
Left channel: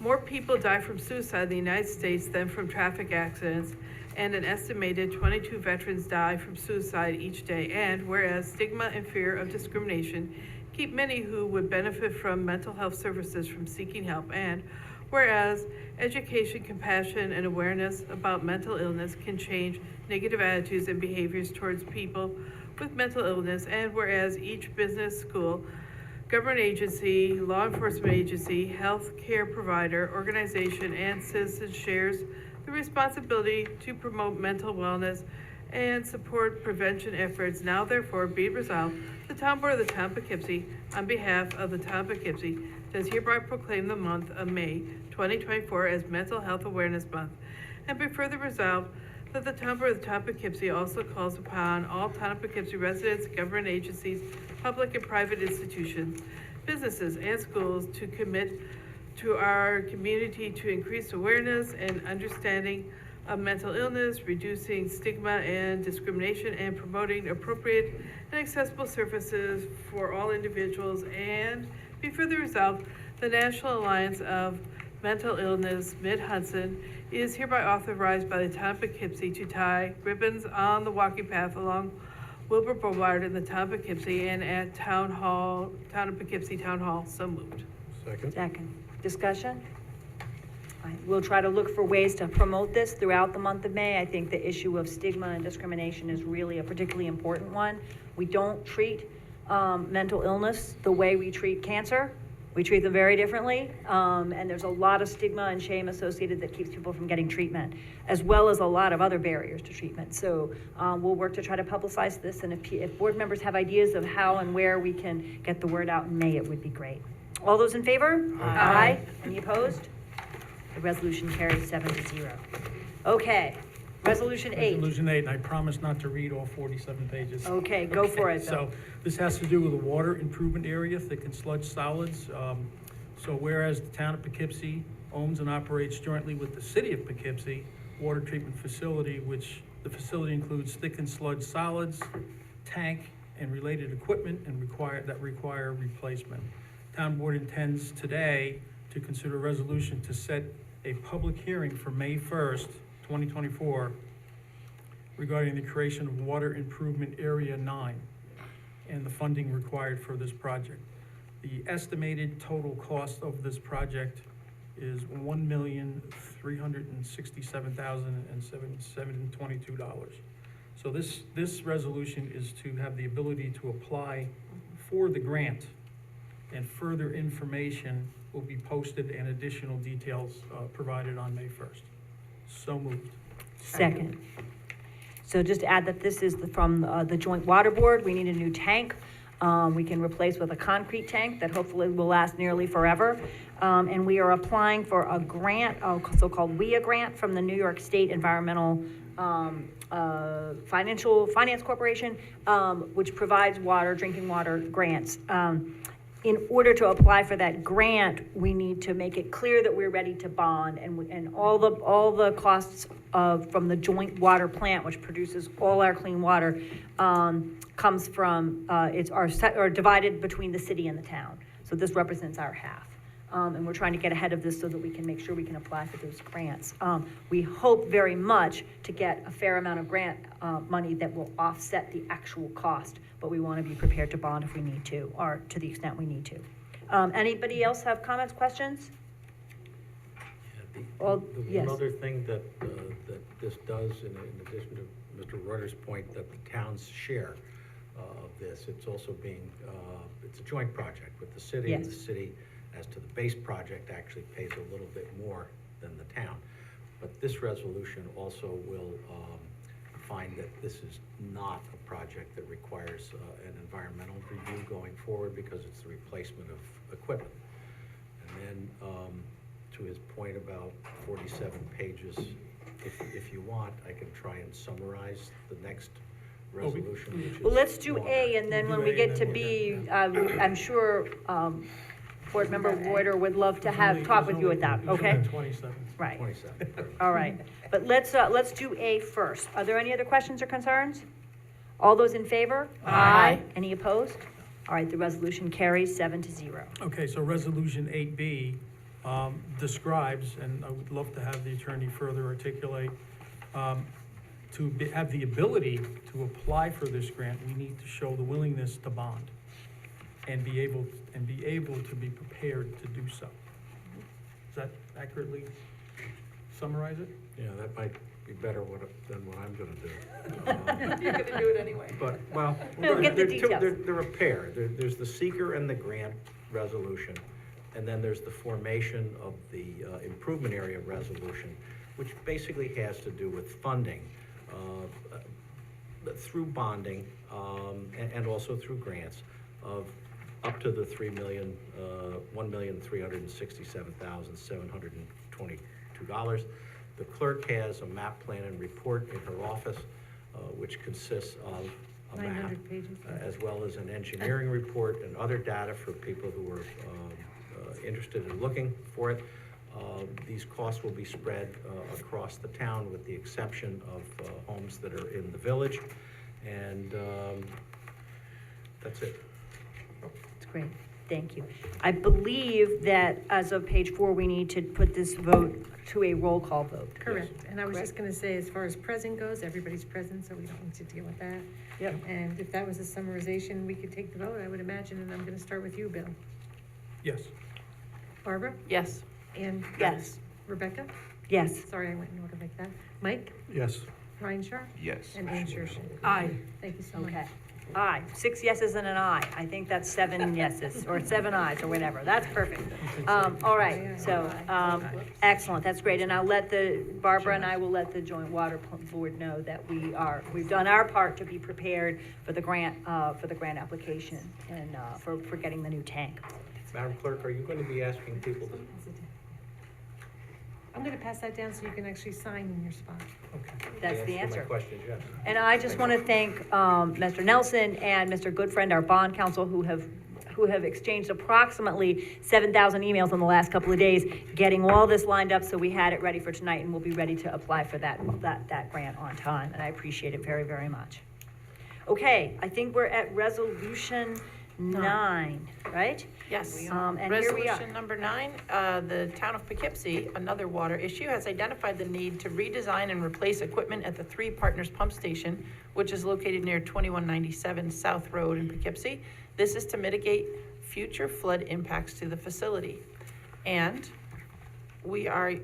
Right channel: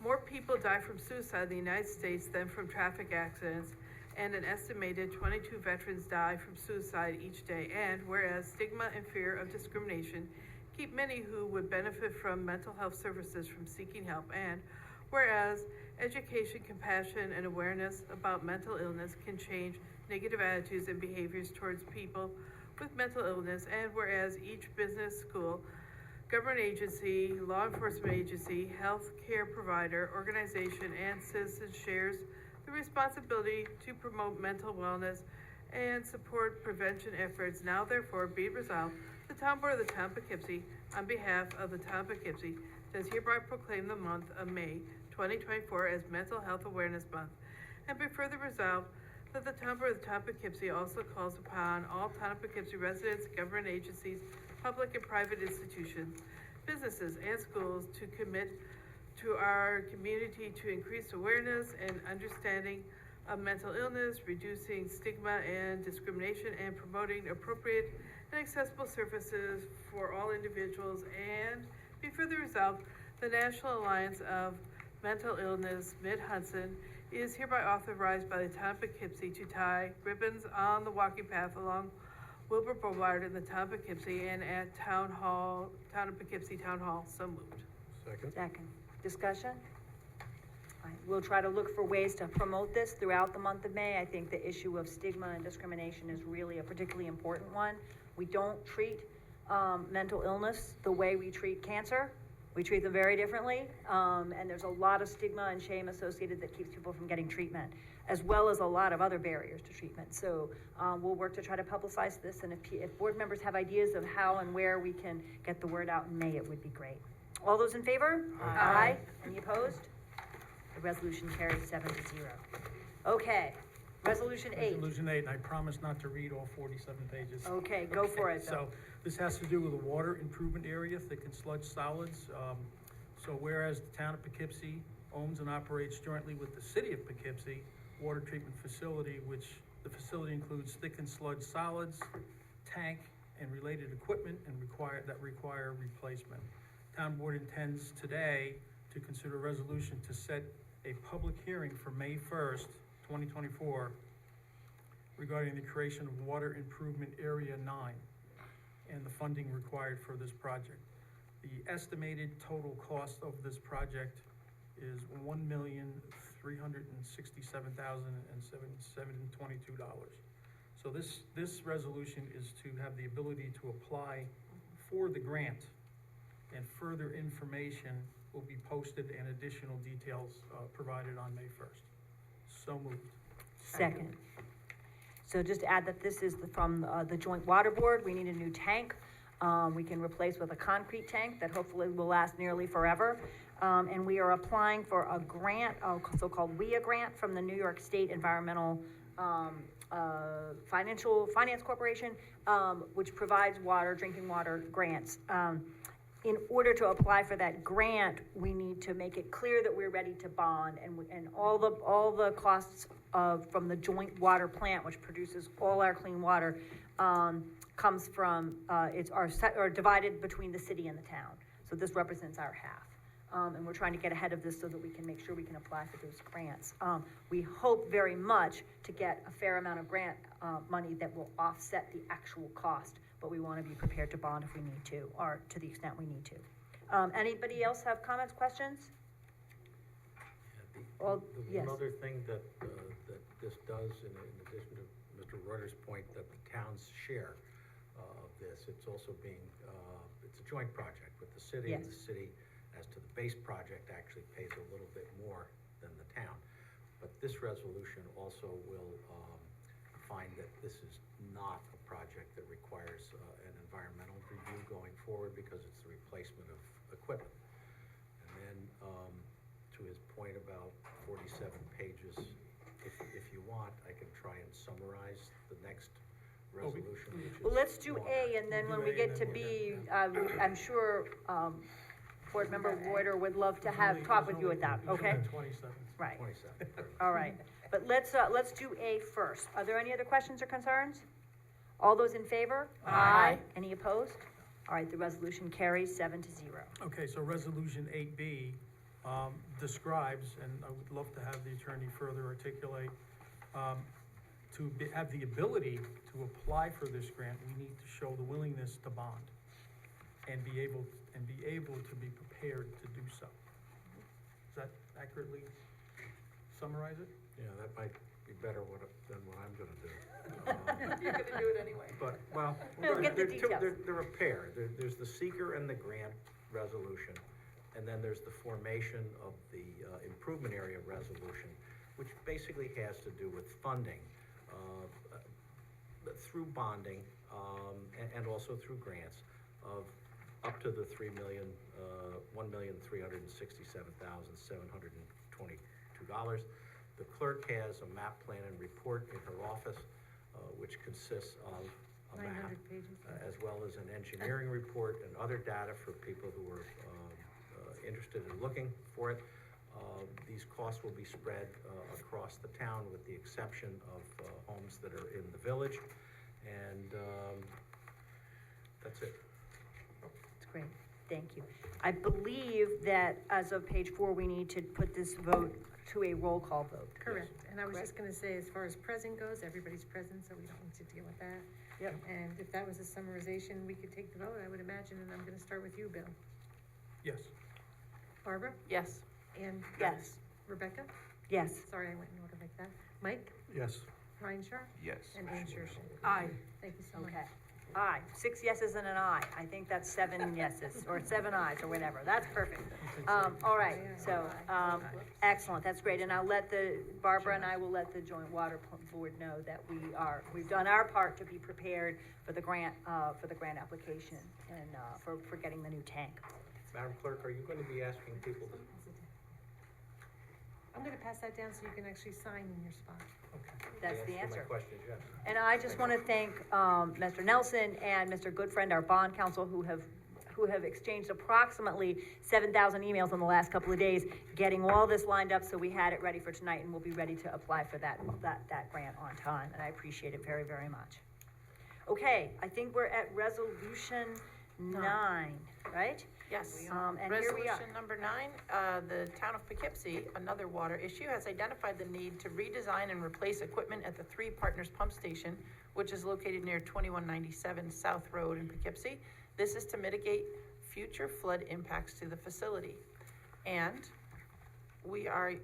more people die from suicide in the United States than from traffic accidents, and an estimated 22 veterans die from suicide each day. And whereas stigma and fear of discrimination keep many who would benefit from mental health services from seeking help. And whereas education, compassion, and awareness about mental illness can change negative attitudes and behaviors towards people with mental illness. And whereas each business, school, government agency, law enforcement agency, health care provider, organization, and citizen shares the responsibility to promote mental wellness and support prevention efforts. Now therefore be resolved, the Town Board of the Town of Poughkeepsie, on behalf of the Town of Poughkeepsie, does hereby proclaim the month of May 2024 as Mental Health Awareness Month. And be further resolved that the Town Board of the Town of Poughkeepsie also calls upon all Town of Poughkeepsie residents, government agencies, public and private institutions, businesses, and schools to commit to our community to increase awareness and understanding of mental illness, reducing stigma and discrimination, and promoting appropriate and accessible services for all individuals. And be further resolved, the National Alliance of Mental Illness, Mid-Hudson, is hereby authorized by the Town of Poughkeepsie to tie ribbons on the walking path along Wilbur Boulevard in the Town of Poughkeepsie and at Town of Poughkeepsie Town Hall. So moved. Second. Discussion? All right, we'll try to look for ways to promote this throughout the month of May. I think the issue of stigma and discrimination is really a particularly important one. We don't treat mental illness the way we treat cancer. We treat them very differently, and there's a lot of stigma and shame associated that keeps people from getting treatment, as well as a lot of other barriers to treatment. So we'll work to try to publicize this, and if board members have ideas of how and where we can get the word out in May, it would be great. All those in favor? Aye. Any opposed? resolution carries 7-0. Okay, resolution 8. Resolution 8, and I promise not to read all 47 pages. Okay, go for it, Bill. So this has to do with the water improvement area, thick and sludge solids. So whereas the town of Poughkeepsie owns and operates jointly with the city of Poughkeepsie, water treatment facility, which the facility includes thick and sludge solids, tank, and related equipment and require replacement. Town board intends today to consider a resolution to set a public hearing for May 1st, 2024, regarding the creation of Water Improvement Area 9 and the funding required for this project. The estimated total cost of this project is $1,367,722. So this resolution is to have the ability to apply for the grant, and further information will be posted and additional details provided on May 1st. So moved. Second. So just to add that this is from the Joint Water Board. We need a new tank. We can replace with a concrete tank that hopefully will last nearly forever. And we are applying for a grant, a so-called WIA grant from the New York State Environmental Finance Corporation, which provides drinking water grants. In order to apply for that grant, we need to make it clear that we're ready to bond, and all the costs from the joint water plant, which produces all our clean water, comes from, are divided between the city and the town. So this represents our half. And we're trying to get ahead of this so that we can make sure we can apply for those grants. We hope very much to get a fair amount of grant money that will offset the actual cost, but we want to be prepared to bond if we need to, or to the extent we need to. Anybody else have comments, questions? Yes. One other thing that this does, in addition to Mr. Reuter's point that the towns share of this, it's also it's a joint project with the city, and the city, as to the base project, actually pays a little bit more than the town. But this resolution also will find that this is not a project that requires an environmental review going forward, because it's the replacement of equipment. And then, to his point about 47 pages, if you want, I can try and summarize the next resolution, which is Well, let's do longer. A, and then when we get to B, I'm sure Board Member Reuter would love to talk with you at that, okay? 27. Right, 27. all right. But let's do A first. Are there any other questions or concerns? All those in favor? Aye. Any opposed? All right, the resolution carries 7-0. Okay, so Resolution 8B describes, and I would love to have the attorney further articulate, have the ability to apply for this grant, we need to show the willingness to bond and be able to be prepared to do so. Does that accurately summarize it? Yeah, that might be better than what I'm gonna do. You're gonna do it anyway. But, well, We'll get the they're details. they're a pair. There's the seeker and the grant resolution, and then there's the formation of the improvement area resolution, which basically has to do with funding through bonding and also through grants of up to the $1,367,722. The clerk has a map plan and report in her office, which consists of a map, 900 pages. as well as an engineering report and other data for people who are interested in looking for it. These costs will be spread across the town, with the exception of homes that are in the village, and that's it. That's great, thank you. I believe that as of page 4, we need to put this vote to a roll call vote. Correct, and I was Correct. just gonna say, as far as present goes, everybody's present, so we don't need to deal with that. Yep. And if that was a summarization, we could take the vote, I would imagine, and I'm gonna start with you, Bill. Yes. Barbara? Yes. And? Yes. Rebecca? Yes. Sorry, I went in order like that. Mike? Yes. Ryan Sharp? Yes. And Ann Shershin? Aye. Thank you so much. Okay. Aye, 6 yeses and an aye. I think that's 7 yeses, or 7 ayes, or whatever. That's perfect. All right, so, excellent, that's great. And Barbara and I will let the Joint Water Board know that we've done our part to be prepared for the grant application and, for getting the new tank. Madam Clerk, are you going to be asking people to I'm gonna pass that down so you can actually sign in your spot. That's the My answer. question is yes. And I just want to thank Mr. Nelson and Mr. Goodfriend, our bond counsel, who have exchanged approximately 7,000 emails in the last couple of days, getting all this lined up so we had it ready for tonight, and we'll be ready to apply for that grant on time, and I appreciate it very, very much. Okay, I think we're at resolution 9, right? Yes. And here we are. Resolution number 9, the town of Poughkeepsie, another water issue, has identified the need to redesign and replace equipment at the Three Partners Pump Station, which is located near 2197 South Road in Poughkeepsie. This is to mitigate future flood impacts to the facility. And we are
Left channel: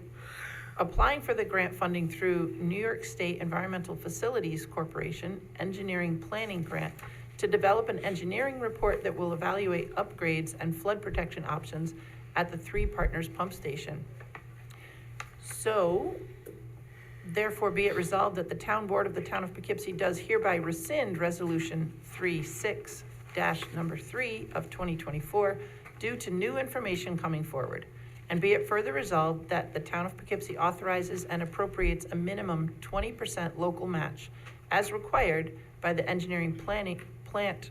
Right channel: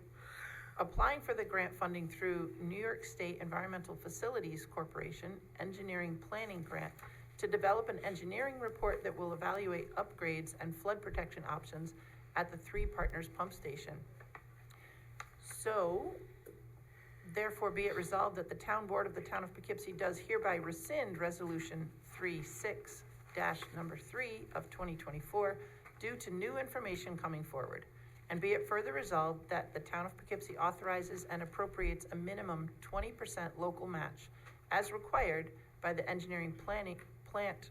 applying for the grant funding through New York State Environmental Facilities Corporation Engineering Planning Grant to develop an engineering report that will evaluate upgrades and flood protection options at the Three Partners Pump Station. So, therefore be it resolved that the town board of the town of Poughkeepsie does hereby rescind resolution 36-3 of 2024 due to new information coming forward. And be it further resolved that the town of Poughkeepsie authorizes and appropriates a minimum 20% local match as required by the engineering planning grant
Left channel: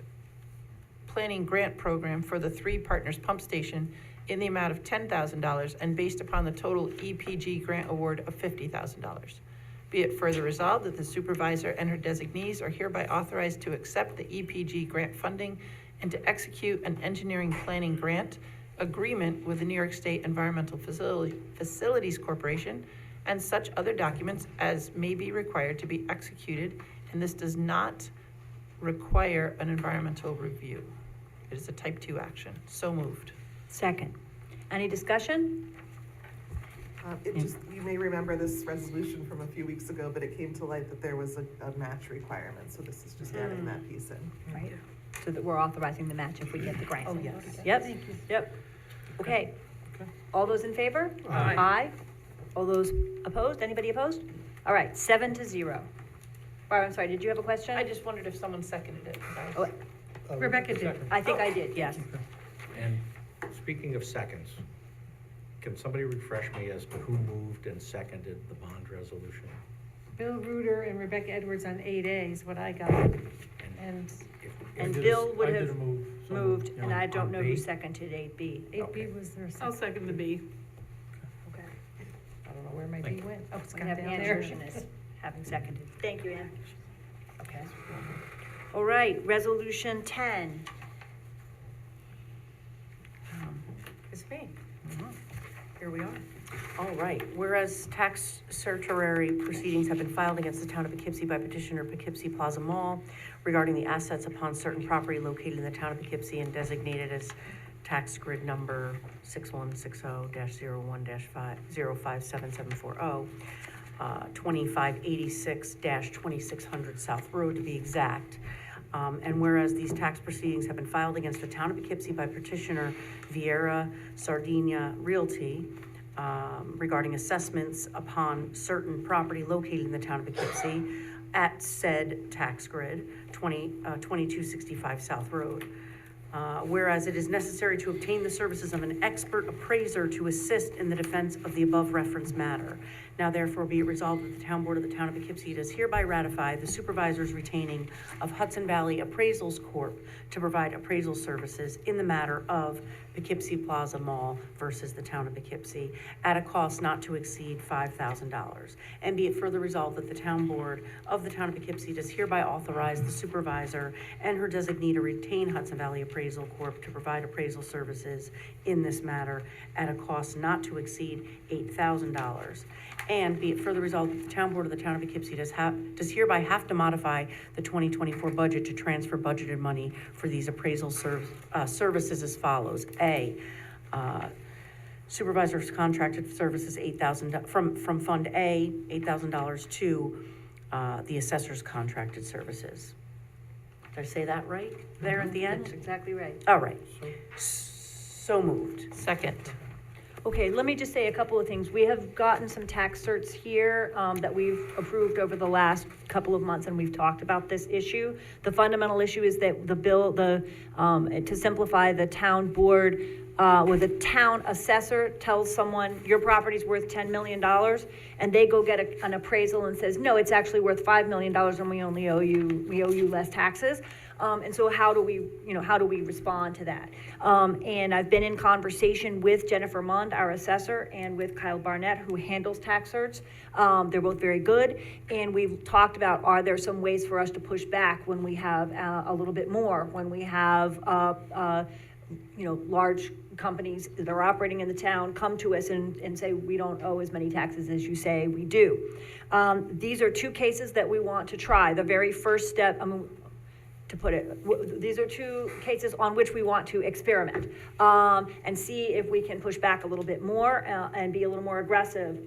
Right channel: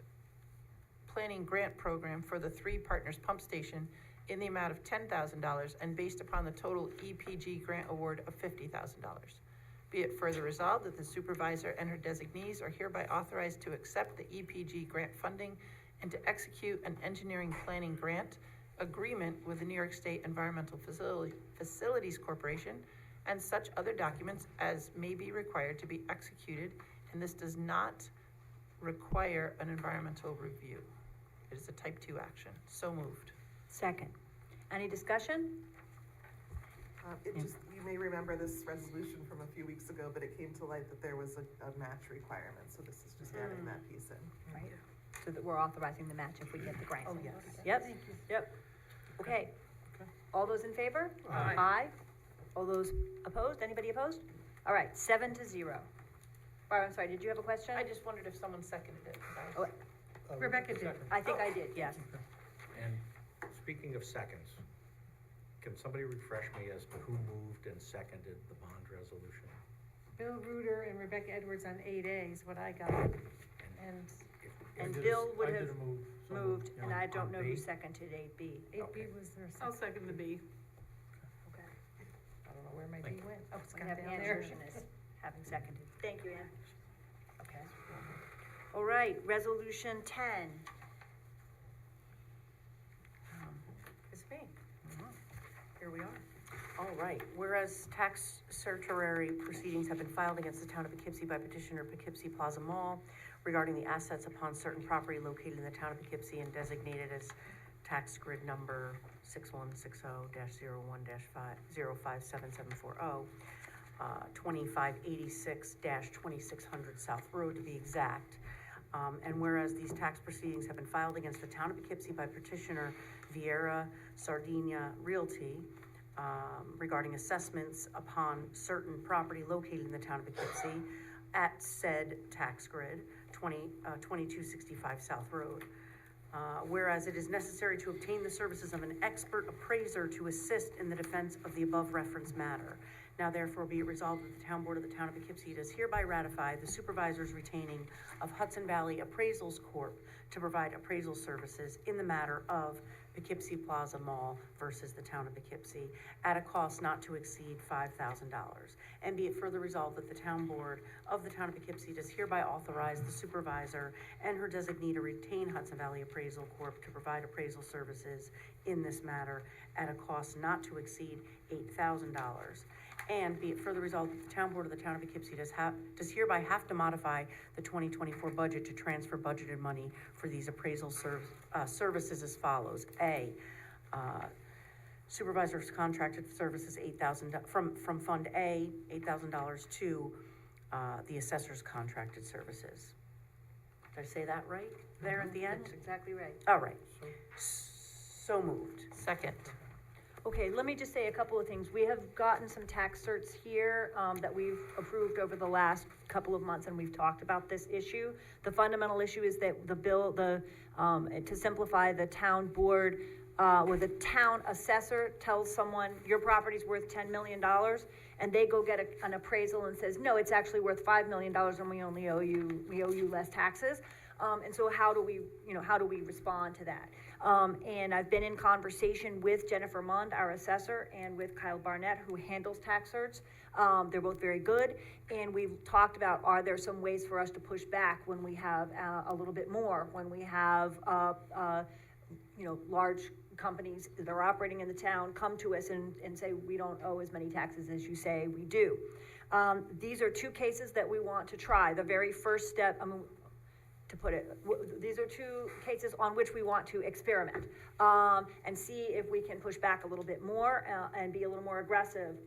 program for the Three Partners Pump Station in the amount of $10,000 and based upon the total EPG grant award of $50,000. Be it further resolved that the supervisor and her designees are hereby authorized to accept the EPG grant funding and to execute an engineering planning grant agreement with the New York State Environmental Facilities Corporation and such other documents as may be required to be executed, and this does not require an environmental review. It is a type 2 action. So moved. Second. Any discussion? You may remember this resolution from a few weeks ago, but it came to light that there was a match requirement, so this is just adding that piece in. Right, so that we're authorizing the match if we get the grant. Oh, yes. Yep, yep. Okay. All those in favor? Aye. Aye. All those opposed? Anybody opposed? All right, 7-0. Barb, I'm sorry, did you have a question? I just wondered if someone seconded it. 'Cause I was- Rebecca did. I think I did, yes. And speaking of seconds, can somebody refresh me as to who moved and seconded the bond resolution? Bill Reuter and Rebecca Edwards on 8A is what I got. And And I did Bill would I did have a move. So moved, yeah, and I don't on know who B. seconded 8B. 8B was their I'll second. second the B. Okay. I don't know where my B went. Oh, it's We got have down Ann there. Shershin as having seconded. Thank you, Ann. Okay. All right, resolution 10. It's me. Here we are. All right, whereas tax certiorari proceedings have been filed against the town of Poughkeepsie by petitioner Poughkeepsie Plaza Mall regarding the assets upon certain property located in the town of Poughkeepsie and designated as tax grid number 6160-01-057740, 2586-2600 South Road to be exact. And whereas these tax proceedings have been filed against the town of Poughkeepsie by petitioner Vieira Sardinia Realty regarding assessments upon certain property located in the town of Poughkeepsie at said tax grid, 2265 South Road. Whereas it is necessary to obtain the services of an expert appraiser to assist in the defense of the above referenced matter. Now therefore be it resolved that the town board of the town of Poughkeepsie does hereby ratify the supervisor's retaining of Hudson Valley Appraisals Corp. To provide appraisal services in the matter of Poughkeepsie Plaza Mall versus the town of Poughkeepsie at a cost not to exceed $5,000. And be it further resolved that the town board of the town of Poughkeepsie does hereby authorize the supervisor and her designee to retain Hudson Valley Appraisal Corp. To provide appraisal services in this matter at a cost not to exceed $8,000. And be it further resolved that the town board of the town of Poughkeepsie does hereby have to modify the 2024 budget to transfer budgeted money for these appraisal services as follows. A, supervisor's contracted services $8,000 from Fund A, $8,000 to the assessor's contracted services. Did I say that right there at the end? That's exactly right. All right. So moved. Second. Okay, let me just say a couple of things. We have gotten some tax certs here that we've approved over the last couple of months, and we've talked about this issue. The fundamental issue is that to simplify, the town board where the town assessor tells someone, your property's worth $10 million, and they go get an appraisal and says, no, it's actually worth $5 million, and we owe you less taxes. And so how do we respond to that? And I've been in conversation with Jennifer Mund, our assessor, and with Kyle Barnett, who handles tax certs. They're both very good, and we've talked about, are there some ways for us to push back when we have a little bit more, when we have, large companies that are operating in the town come to us and say, we don't owe as many taxes as you say we do. These are two cases that we want to try. The very first step, these are two cases on which we want to experiment and see if we can push back a little bit more and be a little more aggressive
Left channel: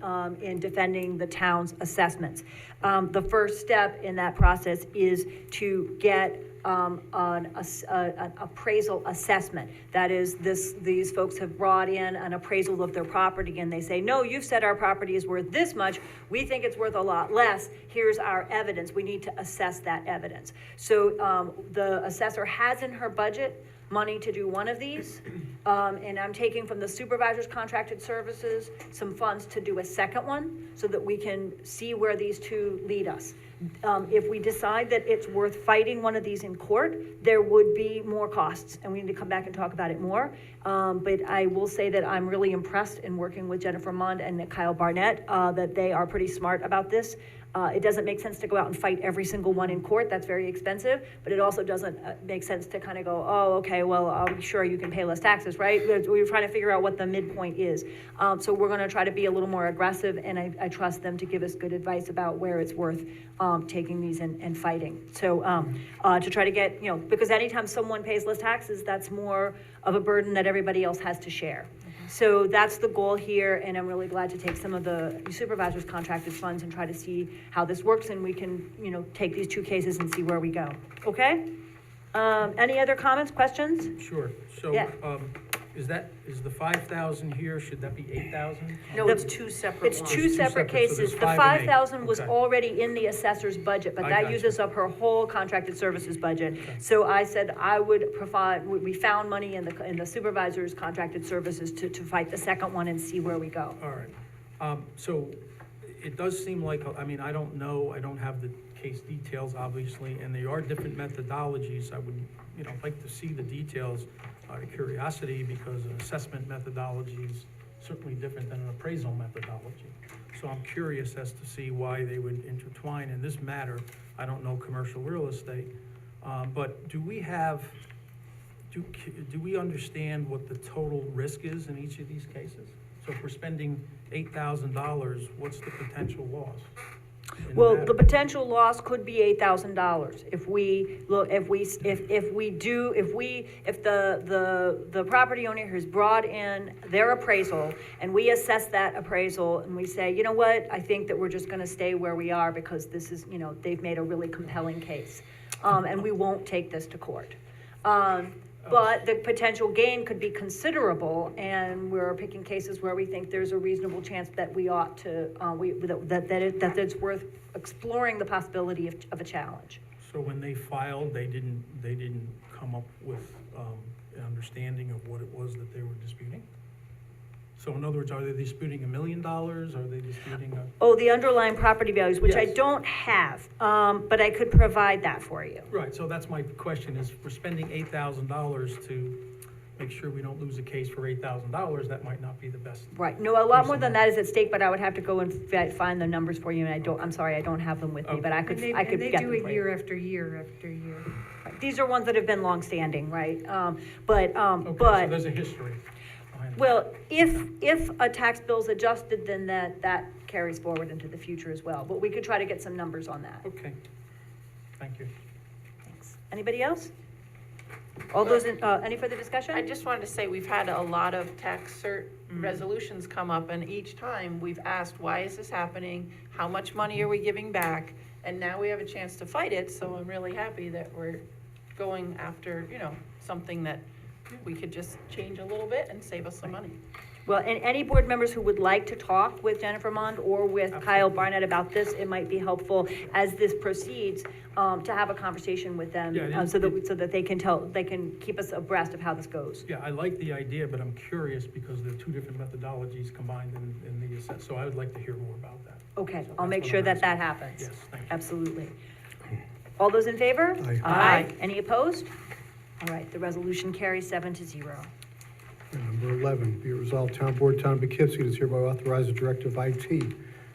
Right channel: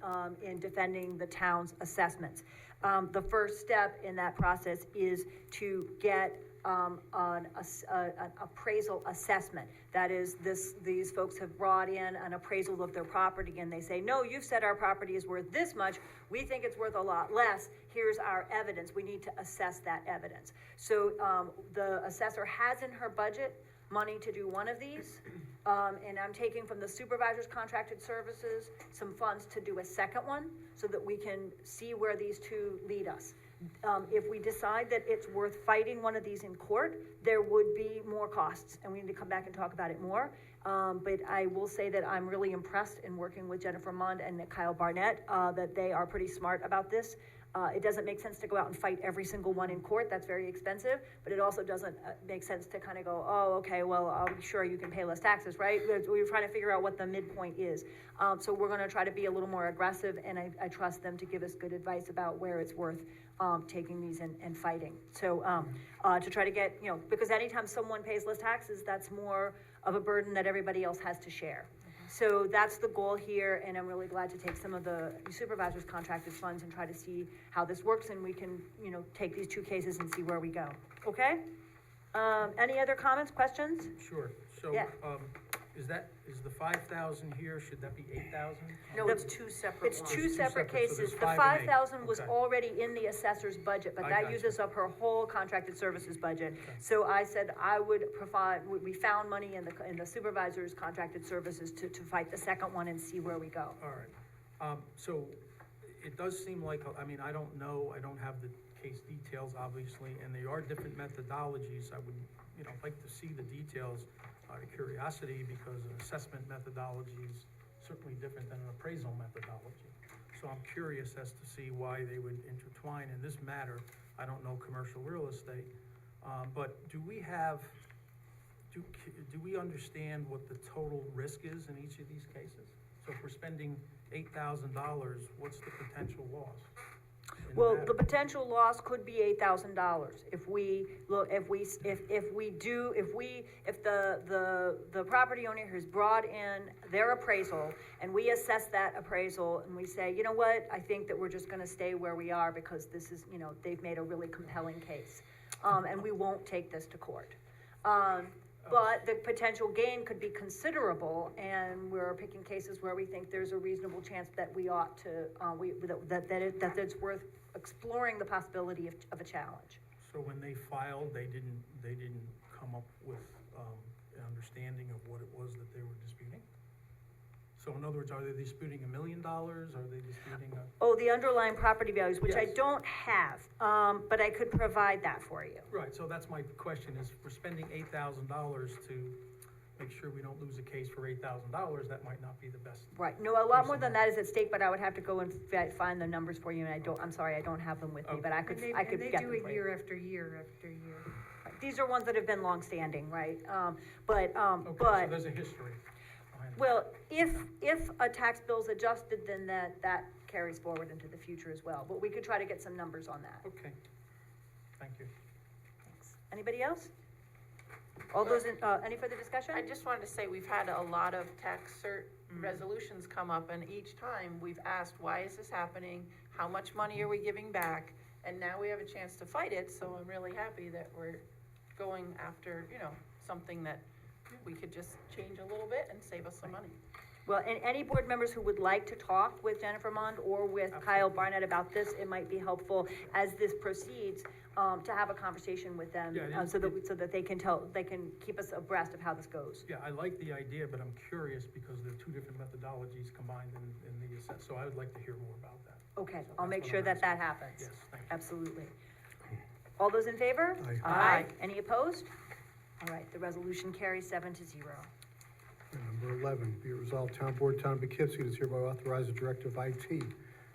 in defending the town's assessments. The first step in that process is to get an appraisal assessment. That is, these folks have brought in an appraisal of their property and they say, no, you've said our property is worth this much. We think it's worth a lot less. Here's our evidence. We need to assess that evidence. So the assessor has in her budget money to do one of these, and I'm taking from the supervisor's contracted services some funds to do a second one so that we can see where these two lead us. If we decide that it's worth fighting one of these in court, there would be more costs, and we need to come back and talk about it more. But I will say that I'm really impressed in working with Jennifer Mund and Kyle Barnett, that they are pretty smart about this. It doesn't make sense to go out and fight every single one in court. That's very expensive, but it also doesn't make sense to kind of go, oh, okay, well, sure, you can pay less taxes, right? We're trying to figure out what the midpoint is. So we're going to try to be a little more aggressive, and I trust them to give us good advice about where it's worth taking these and fighting. So to try to get, because anytime someone pays less taxes, that's more of a burden that everybody else has to share. So that's the goal here, and I'm really glad to take some of the supervisor's contracted funds and try to see how this works, and we can, take these two cases and see where we go. Okay? Any other comments, questions? Sure. So, Yeah. is the 5,000 here, should that be 8,000? No, it's two separate ones. It's two separate separate, so cases. there's The 5 and 8. 5,000 was Okay. already in the assessor's budget, but I that gotcha. uses up her whole contracted services budget. So I said I would provide, we found money in the supervisor's contracted services to fight the second one and see where we go. All right. So it does seem like, I don't know, I don't have the case details, obviously, and there are different methodologies. I would, like to see the details out of curiosity, because an assessment methodology is certainly different than an appraisal methodology. So I'm curious as to see why they would intertwine in this matter. I don't know commercial real estate, but do we understand what the total risk is in each of these cases? So if we're spending $8,000, what's the potential loss? in the Well, matter? the potential loss could be $8,000 if the property owner has brought in their appraisal and we assess that appraisal and we say, you know what, I think that we're just gonna stay where we are because this is, they've made a really compelling case. And we won't take this to court. But the potential gain could be considerable, and we're picking cases where we think there's a reasonable chance that we ought to, that it's worth exploring the possibility of a challenge. So when they filed, they didn't come up with an understanding of what it was that they were disputing? So in other words, are they disputing $1 million? Are they disputing a? Oh, the underlying property values, which I Yes. don't have, but I could provide that for you. Right, so that's my question, is we're spending $8,000 to make sure we don't lose a case for $8,000, that might not be the best. Right, no, a lot more than that is at stake, but I would have to go and find the numbers for you, and I'm sorry, I don't have them with me, but I could And get them they for do you. it year after year after year. These are ones that have been longstanding, right? Okay, so But, there's a history behind it. well, if a tax bill's adjusted, then that carries forward into the future as well, but we could try to get some numbers on that. Okay, thank you. Thanks. Anybody else? All those in, any further discussion? I just wanted to say, we've had a lot of tax cert resolutions come up, and each time we've asked, why is this happening? How much money are we giving back? And now we have a chance to fight it, so I'm really happy that we're going after, something that we could just change a little bit and save us some money. Well, and any board members who would like to talk with Jennifer Mond or with Kyle Barnett about this, it might be helpful as this proceeds, to have a conversation with them, Yeah, it is- so that they can keep us abreast of how this goes. Yeah, I like the idea, but I'm curious because there are two different methodologies combined in the assess, so I would like to hear more about that. Okay, So I'll that's make what sure I'm that that asking. happens. Yes, thank you. Absolutely. All those in favor? Aye. Aye. Any opposed? All right, the resolution carries 7-0. And number 11, be it resolved, Town Board, Town of Poughkeepsie does hereby authorize the Director of IT,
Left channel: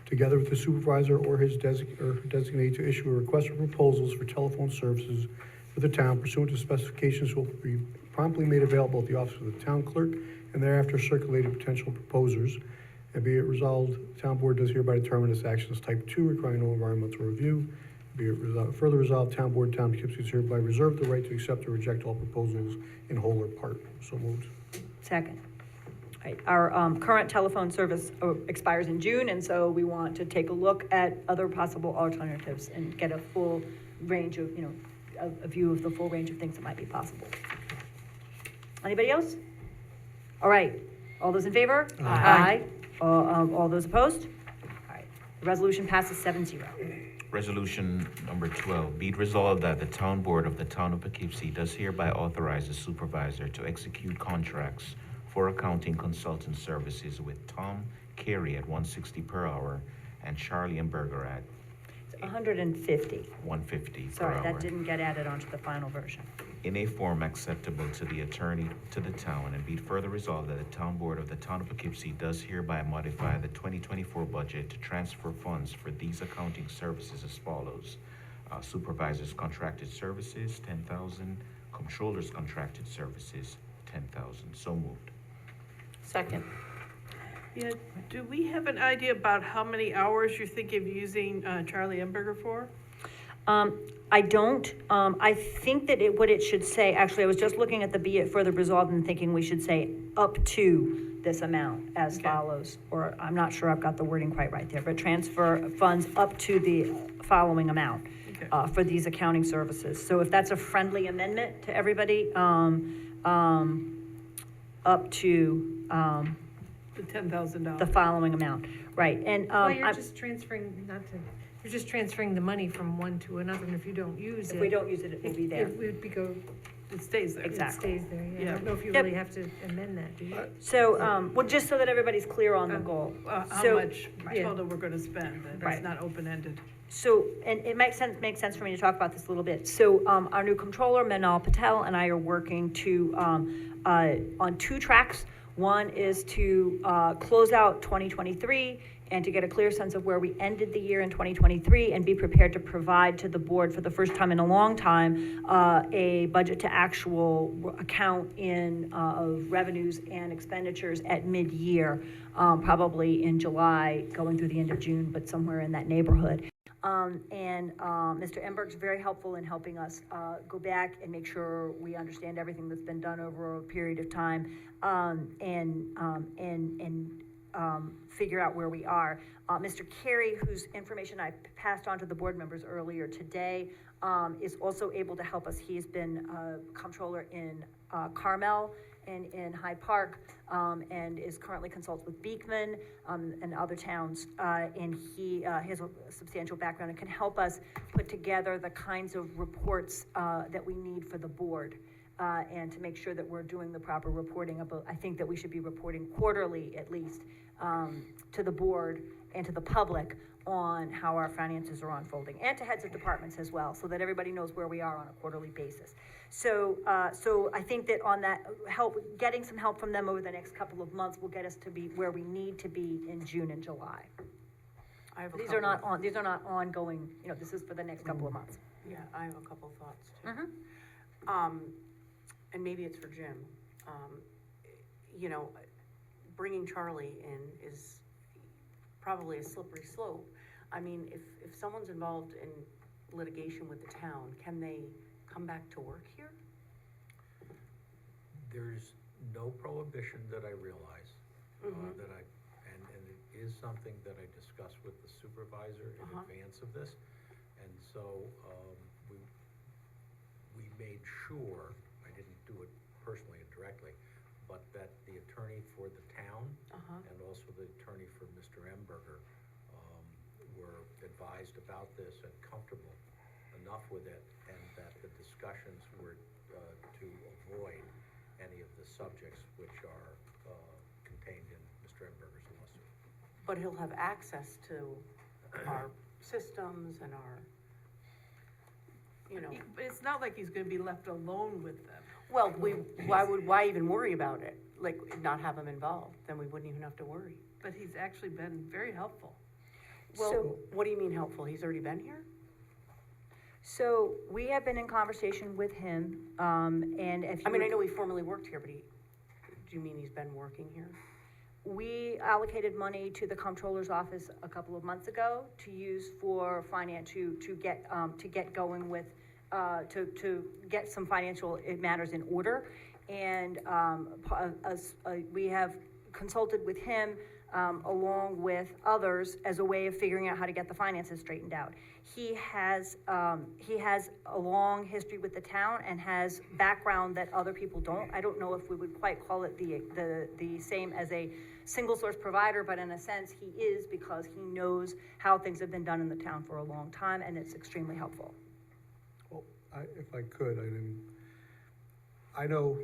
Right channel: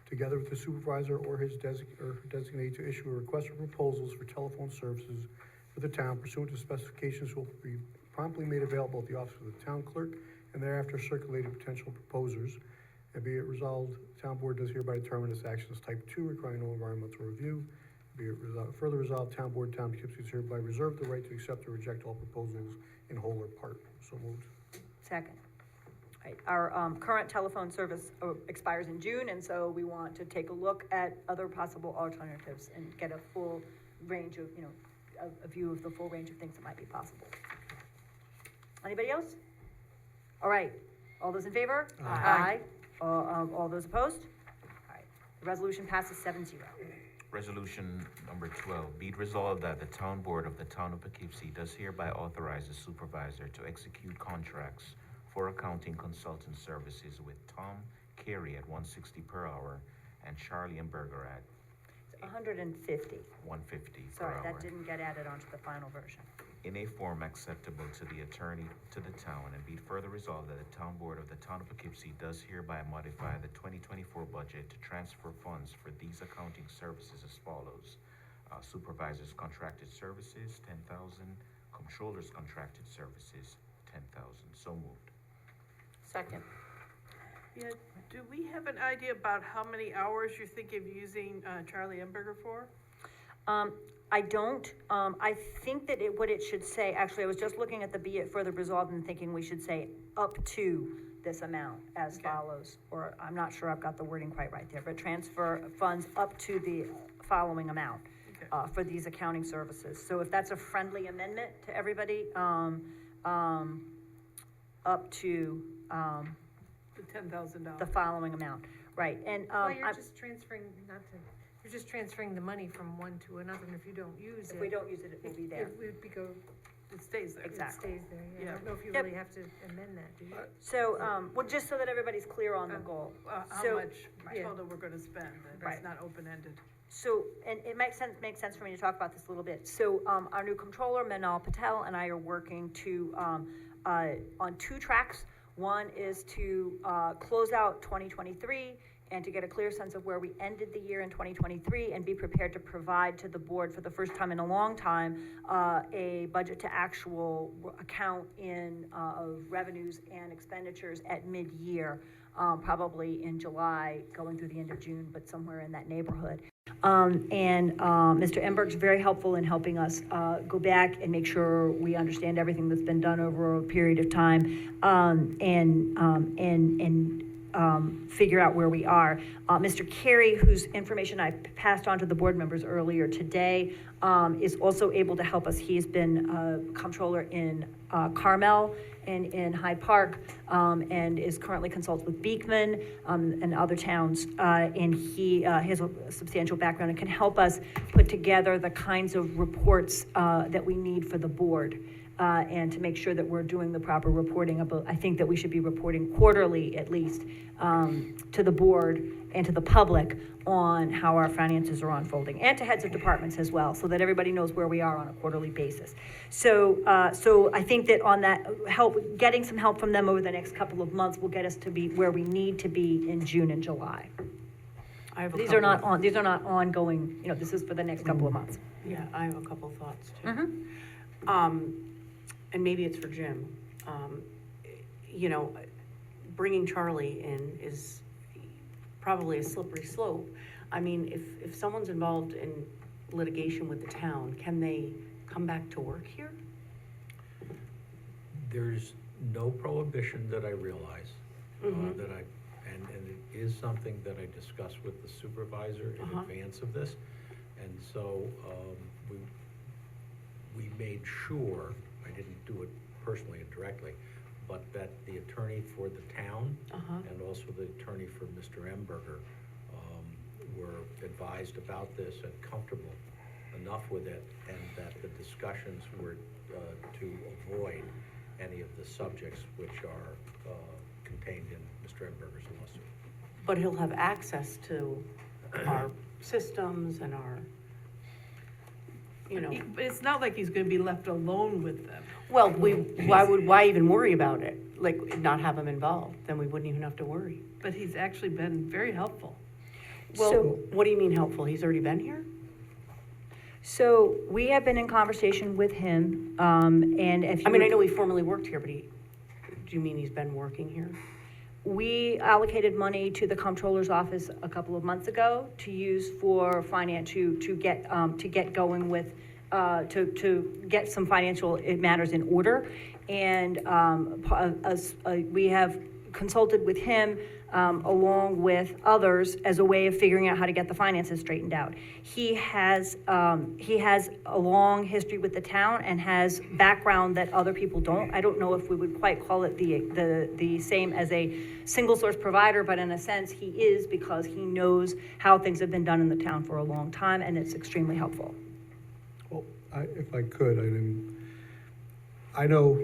together with the supervisor or his designee, to issue a request for proposals for telephone services for the town pursuant to specifications will be promptly made available at the office of the town clerk and thereafter circulated to potential proposers. And be it resolved, the Town Board does hereby determine this action is type 2, requiring no environmental review. Be it further resolved, Town Board, Town of Poughkeepsie does hereby reserve the right to accept or reject all proposals in whole or part. So moved. Second. All right, our current telephone service expires in June, and so we want to take a look at other possible alternatives and get a full range of, a view of the full range of things that might be possible. Anybody else? All right, all those in favor? Aye. All those opposed? All right, the resolution passes 7-0. Resolution number 12, be it resolved that the Town Board of the Town of Poughkeepsie does hereby authorize the supervisor to execute contracts for accounting consultant services with Tom Carey at $160 per hour and Charlie and Berger at It's 150. $150 per Sorry, hour. that didn't get added onto the final version. In a form acceptable to the attorney to the town, and be it further resolved that the Town Board of the Town of Poughkeepsie does hereby modify the 2024 budget to transfer funds for these accounting services as follows. Supervisors contracted services, 10,000. Controllers contracted services, 10,000. So moved. Second. Yeah, do we have an idea about how many hours you're thinking of using Charlie Emberger for? I don't. I think that what it should say, actually, I was just looking at the be it further resolved and thinking we should say up to this amount as Okay. follows, or I'm not sure I've got the wording quite right there, but transfer funds up to the following amount Okay. for these accounting services. So if that's a friendly amendment to everybody, up to The $10,000. the following amount, right? And Well, you're I'm- just transferring, you're just transferring the money from one to another, and if you don't use it. if we don't use it, it will be there. It would go, It stays there. it Exactly. stays there, yeah. I Yeah. don't know if you Yep. really have to amend that, do you? So, well, just so that everybody's clear on the goal. How So- much Yeah. total we're gonna spend, that's Right. not open-ended. So, and it makes sense for me to talk about this a little bit. So, our new controller, Manal Patel, and I are working to, on two tracks. One is to, close out 2023 and to get a clear sense of where we ended the year in 2023 and be prepared to provide to the board for the first time in a long time, a budget to actual account of revenues and expenditures at mid-year, probably in July, going through the end of June, but somewhere in that neighborhood. Mr. Emberg's very helpful in helping us go back and make sure we understand everything that's been done over a period of time, and figure out where we are. Mr. Carey, whose information I passed on to the board members earlier today, is also able to help us. He's been comptroller in Carmel and in Hyde Park, and is currently consults with Beekman and other towns. And he has a substantial background and can help us put together the kinds of reports that we need for the board. And to make sure that we're doing the proper reporting about, I think that we should be reporting quarterly at least, to the board and to the public on how our finances are unfolding, and to heads of departments as well, so that everybody knows where we are on a quarterly basis. So I think that on that, getting some help from them over the next couple of months will get us to be where we need to be in June and July. I have a These couple. are not ongoing, this is for the next couple of months. Yeah, I have a couple thoughts too. Mhm. And maybe it's for Jim. Bringing Charlie in is probably a slippery slope. I mean, if someone's involved in litigation with the town, can they come back to work here? There's no prohibition that I realize, Mhm. that and it is something that I discussed with the supervisor in advance of this. And so, we made sure, I didn't do it personally and directly, but that the attorney for the town Uh-huh. and also the attorney for Mr. Emberger were advised about this and comfortable enough with it, and that the discussions were to avoid any of the subjects which are contained in Mr. Emberger's lawsuit. But he'll have access to our systems and our, you know. But it's not like he's gonna be left alone with them. Well, why even worry about it? Like, not have him involved, then we wouldn't even have to worry. But he's actually been very helpful. Well, what do you mean helpful? He's already been here? So we have been in conversation with him, and if you. I mean, I know he formerly worked here, but do you mean he's been working here? We allocated money to the comptroller's office a couple of months ago to use for finance, to get going with, to get some financial matters in order. And, we have consulted with him, along with others as a way of figuring out how to get the finances straightened out. He has a long history with the town and has background that other people don't. I don't know if we would quite call it the same as a single source provider, but in a sense he is, because he knows how things have been done in the town for a long time, and it's extremely helpful. Well, if I could, I know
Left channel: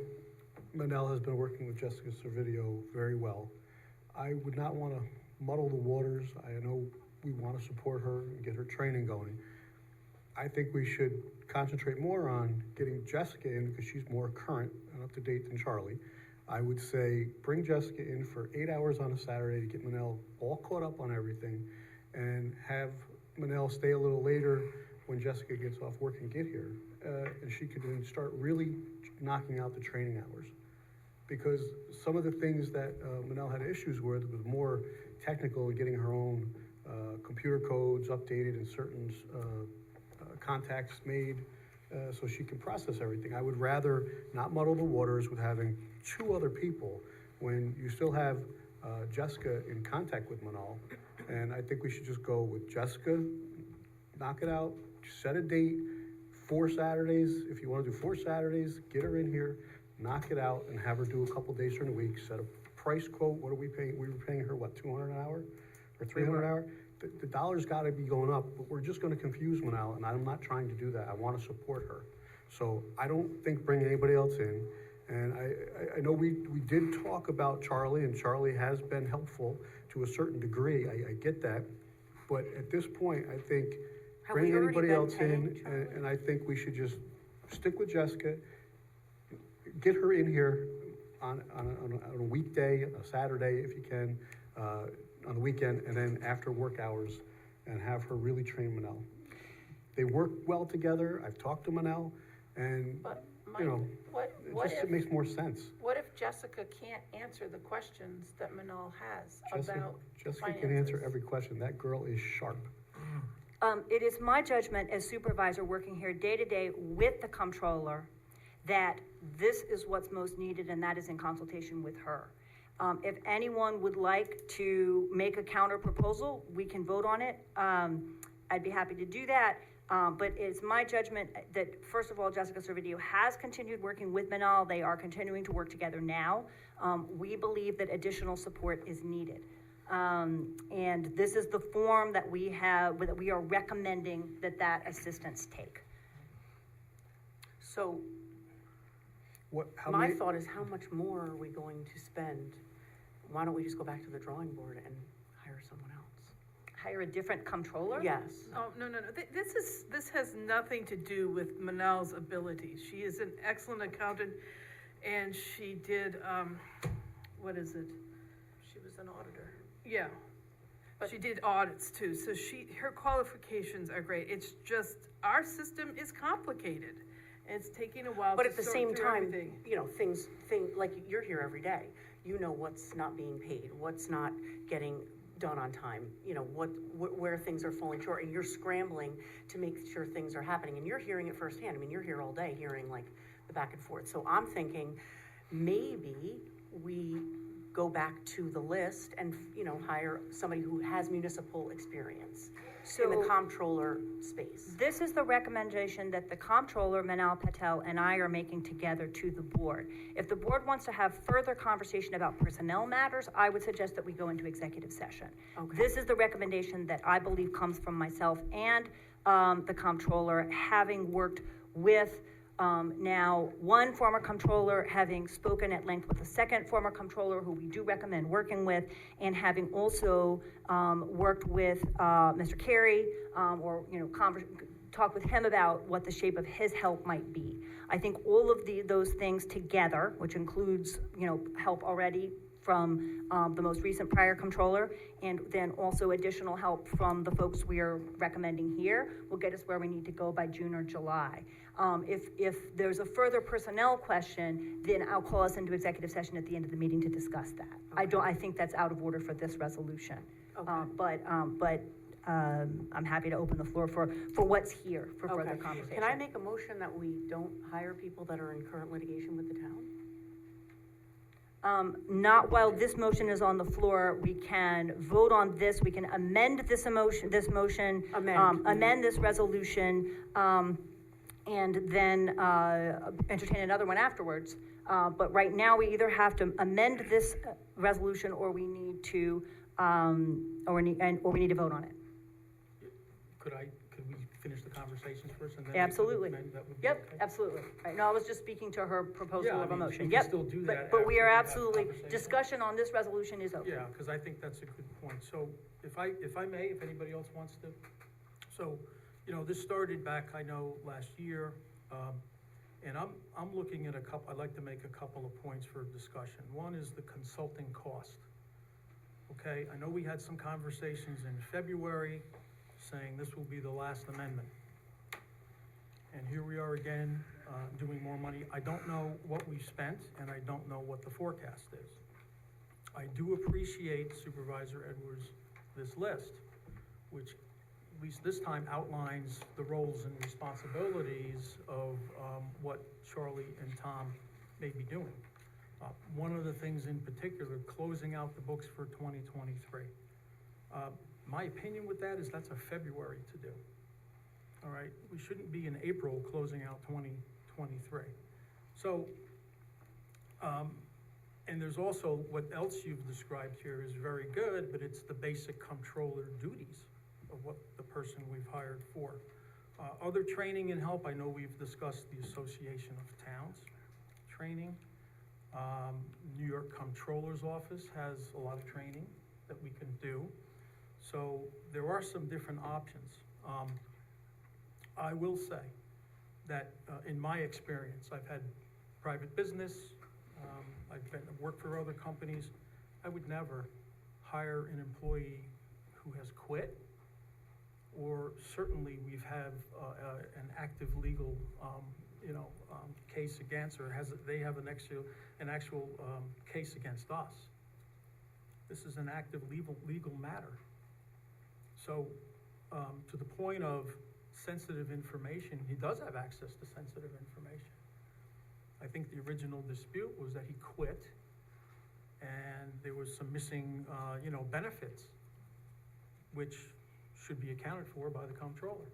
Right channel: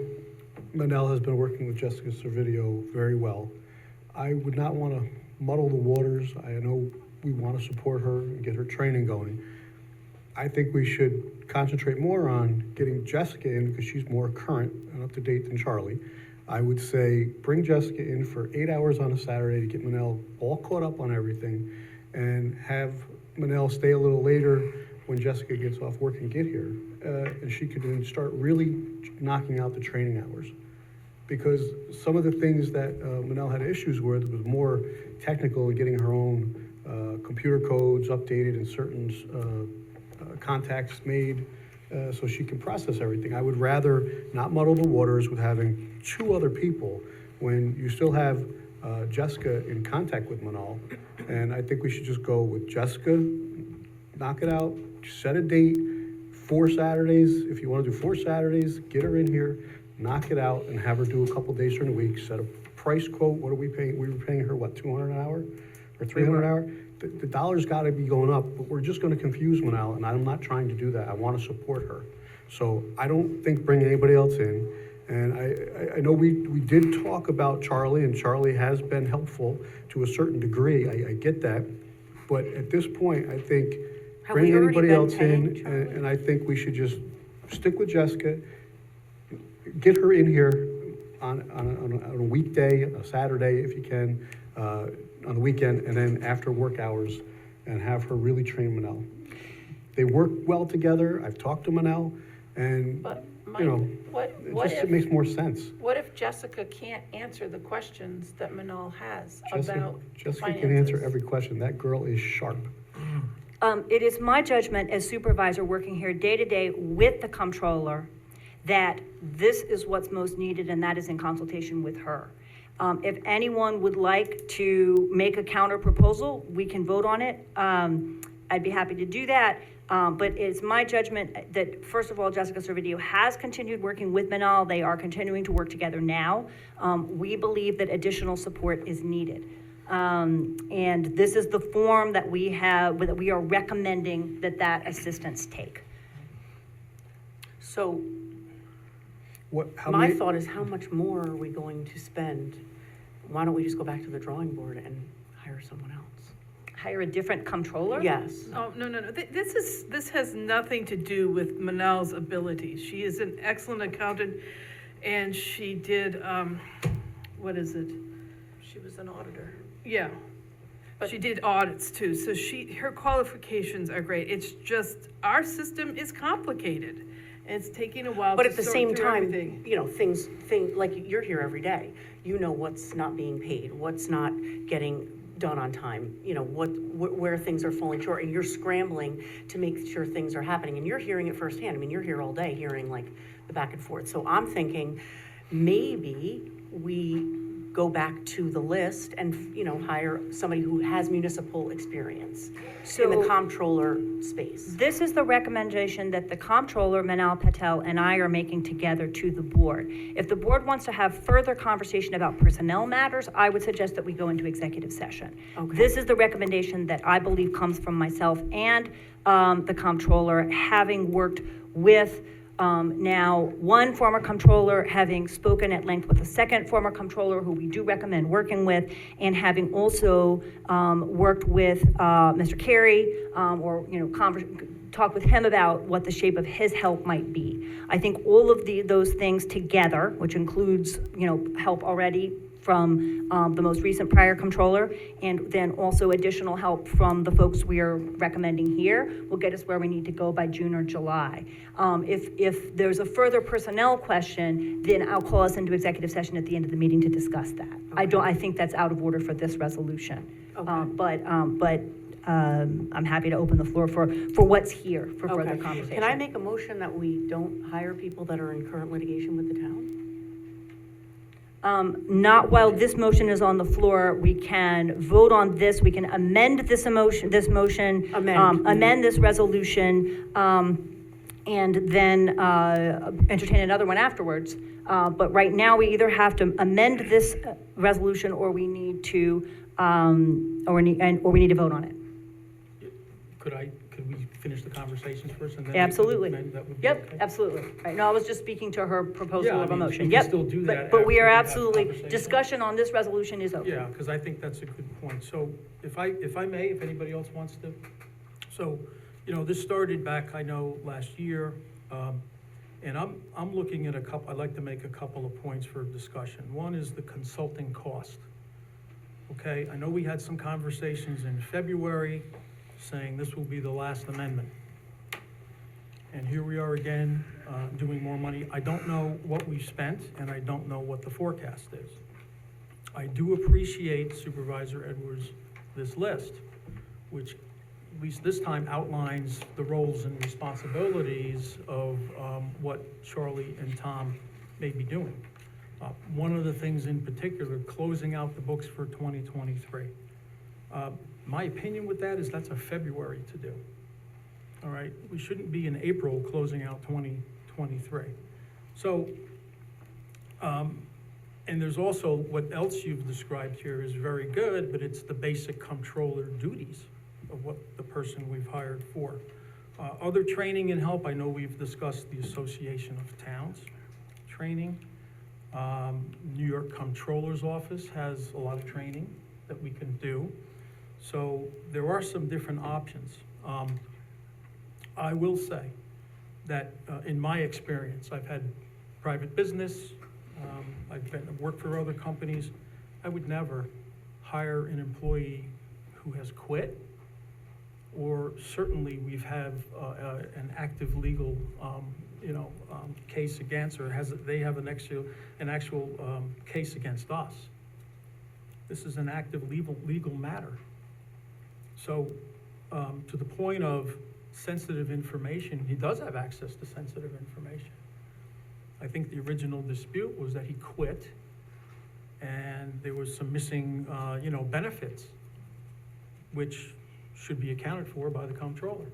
Manel has been working with Jessica Servideo very well. I would not want to muddle the waters. I know we want to support her and get her training going. I think we should concentrate more on getting Jessica in, because she's more current and up to date than Charlie. I would say bring Jessica in for 8 hours on a Saturday to get Manel all caught up on everything, and have Manel stay a little later when Jessica gets off work and get here. And she could then start really knocking out the training hours. Because some of the things that Manel had issues with was more technical, in getting her own computer codes updated and certain contacts made, so she can process everything. I would rather not muddle the waters with having 2 other people when you still have Jessica in contact with Manal. And I think we should just go with Jessica, knock it out, set a date, 4 Saturdays. If you want to do 4 Saturdays, get her in here, knock it out, and have her do a couple days during the week, set a price quote. What are we paying? We were paying her, what, $200 an hour or $300 an hour? The dollar's got to be going up, but we're just going to confuse Manal, and I'm not trying to do that. I want to support her. So I don't think bring anybody else in. And I know we did talk about Charlie, and Charlie has been helpful to a certain degree. I get that. But at this point, I think Have bring we already anybody been else paying in, Charlie? and I think we should just stick with Jessica, get her in here on a weekday, a Saturday if you can, on the weekend, and then after work hours, and have her really train Manel. They work well together. I've talked to Manel, and, But, you know, Mike, it what just if, makes more sense. what if Jessica can't answer the questions that Manal has about Jessica can answer finances? every question. That girl is sharp. It is my judgment as supervisor working here day to day with the comptroller that this is what's most needed, and that is in consultation with her. If anyone would like to make a counter proposal, we can vote on it. I'd be happy to do that. But it's my judgment that, first of all, Jessica Servideo has continued working with Manal. They are continuing to work together now. We believe that additional support is needed. And this is the form that we are recommending that assistance take. So How my many, thought is, how much more are we going to spend? Why don't we just go back to the drawing board and hire someone else? Hire a different comptroller? Yes. Oh, no. This has nothing to do with Manal's abilities. She is an excellent accountant, and she did, what is it? She was an auditor. Yeah. She did audits too, so her qualifications are great. It's just, our system is complicated, and it's taking a while But to at the sort same through time, everything. you know, like you're here every day. You know what's not being paid, what's not getting done on time, you know, where things are falling short, and you're scrambling to make sure things are happening, and you're hearing it firsthand. I mean, you're here all day hearing like the back and forth. So I'm thinking maybe we go back to the list and, you know, hire somebody who has municipal experience in the So- comptroller space. This is the recommendation that the comptroller, Manal Patel, and I are making together to the board. If the board wants to have further conversation about personnel matters, I would suggest that we go into executive session. Okay. This is the recommendation that I believe comes from myself and the comptroller, having worked with now one former comptroller, having spoken at length with a second former comptroller who we do recommend working with, and having also worked with Mr. Carey, or, you know, talk with him about what the shape of his help might be. I think all of those things together, which includes, you know, help already from the most recent prior comptroller, and then also additional help from the folks we are recommending here, will get us where we need to go by June or July. If there's a further personnel question, then I'll call us into executive session at the end of the meeting to discuss that. I think that's out of order for this resolution. Okay. I'm happy to open the floor for what's here, for further Okay. conversation. Can I make a motion that we don't hire people that are in current litigation with the town? Not while this motion is on the floor. We can vote on this, we can amend this motion. Amend this resolution, and then, entertain another one afterwards. But right now, we either have to amend this resolution, or we need to, or we need to vote on it. Could we finish the conversations first and then? Absolutely. That would be Yep, okay? absolutely. Right, no, I was just speaking to her proposal Yeah, I of a mean, motion. we can Yep. still do that But we after are we have absolutely, conversation. discussion on this resolution is open. Yeah, because I think that's a good point. So if I may, if anybody else wants to. So, you know, this started back, I know, last year. And I'm looking at I'd like to make a couple of points for discussion. One is the consulting cost. Okay, I know we had some conversations in February saying this will be the last amendment. And here we are again, doing more money. I don't know what we've spent, and I don't know what the forecast is. I do appreciate Supervisor Edwards' this list, which at least this time outlines the roles and responsibilities of what Charlie and Tom may be doing. One of the things in particular, closing out the books for 2023. My opinion with that is that's a February to do. All right, we shouldn't be in April closing out 2023. So, and there's also, what else you've described here is very good, but it's the basic comptroller duties of what the person we've hired for. Other training and help, I know we've discussed the Association of Towns training. New York Comptroller's Office has a lot of training that we can do. So there are some different options. I will say that in my experience, I've had private business, I've worked for other companies. I would never hire an employee who has quit, or certainly we've had an active legal, case against, or they have an actual case against us. This is an active legal matter. So, to the point of sensitive information, he does have access to sensitive information. I think the original dispute was that he quit, and there was some missing, benefits, which should be accounted for by the comptroller.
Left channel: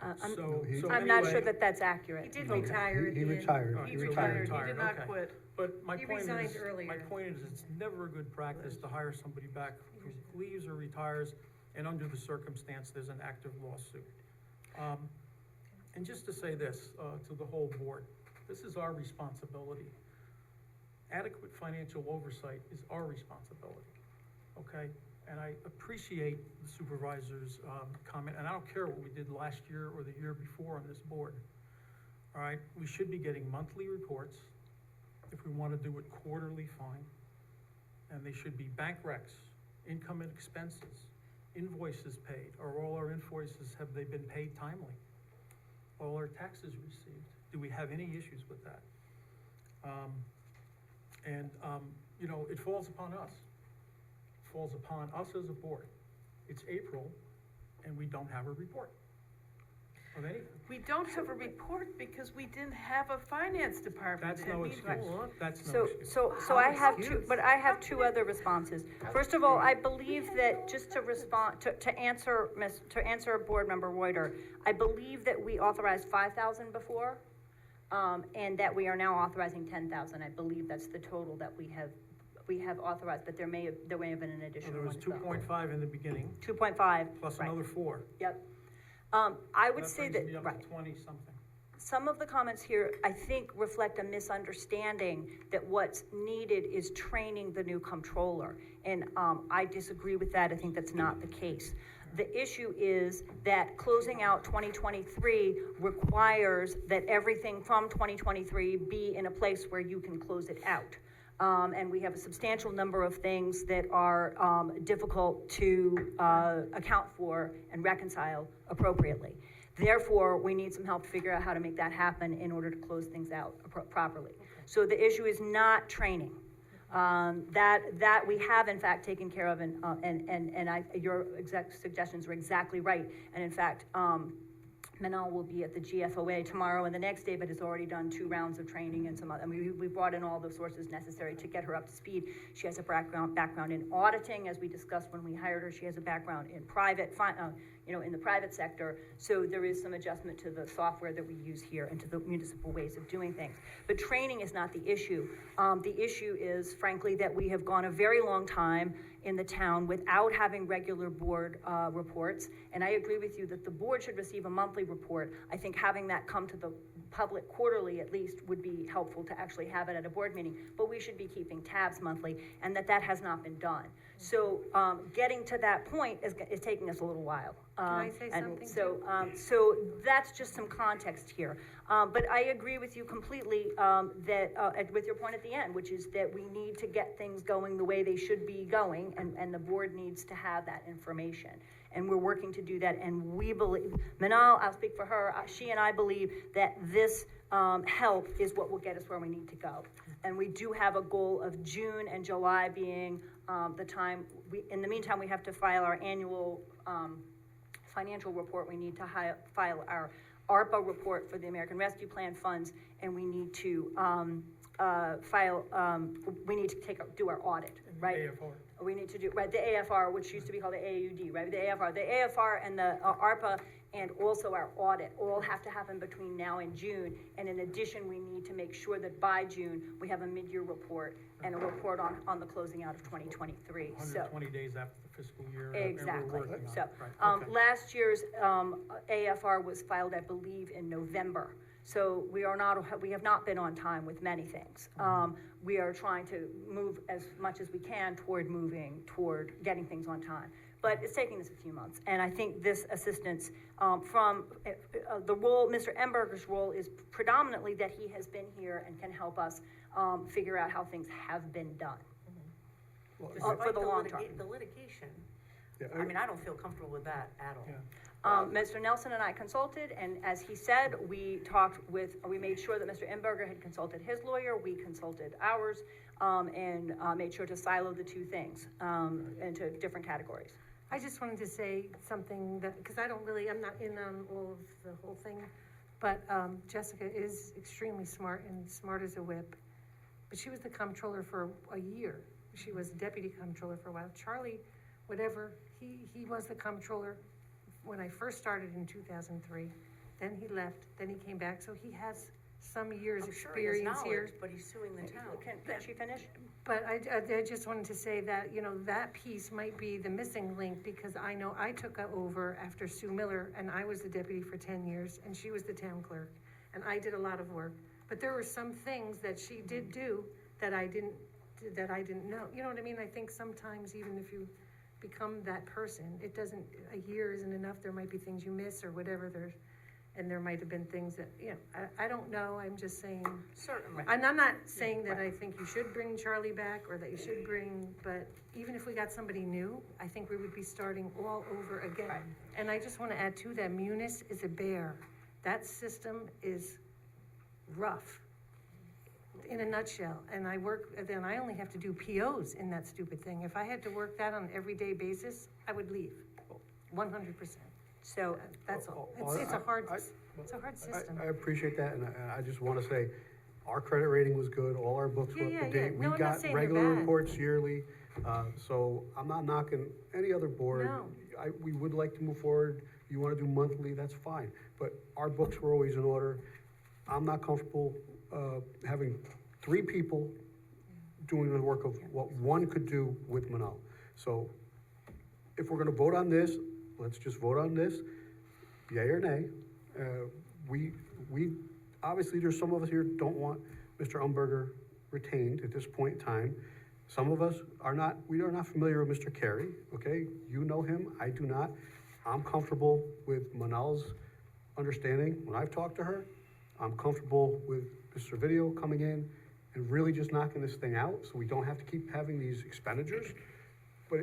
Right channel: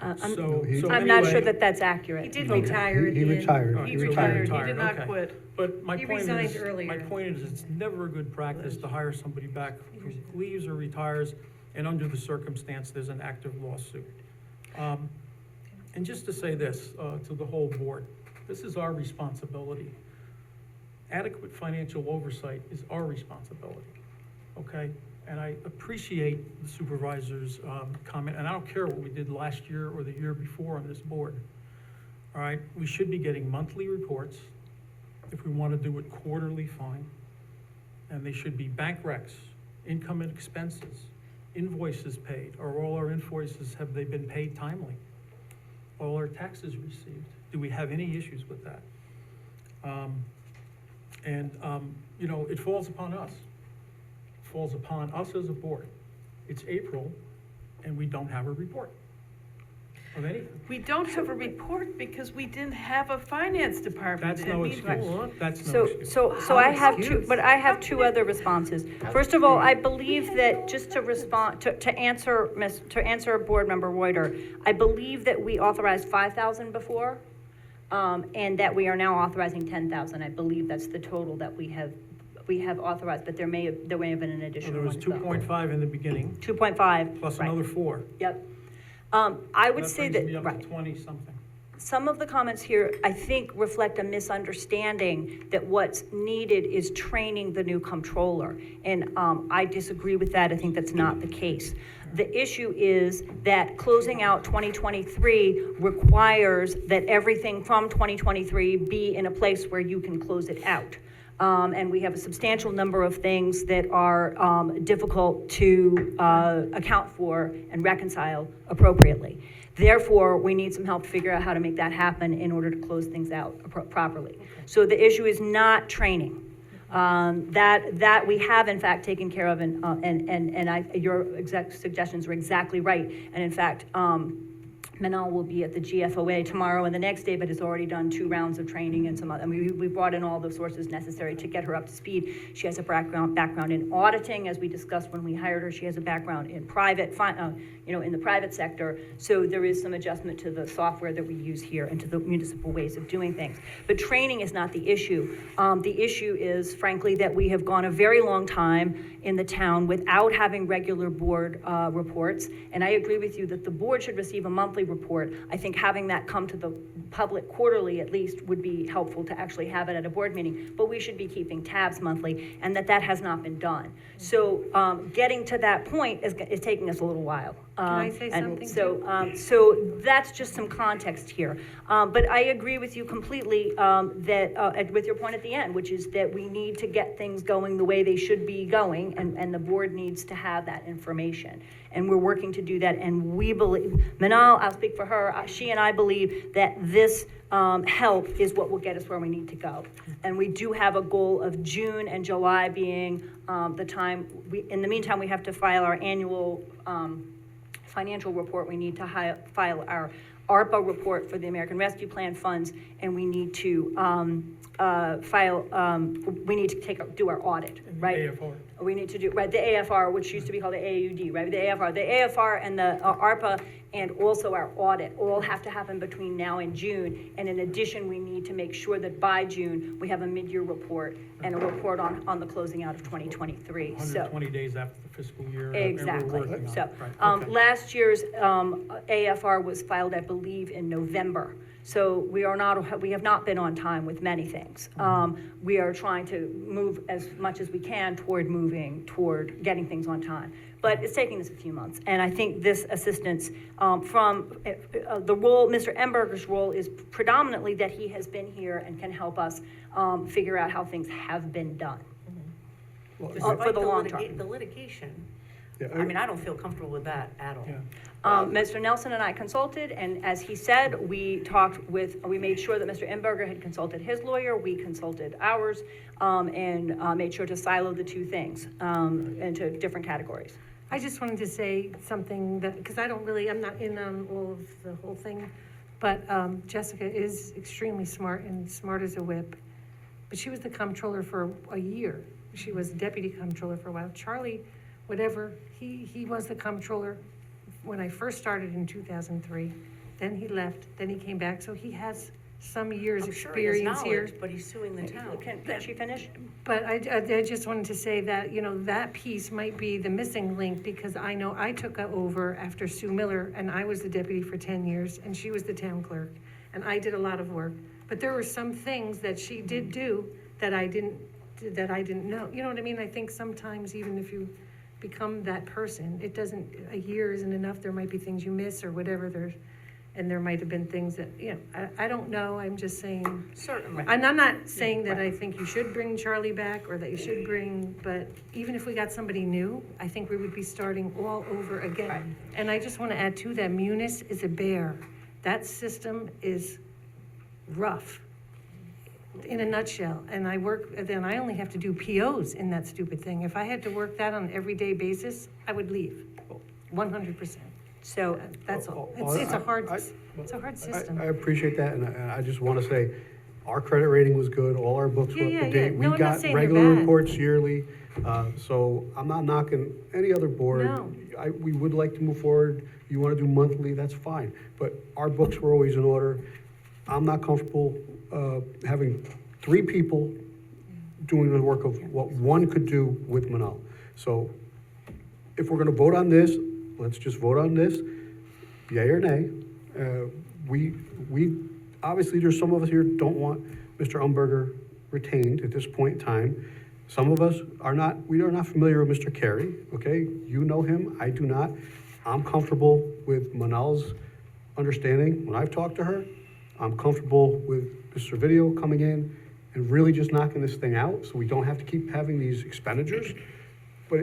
I'm not sure that that's accurate. He did Okay. retire at the He end. retired. He So retired. He did not okay. quit. But my He point resigned is, earlier. my point is, it's never a good practice to hire somebody back who leaves or retires, and under the circumstance, there's an active lawsuit. And just to say this, to the whole board, this is our responsibility. Adequate financial oversight is our responsibility, okay? And I appreciate the supervisor's comment, and I don't care what we did last year or the year before on this board. All right, we should be getting monthly reports. If we want to do it quarterly, fine. And they should be bank recs, income and expenses, invoices paid. Are all our invoices, have they been paid timely? All our taxes received? Do we have any issues with that? It falls upon us. It falls upon us as a board. It's April, and we don't have a report. Of any, We don't have a report because we didn't have a finance department. that's no excuse, that's no So, excuse. so I have two, but I have two other responses. First of all, I believe that, just to respond, to answer Board Member Reuter, I believe that we authorized 5,000 before, and that we are now authorizing 10,000. I believe that's the total that we have authorized, but there may have been an Well, additional there was one. 2.5 in the beginning, 2.5. plus right. another 4. Yep. I would say brings me that, up right. to 20-something. Some of the comments here, I think, reflect a misunderstanding that what's needed is training the new comptroller. And I disagree with that. I think that's not the case. The issue is that closing out 2023 requires that everything from 2023 be in a place where you can close it out. And we have a substantial number of things that are difficult to account for and reconcile appropriately. Therefore, we need some help to figure out how to make that happen in order to close things out properly. So the issue is not training. That we have in fact taken care of, and your suggestions were exactly right. And in fact, Manal will be at the GFOA tomorrow and the next day, but has already done 2 rounds of training and some other, we brought in all the sources necessary to get her up to speed. She has a background in auditing, as we discussed when we hired her. She has a background in in the private sector. So there is some adjustment to the software that we use here and to the municipal ways of doing things. But training is not the issue. The issue is, frankly, that we have gone a very long time in the town without having regular board reports. And I agree with you that the board should receive a monthly report. I think having that come to the public quarterly at least would be helpful to actually have it at a board meeting. But we should be keeping tabs monthly, and that has not been done. So getting to that point is taking us a little while. Can I say something So that's just some context here. But I agree with you completely with your point at the end, which is that we need to get things going the way they should be going, and the board needs to have that information. And we're working to do that, and we believe, Manal, I'll speak for her, she and I believe that this help is what will get us where we need to go. And we do have a goal of June and July being the time. In the meantime, we have to file our annual financial report. We need to file our ARPA report for the American Rescue Plan funds, and we need to do our audit, right? AFR. We need to do, right, the AFR, which used to be called the AUD, right? The AFR and the ARPA and also our audit all have to happen between now and June. And in addition, we need to make sure that by June, we have a mid-year report and a report on the closing out of 2023. 120 days after the fiscal year. Exactly. And we're working on So, it. Right, okay. last year's AFR was filed, I believe, in November. So we have not been on time with many things. We are trying to move as much as we can toward getting things on time. But it's taking us a few months. And I think this assistance from the role, Mr. Emberger's role is predominantly that he has been here and can help us figure out how things have been done. For the long term. The litigation, Yeah, I mean, I don't feel comfortable with that at all. Yeah. Mr. Nelson and I consulted, and as he said, we made sure that Mr. Emberger had consulted his lawyer, we consulted ours, and made sure to silo the two things into different categories. I just wanted to say something that, because I'm not in on all of the whole thing, but Jessica is extremely smart and smart as a whip. But she was the comptroller for a year. She was deputy comptroller for a while. Charlie, whatever, he was the comptroller when I first started in 2003. Then he left, then he came back, so he has some years' I'm sure he has experience here. knowledge, but he's suing the town. Can she finish? But I just wanted to say that, that piece might be the missing link, because I know I took over after Sue Miller, and I was the deputy for 10 years, and she was the town clerk, and I did a lot of work. But there were some things that she did do that I didn't know. You know what I mean? I think sometimes even if you become that person, a year isn't enough. There might be things you miss or whatever and there might have been things that, I don't know, I'm just saying. Certainly. And I'm not saying that I think you should bring Charlie back or that you should but even if we got somebody new, I think we would be starting all over again. Right. And I just want to add to that, Munis is a bear. That system is rough, in a nutshell. And I only have to do POs in that stupid thing. If I had to work that on an everyday basis, I would leave, 100%. So, That's all. Oh, It's a hard, I- it's a hard system. I appreciate that, and I just want to say, our credit rating was good, all our books were Yeah, up to yeah, date. yeah. We No, I'm not got saying they're regular bad. reports yearly, so I'm not knocking any other board. No. We would like to move forward, you want to do monthly, that's fine, but our books were always in order. I'm not comfortable having 3 people doing the work of what one could do with Manal. So if we're gonna vote on this, let's just vote on this, yay or nay. We, obviously, there's some of us here don't want Mr. Umberger retained at this point in time. Some of us we are not familiar with Mr. Carey, okay? You know him, I do not. I'm comfortable with Manal's understanding. When I've talked to her, I'm comfortable with Mr. Video coming in and really just knocking this thing out, so we don't have to keep having these expenditures. But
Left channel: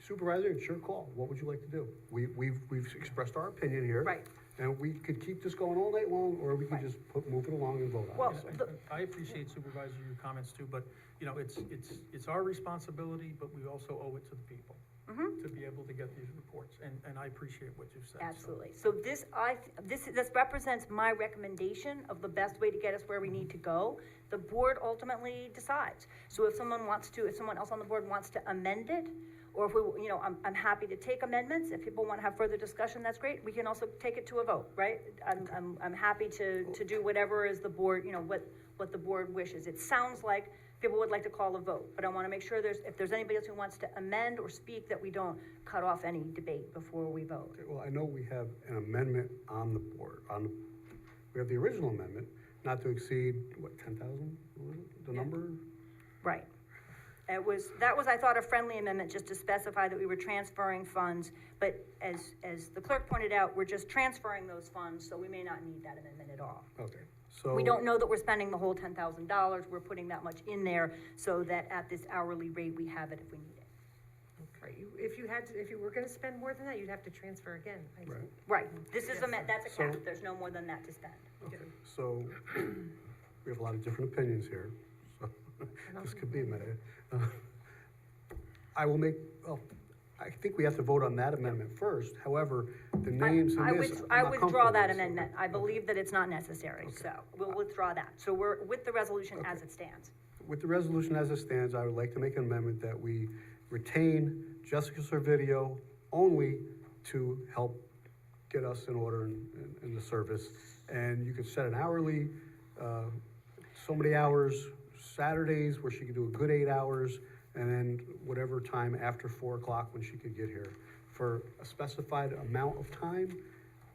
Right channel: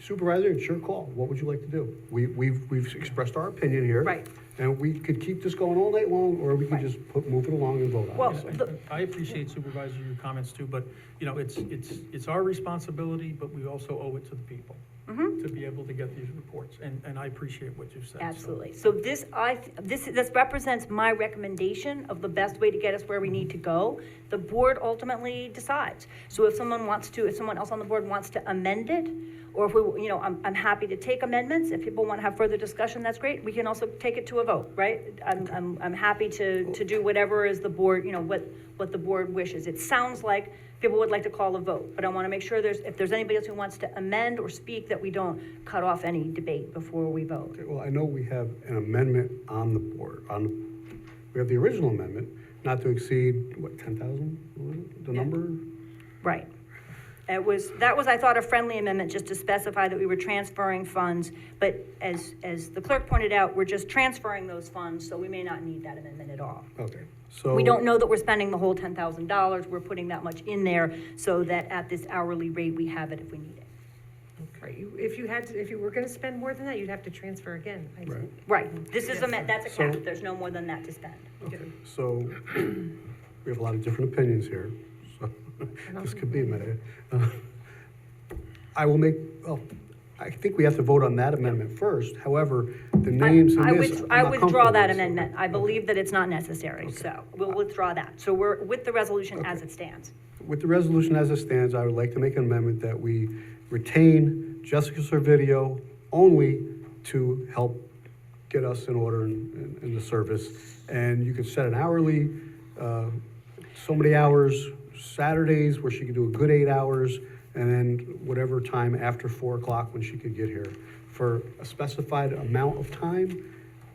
Supervisor, it's your call. What would you like to do? We've expressed our opinion here. Right. And we could keep this going all night long, or we could just move it along and vote on Well, it. I appreciate Supervisor, your comments too, but, you know, it's our responsibility, but we also owe it to the people to be able to get these reports, and I appreciate what you've said. so. absolutely. So this represents my recommendation of the best way to get us where we need to go. The board ultimately decides. So if someone else on the board wants to amend it, or if we, I'm happy to take amendments. If people want to have further discussion, that's great. We can also take it to a vote, right? I'm happy to do whatever is the board, what the board wishes. It sounds like people would like to call a vote, but I want to make sure if there's anybody else who wants to amend or speak, that we don't cut off any debate before we vote. Okay, well, I know we have an amendment on the board, we have the original amendment, not to exceed, what, 10,000, the number? Right. That was, I thought, a friendly amendment, just to specify that we were transferring funds, but as the clerk pointed out, we're just transferring those funds, so we may not need that amendment at all. Okay, so. We don't know that we're spending the whole $10,000, we're putting that much in there so that at this hourly rate, we have it if we need it. Right, if you were gonna spend more than that, you'd have to transfer again, I think. Right. Right, this is that's a cap, So- there's no more than that to spend. Okay, so we have a lot of different opinions here, so this could be a minute. I think we have to vote on that amendment first. However, the names in I this, I'm I not withdraw comfortable that with. amendment. I believe that it's not necessary, so we'll withdraw that. So we're with the resolution as it stands. With the resolution as it stands, I would like to make an amendment that we retain Jessica Servideo only to help get us in order in the service. And you could set an hourly, so many hours, Saturdays where she could do a good 8 hours, and then whatever time after 4 o'clock when she could get here for a specified amount of time,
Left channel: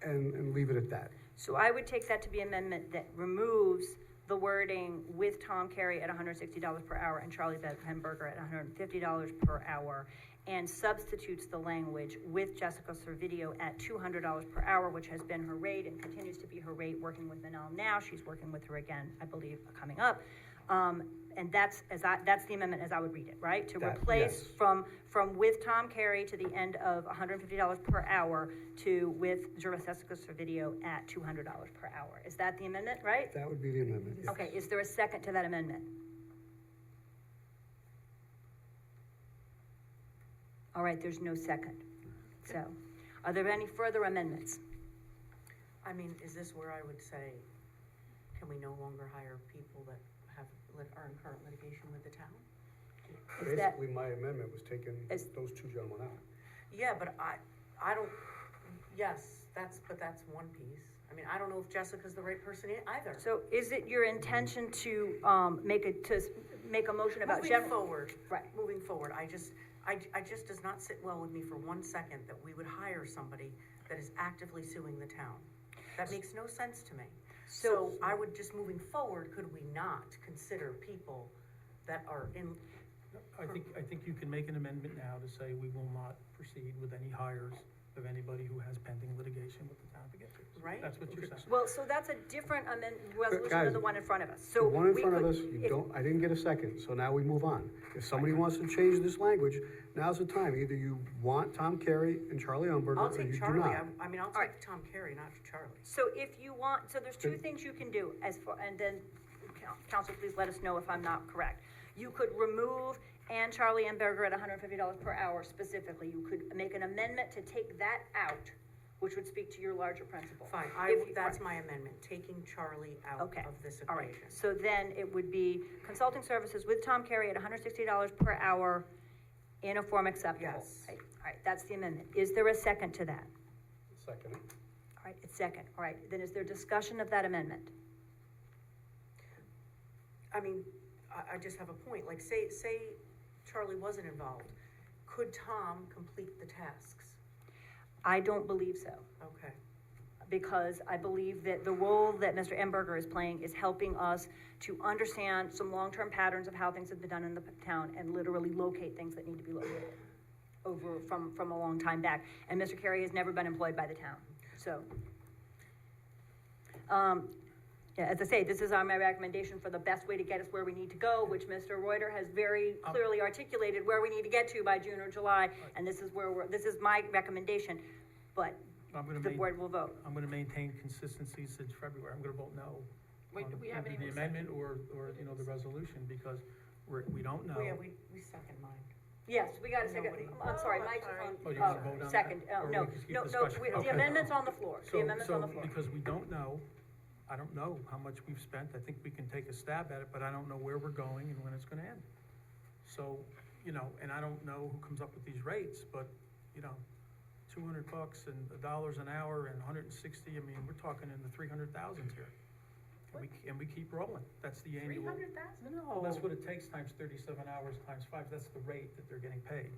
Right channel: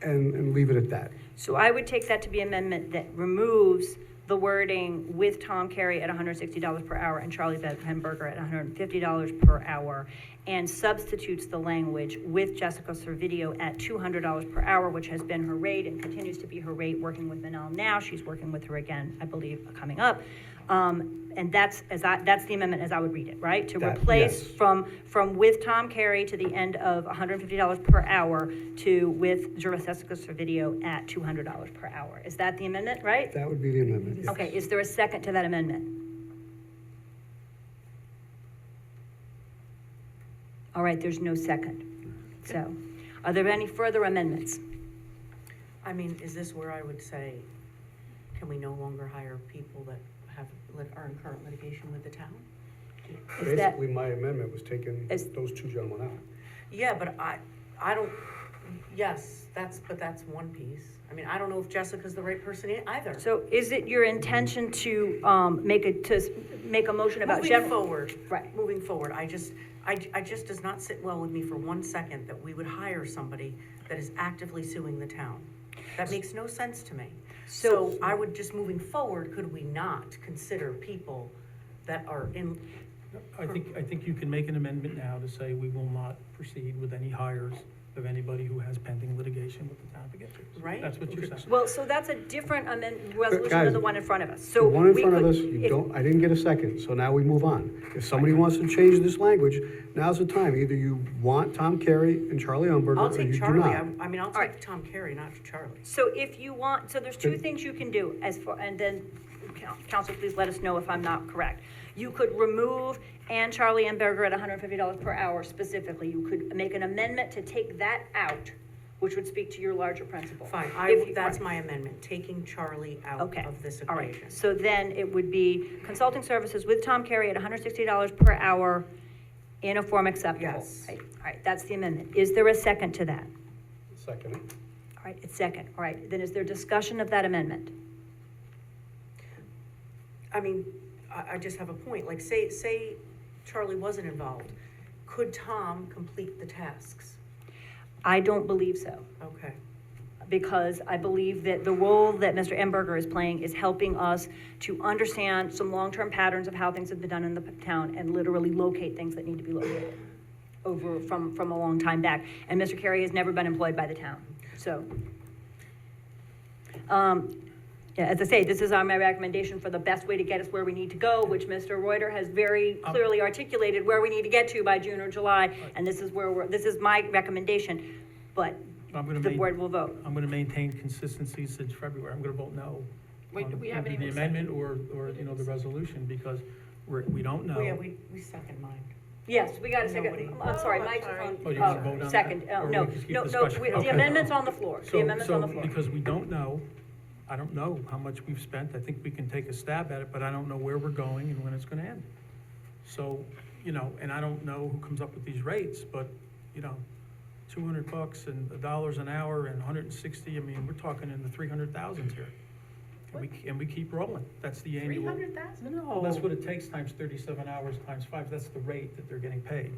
and leave it at that. So I would take that to be amendment that removes the wording with Tom Carey at $160 per hour and Charlie Benberger at $150 per hour, and substitutes the language with Jessica Servideo at $200 per hour, which has been her rate and continues to be her rate working with Manal now. She's working with her again, I believe, coming up. And that's the amendment as I would read it, right? To replace yes. from with Tom Carey to the end of $150 per hour to with Jessica Servideo at $200 per hour. Is that the amendment, right? That would be the amendment, yes. Okay, is there a second to that amendment? All right, there's no second. So, are there any further amendments? I mean, is this where I would say, can we no longer hire people that are in current litigation with the town? Is that, Basically, my amendment was taking those 2 gentlemen out. Yeah, but I don't, yes, that's one piece. I mean, I don't know if Jessica's the right person either. so is it your intention to make a motion about Moving forward. Right. Moving forward, I just does not sit well with me for 1 second that we would hire somebody that is actively suing the town. That makes no sense to me. So I would just, moving forward, could we not consider people that are in? I think you can make an amendment now to say we will not proceed with any hires of anybody who has pending litigation with the town of Poughkeepsie. Right. That's what you're saying. Well, so that's a different resolution guys, than the one in front of us. The So one in we front of could- us, I didn't get a second, so now we move on. If somebody wants to change this language, now's the time. Either you want Tom Carey and Charlie Umberger, I'll or you take do Charlie. not. I mean, I'll right. take Tom Carey, not Charlie. So if you want, so there's 2 things you can do and then council, please let us know if I'm not correct. You could remove Ann Charlie Umberger at $150 per hour specifically. You could make an amendment to take that out, which would speak to your larger principle. Fine, If you- that's my amendment, taking Charlie out Okay, of this all right. equation. So then it would be consulting services with Tom Carey at $160 per hour in a form acceptable. Yes. Right, all right, that's the amendment. Is there a second to that? Second. All right, it's second. All right, then is there discussion of that amendment? I mean, I just have a point, like, say Charlie wasn't involved, could Tom complete the tasks? I don't believe so, Okay. because I believe that the role that Mr. Emberger is playing is helping us to understand some long-term patterns of how things have been done in the town and literally locate things that need to be located over from a long time back. And Mr. Carey has never been employed by the town, so. Yeah, as I say, this is my recommendation for the best way to get us where we need to go, which Mr. Reuter has very clearly articulated where we need to get to by June or July, and this is this is my recommendation, but the board will vote. I'm gonna maintain consistency since February. I'm gonna vote no. Wait, on we haven't either even the amendment or, you know, the resolution, because we don't know. Oh, yeah, we second mine. Yes, we got a second. Nobody. I'm sorry, Oh, Mike's sorry. on. Oh, you want to vote on that? Second, Or no, we just keep no, discussion? the Okay. amendment's on the floor. The So, amendment's on the floor. because we don't know, I don't know how much we've spent. I think we can take a stab at it, but I don't know where we're going and when it's gonna end. So, you know, and I don't know who comes up with these rates, but, you know, $200 and $1 an hour and 160, I mean, we're talking in the 300,000s here. And we keep rolling. That's the annual. 300,000? Well, that's what it takes times 37 hours times 5. That's the rate that they're getting paid.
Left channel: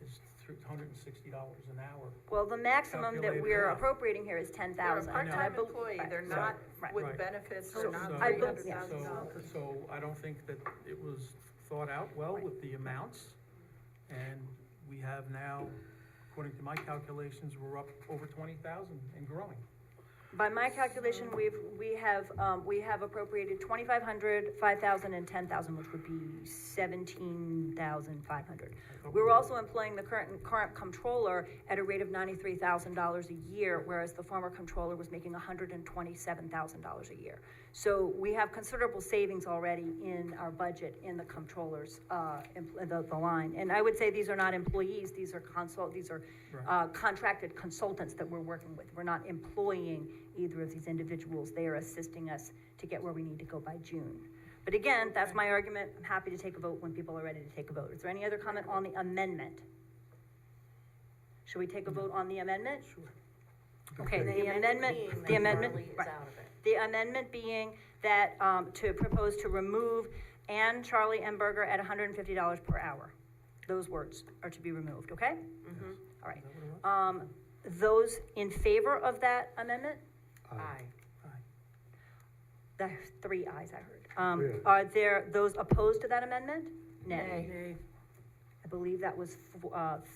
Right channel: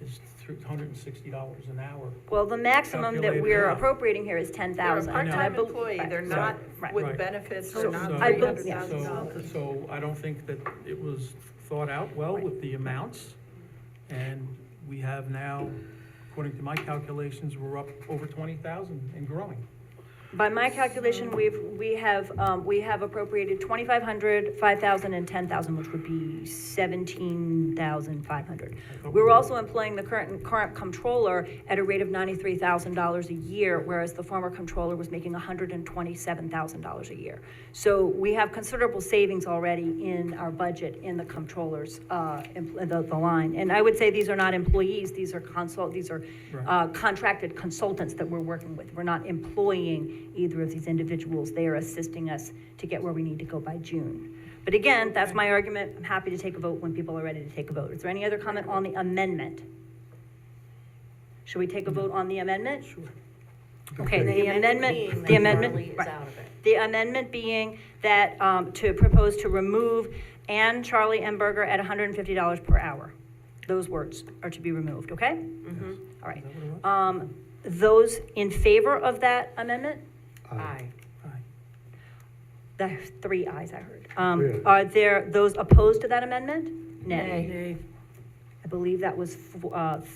It's $160 an hour. Well, the maximum that Calculated we're out. appropriating here is They're a 10,000. part-time I bel- employee, right. they're not Right. with Right. benefits, So- they're not so- I bel- $300,000. So I don't think that it was thought out well with the amounts. And we have now, according to my calculations, we're up over 20,000 and growing. By my calculation, we have appropriated 2,500, 5,000, and 10,000, which would be 17,500. We're also employing the current comptroller at a rate of $93,000 a year, whereas the former comptroller was making $127,000 a year. So we have considerable savings already in our budget in the comptroller's, the line. And I would say these are not employees, these are contracted consultants that we're working with. We're not employing either of these individuals. They are assisting us to get where we need to go by June. But again, that's my argument. I'm happy to take a vote when people are ready to take a vote. Is there any other comment on the amendment? Should we take a vote on the amendment? Sure. Okay, The the amendment, being the that amendment, Charlie is right. out of it. The amendment being that, to propose to remove Ann Charlie Emberger at $150 per hour. Those words are to be removed, okay? Mm-hmm. All right. Is that what it was? Those in favor of that amendment? Aye. The 3 ayes I heard. Yeah. Are there those opposed to that amendment? Nay. Nay. I believe that was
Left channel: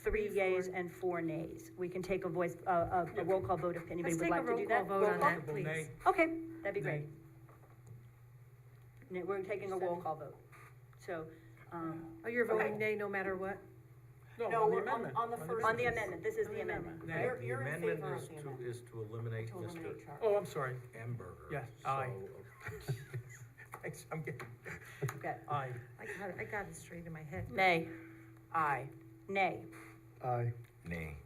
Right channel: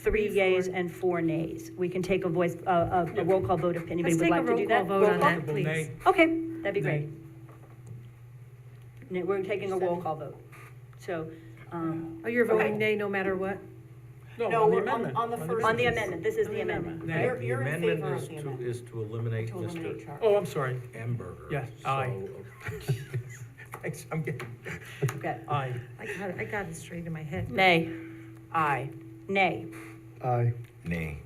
3 yeas and 4 nays. We can take a roll call vote if anybody Let's would take a like to roll do call that. vote Roll on call? that, please. Nay. Okay, that'd be great. Nay. We're taking a roll call vote. So, Oh, you're voting nay no matter what? No, on the we're amendment. on the first. on the amendment, this is the amendment. Nay. You're in The amendment favor is of the to, amendment. is to eliminate To eliminate Mr. Charlie. Oh, I'm sorry. Emberger. Yes, aye. So, Thanks, I'm getting, Okay. aye. I got it straight in my head. Nay. Aye. Nay. Aye. Nay.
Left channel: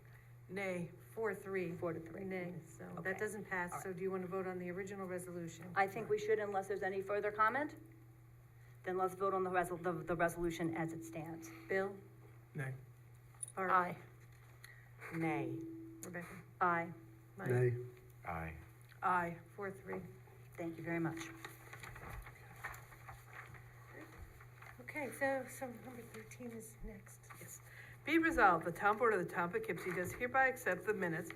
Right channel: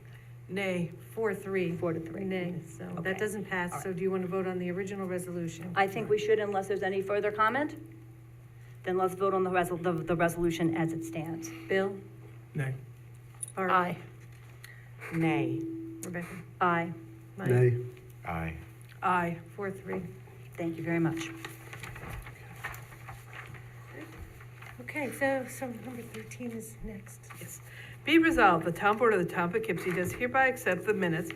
Nay, 4-3. 4-3. Nay, so Okay. that doesn't pass, so do you want to vote on the original resolution? I think we should unless there's any further comment. Then let's vote on the resolution as it stands. Bill? Nay. Barb? Aye. Nay. Rebecca? Aye. Mike? Nay. Aye. Aye. 4-3. Thank you very much. Okay, so number 13 is next. Yes. Be resolved, the Town Board of the Town of Poughkeepsie does hereby accept the minutes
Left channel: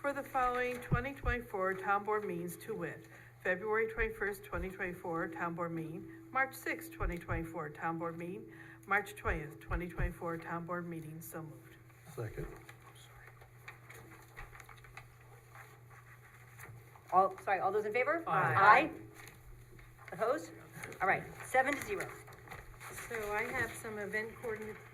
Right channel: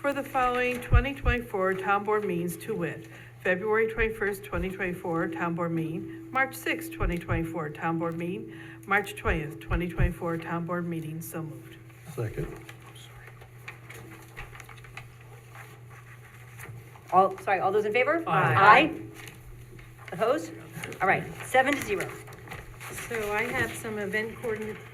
for the following 2024 Town Board meetings to wit: February 21st, 2024 Town Board meeting, March 6th, 2024 Town Board meeting, March 20th, 2024 Town Board meeting. So moved. Second. All those in favor? Aye. Aye. Opposed? All right, 7-0. So I have some event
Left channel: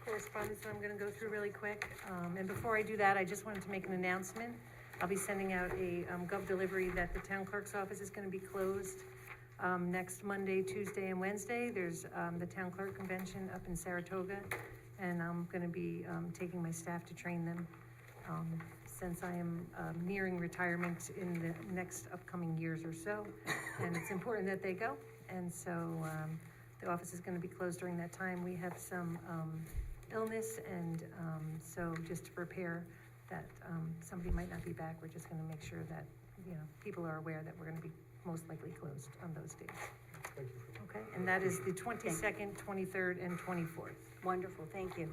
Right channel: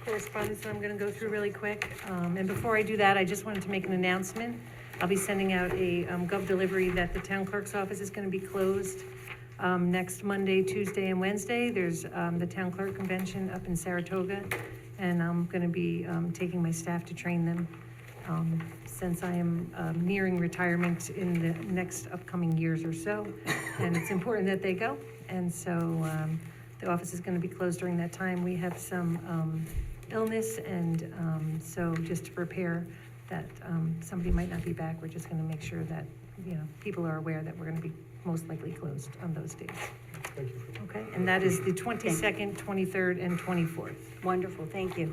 correspondence that I'm gonna go through really quick. And before I do that, I just wanted to make an announcement. I'll be sending out a gov delivery that the town clerk's office is gonna be closed next Monday, Tuesday, and Wednesday. There's the town clerk convention up in Saratoga, and I'm gonna be taking my staff to train them. since I am nearing retirement in the next upcoming years or so. And it's important that they go. And so the office is going to be closed during that time. We have some illness, and so just to prepare that somebody might not be back, we're just going to make sure that, people are aware that we're going to be most likely closed on those days. Thank you. Okay, and that is the 22nd, 23rd, and 24th. Wonderful, thank you.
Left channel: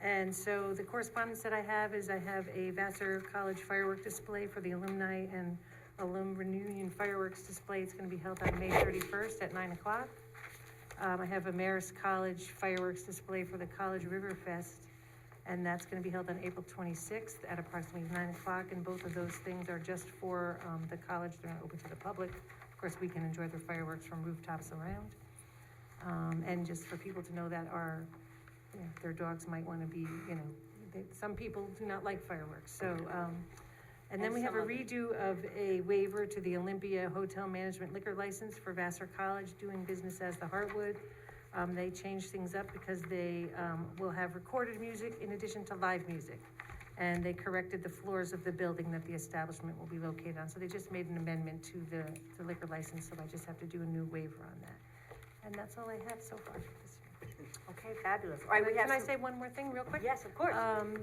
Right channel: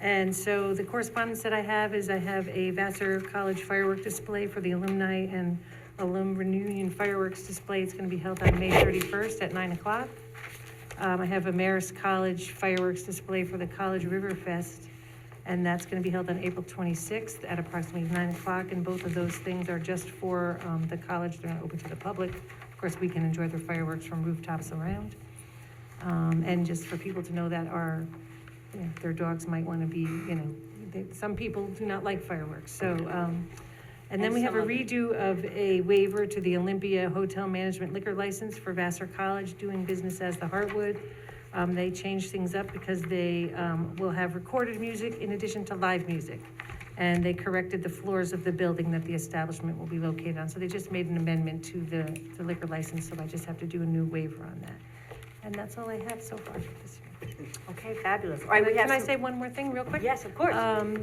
And so the correspondence that I have is I have a Vassar College firework display for the alumni and alum reunion fireworks display. It's going to be held on May 31st at 9 o'clock. I have a Marist College fireworks display for the College River Fest, and that's going to be held on April 26th at approximately 9 o'clock. And both of those things are just for the college. They're not open to the public. Of course, we can enjoy their fireworks from rooftops around. And just for people to know that their dogs might want to be, some people do not like fireworks. So, and then we have a redo of a waiver to the Olympia Hotel Management liquor license for Vassar College, doing business as the Heartwood. They changed things up because they will have recorded music in addition to live music. And they corrected the floors of the building that the establishment will be located on. So they just made an amendment to the liquor license, so I just have to do a new waiver on that. And that's all I have so far for this year. Okay, fabulous. All right, we have Can I some- say one more thing real quick? Yes, of course.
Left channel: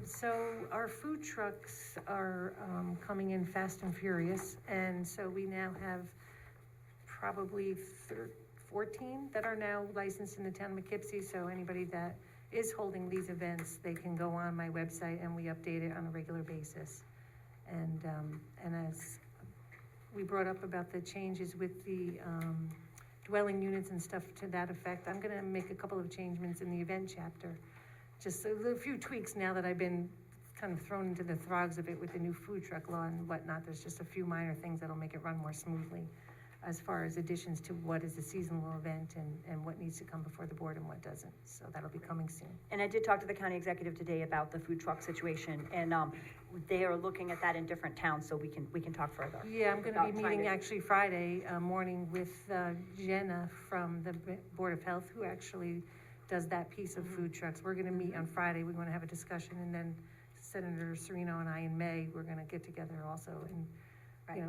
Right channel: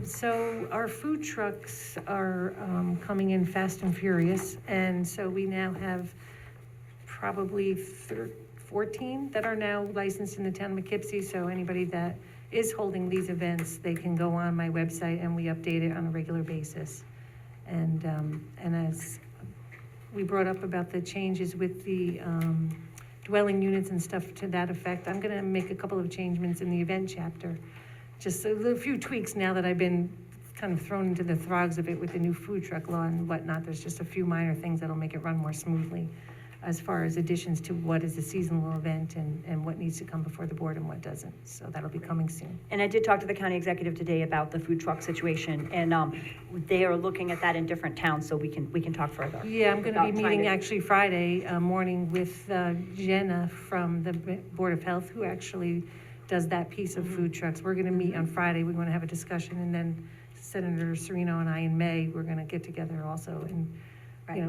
So our food trucks are coming in fast and furious, and so we now have probably 14 that are now licensed in the town of Poughkeepsie. So anybody that is holding these events, they can go on my website and we update it on a regular basis. And as we brought up about the changes with the dwelling units and stuff to that effect, I'm gonna make a couple of changements in the event chapter. Just a few tweaks now that I've been kind of thrown into the throgs of it with the new food truck law and whatnot. There's just a few minor things that'll make it run more smoothly as far as additions to what is a seasonal event and what needs to come before the board and what doesn't. So that'll be coming soon. And I did talk to the county executive today about the food truck situation, and they are looking at that in different towns, so we can talk further. Yeah, I'm gonna about be trying meeting to- actually Friday morning with Jenna from the Board of Health, who actually does that piece of food trucks. We're gonna meet on Friday, we wanna have a discussion, and then Senator Serino and I in May, we're gonna get together also and,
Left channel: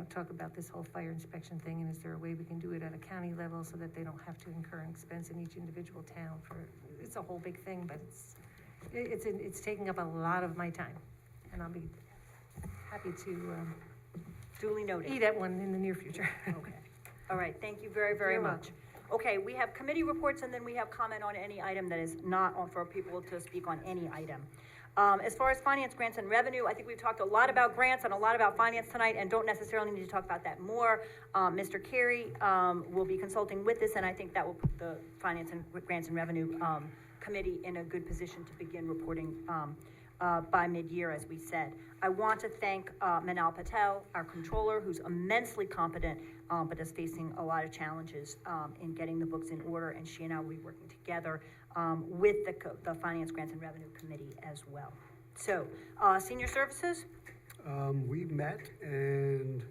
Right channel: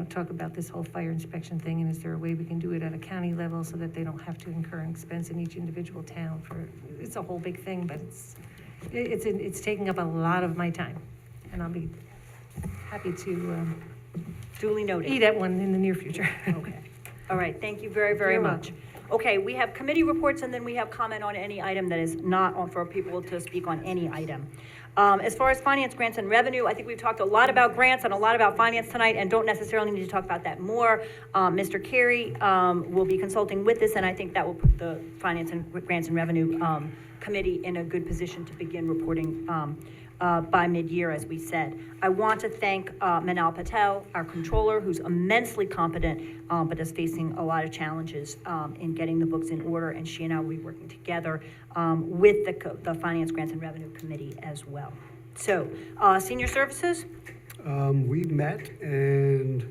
talk about this whole fire inspection thing, and is there a way we can do it at a county level so that they don't have to incur an expense in each individual town it's a whole big thing, but it's taking up a lot of my time, and I'll be happy to Duly noted. eat at one in the near future. Okay. All right, thank you very, very You're much. Okay, we have committee reports, and then we have comment on any item that is not on for people to speak on any item. As far as finance, grants, and revenue, I think we've talked a lot about grants and a lot about finance tonight, and don't necessarily need to talk about that more. Mr. Carey will be consulting with this, and I think that will put the finance and grants and revenue committee in a good position to begin reporting by mid-year, as we said. I want to thank Manal Patel, our controller, who's immensely competent, but is facing a lot of challenges in getting the books in order, and she and I will be working together with the Finance, Grants, and Revenue Committee as well. So, senior services? We met, and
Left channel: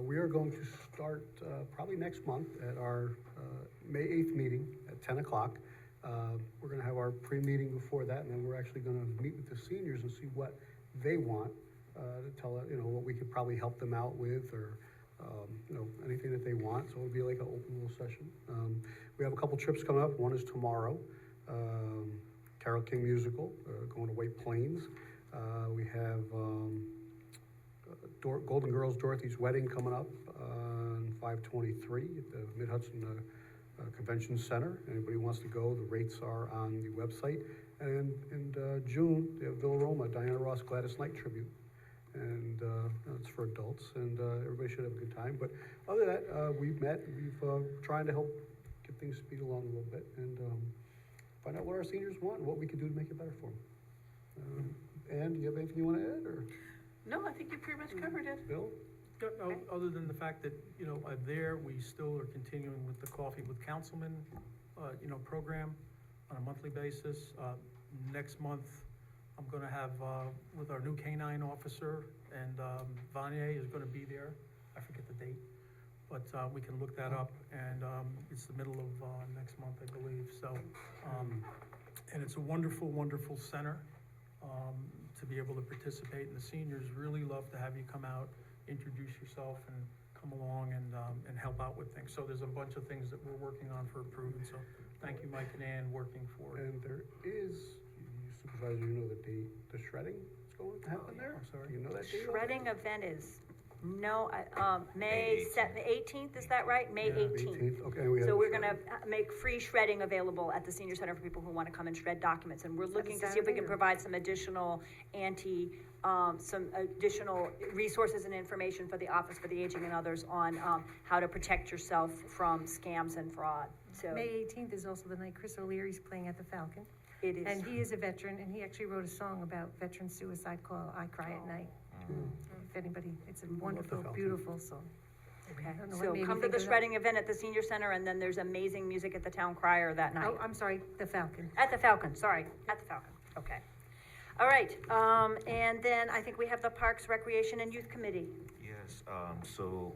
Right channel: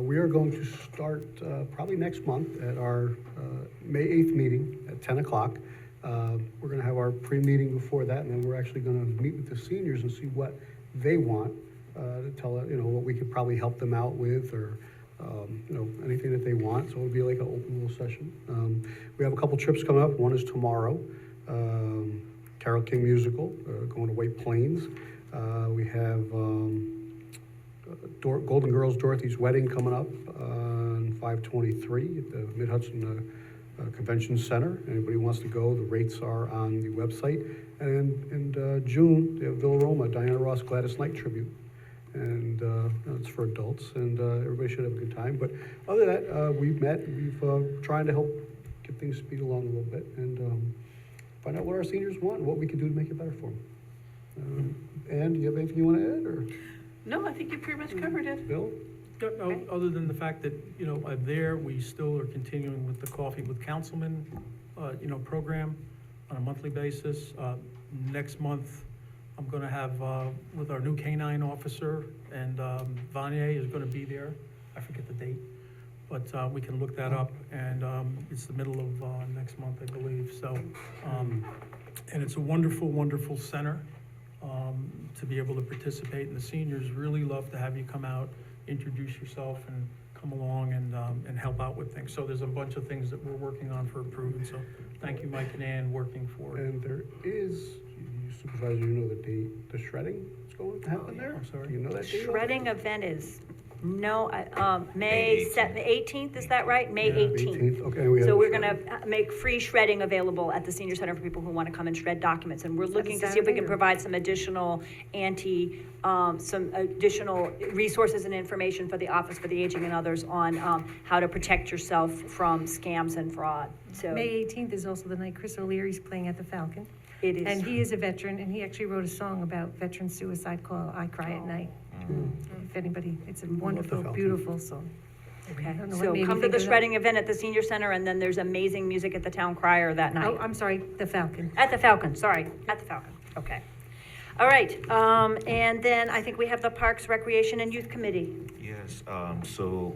we are going to start probably next month at our May 8th meeting at 10 o'clock. We're going to have our pre-meeting before that, and then we're actually going to meet with the seniors and see what they want, to tell, what we could probably help them out with, or, anything that they want. So it'll be like an open little session. We have a couple trips coming up. One is tomorrow, Carole King musical, going to White Plains. We have Golden Girls Dorothy's Wedding coming up on 5/23 at the Mid-Hudson Convention Center. Anybody who wants to go, the rates are on the website. And in June, they have Villa Roma, Diana Ross Gladys Knight tribute. And it's for adults, and everybody should have a good time. But other than that, we've met, we've trying to help get things speed along a little bit, and find out what our seniors want and what we can do to make it better for them. And do you have anything you want to add, or No, I think you pretty much covered it. Bill? No, other than the fact that, we still are continuing with the Coffee with Councilmen, program on a monthly basis. Next month, I'm gonna have, with our new K-9 officer, and Vanier is gonna be there. I forget the date, but we can look that up, and it's the middle of next month, I believe, so. And it's a wonderful, wonderful center. to be able to participate, and the seniors really love to have you come out, introduce yourself, and come along and help out with things. So there's a bunch of things that we're working on for improvement, so thank you, Mike and Ann, working for it. And there is, you Supervisor, you know the shredding is going to happen there? I'm sorry? Do you know that date? Shredding event is, no, May May 18th, is that right? May 18th. Okay, we have. So we're gonna make free shredding available at the senior center for people who wanna come and shred documents. And we're looking to see if we can Saturday or- provide some additional some additional resources and information for the Office for the Aging and others on, how to protect yourself from scams and fraud. So May 18th is also the night Chris O'Leary's playing at the Falcon. it is. And he is a veteran, and he actually wrote a song about veteran suicide called I Cry at Night. If anybody, it's a wonderful, Falcon. beautiful song. Okay, I don't know what so made me come to think the of that. shredding event at the senior center, and then there's amazing music at the town crier that night. Oh, I'm sorry, the Falcon. At the Falcon, sorry, at the Falcon, okay. All right, and then I think we have the Parks, Recreation, and Youth Committee. Yes, so